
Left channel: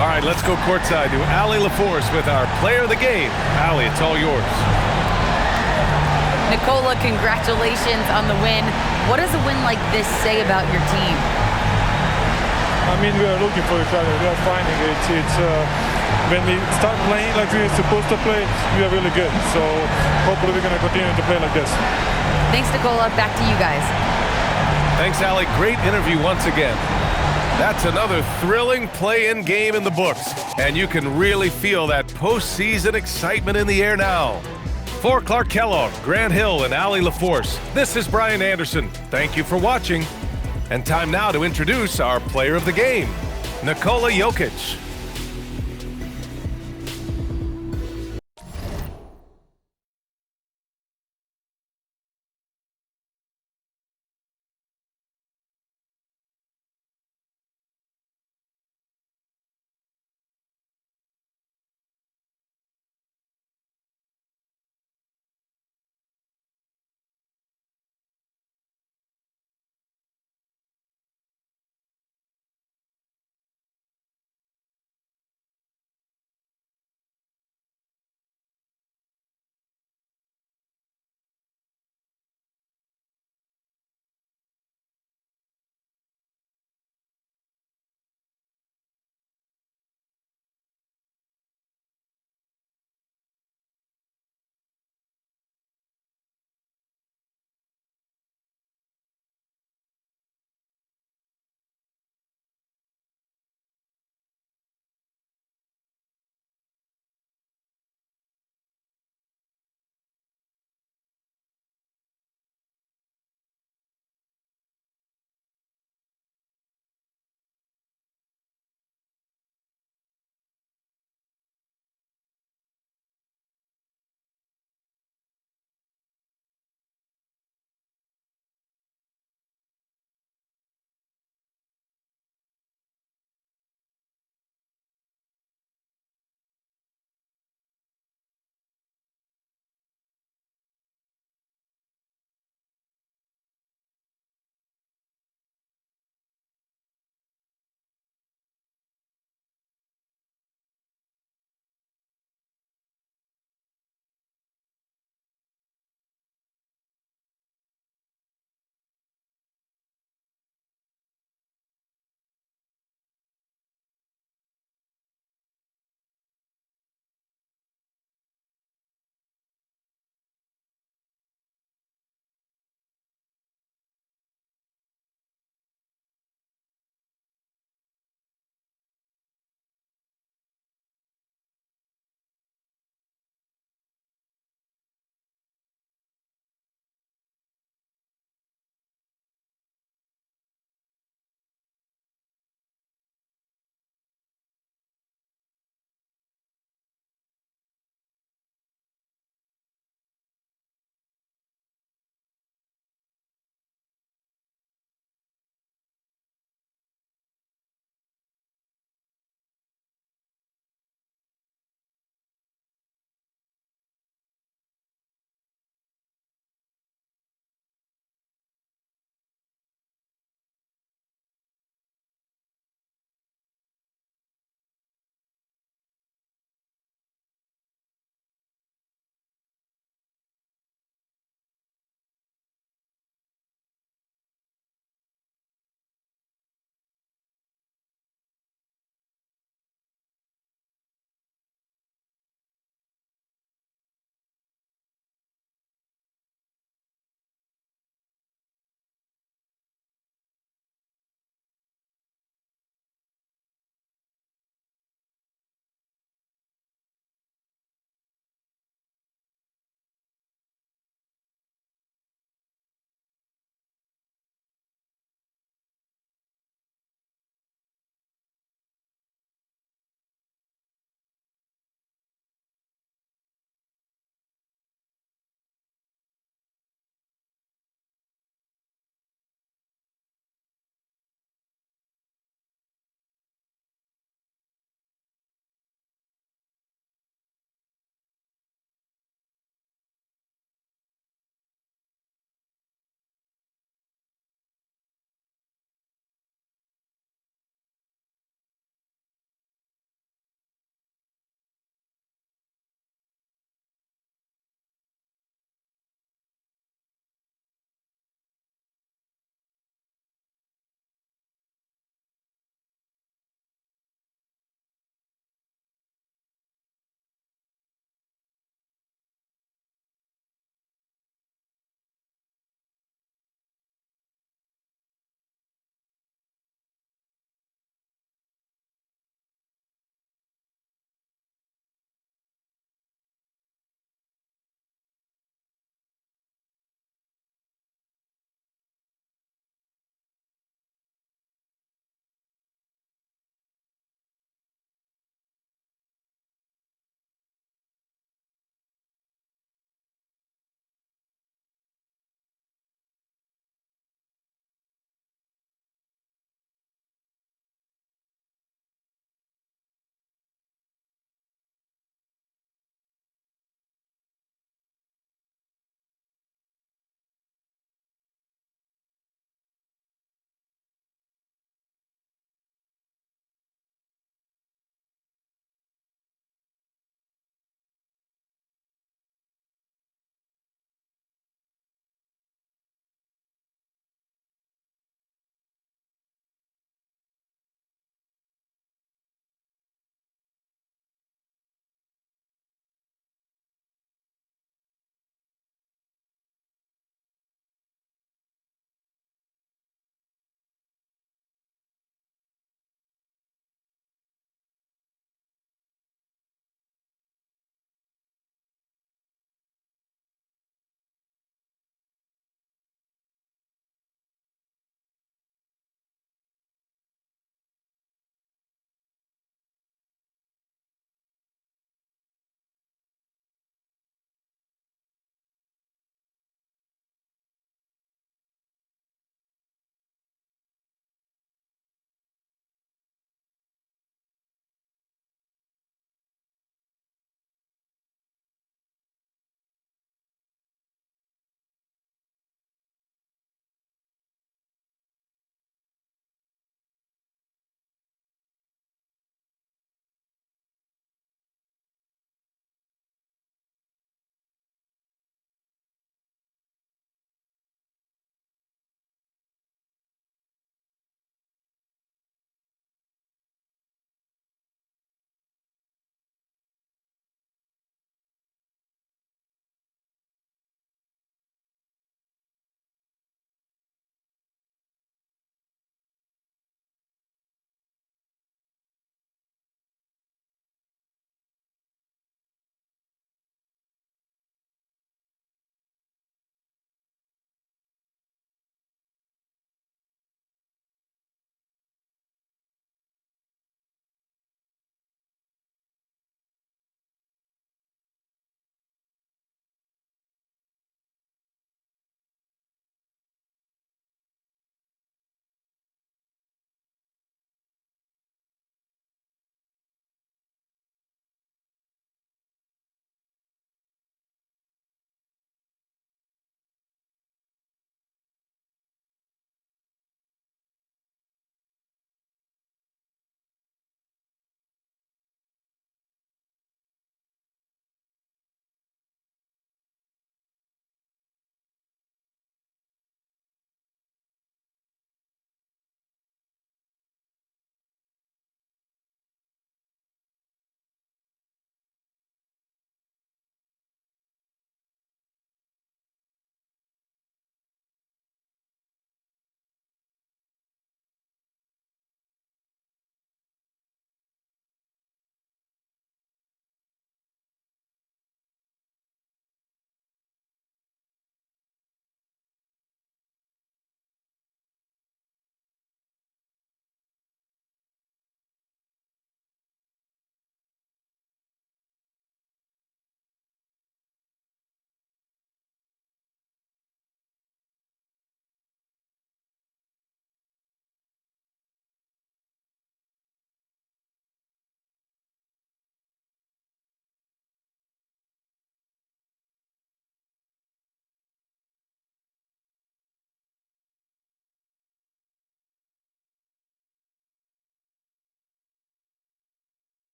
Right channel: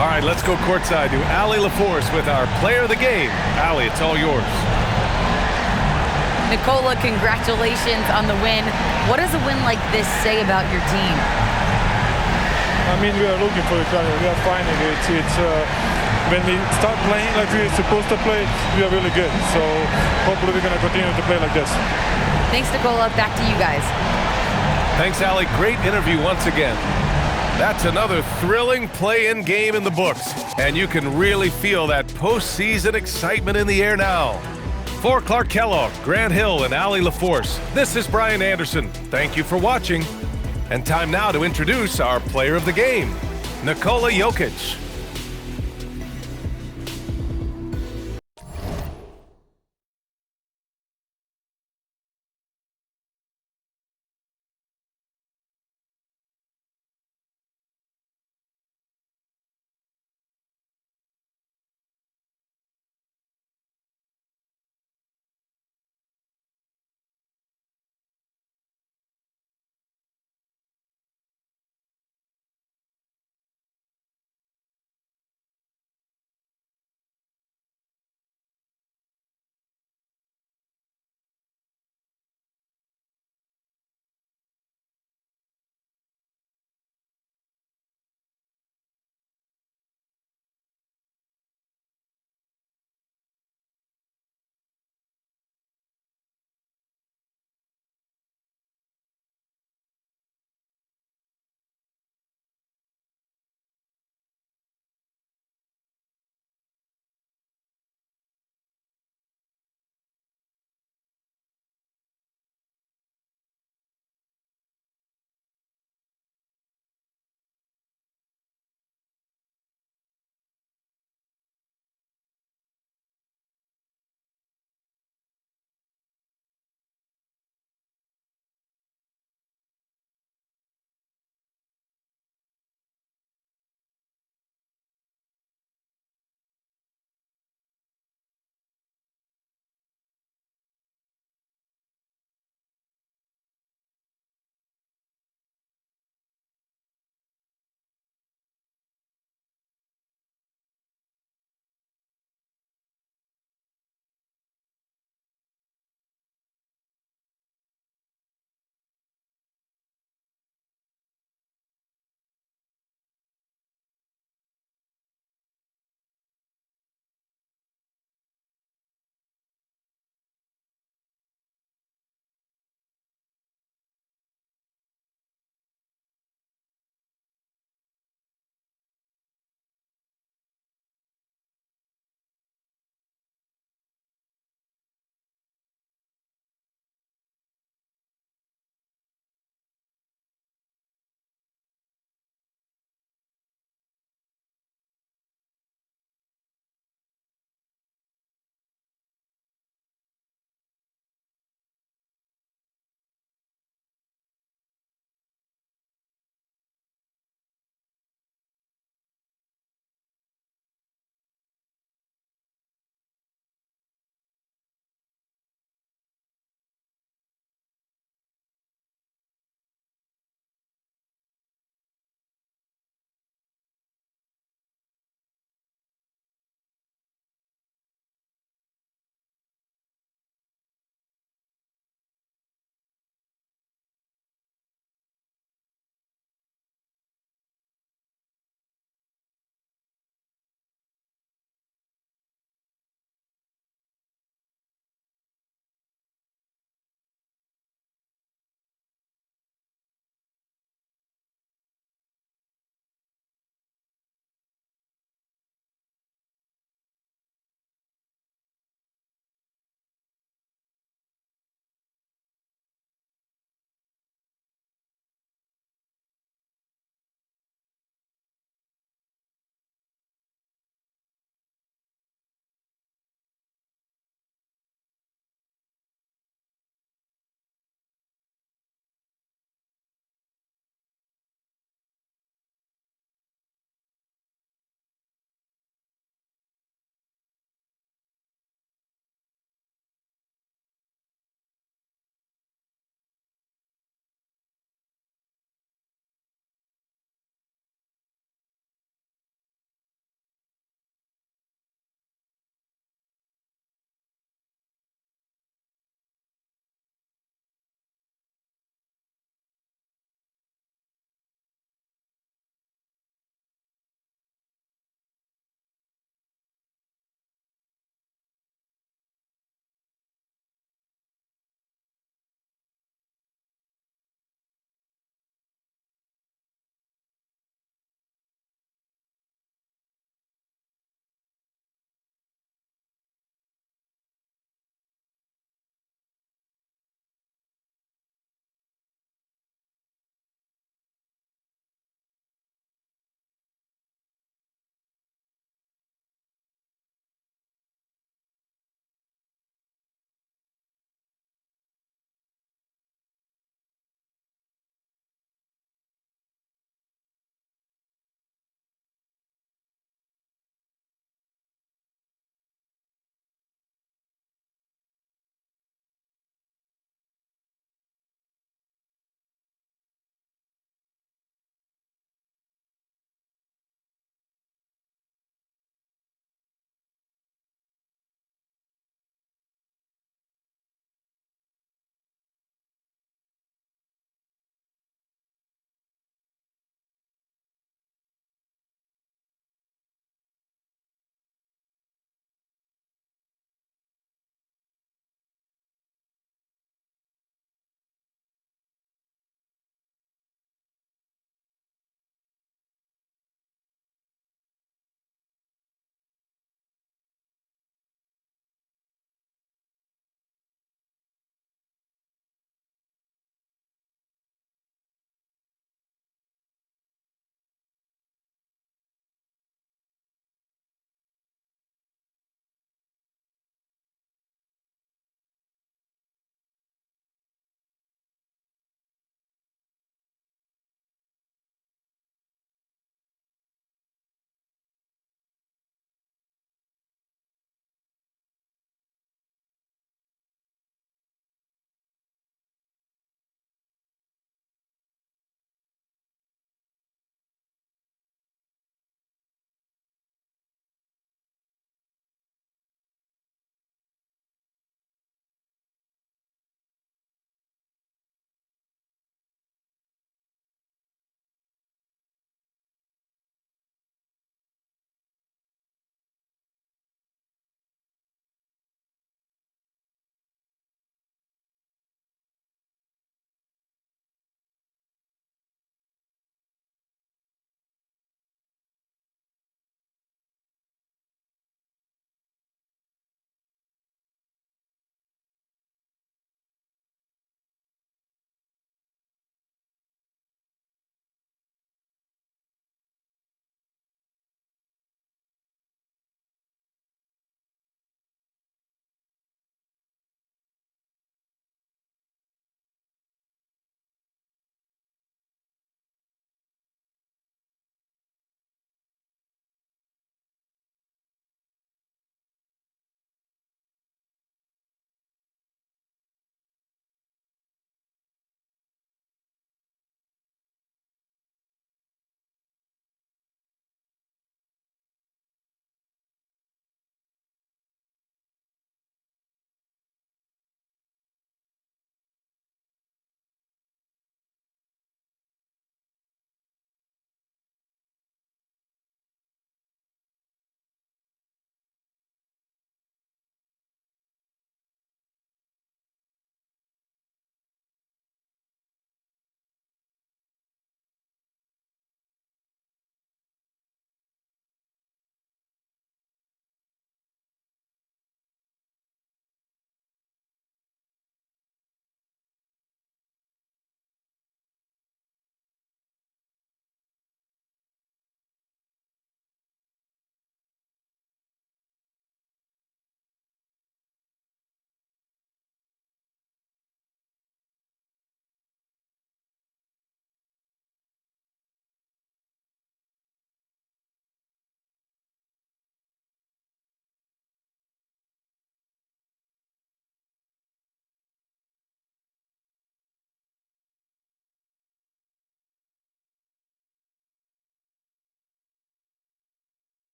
All right, let's go courtside to Allie LaForce with our player of the game. Allie, it's all yours. Nikola, congratulations on the win. What does a win like this say about your team? I mean, we are looking for each other. We are finding it. When we start playing like we're supposed to play, we are really good. So hopefully we're going to continue to play like this. Thanks, Nikola. Back to you guys. Thanks, Allie. Great interview once again. That's another thrilling play-in game in the books, and you can really feel that postseason excitement in the air now. For Clark Kellogg, Grant Hill, and Allie LaForce, this is Brian Anderson. Thank you for watching. And time now to introduce our player of the game, Nikola Jokic.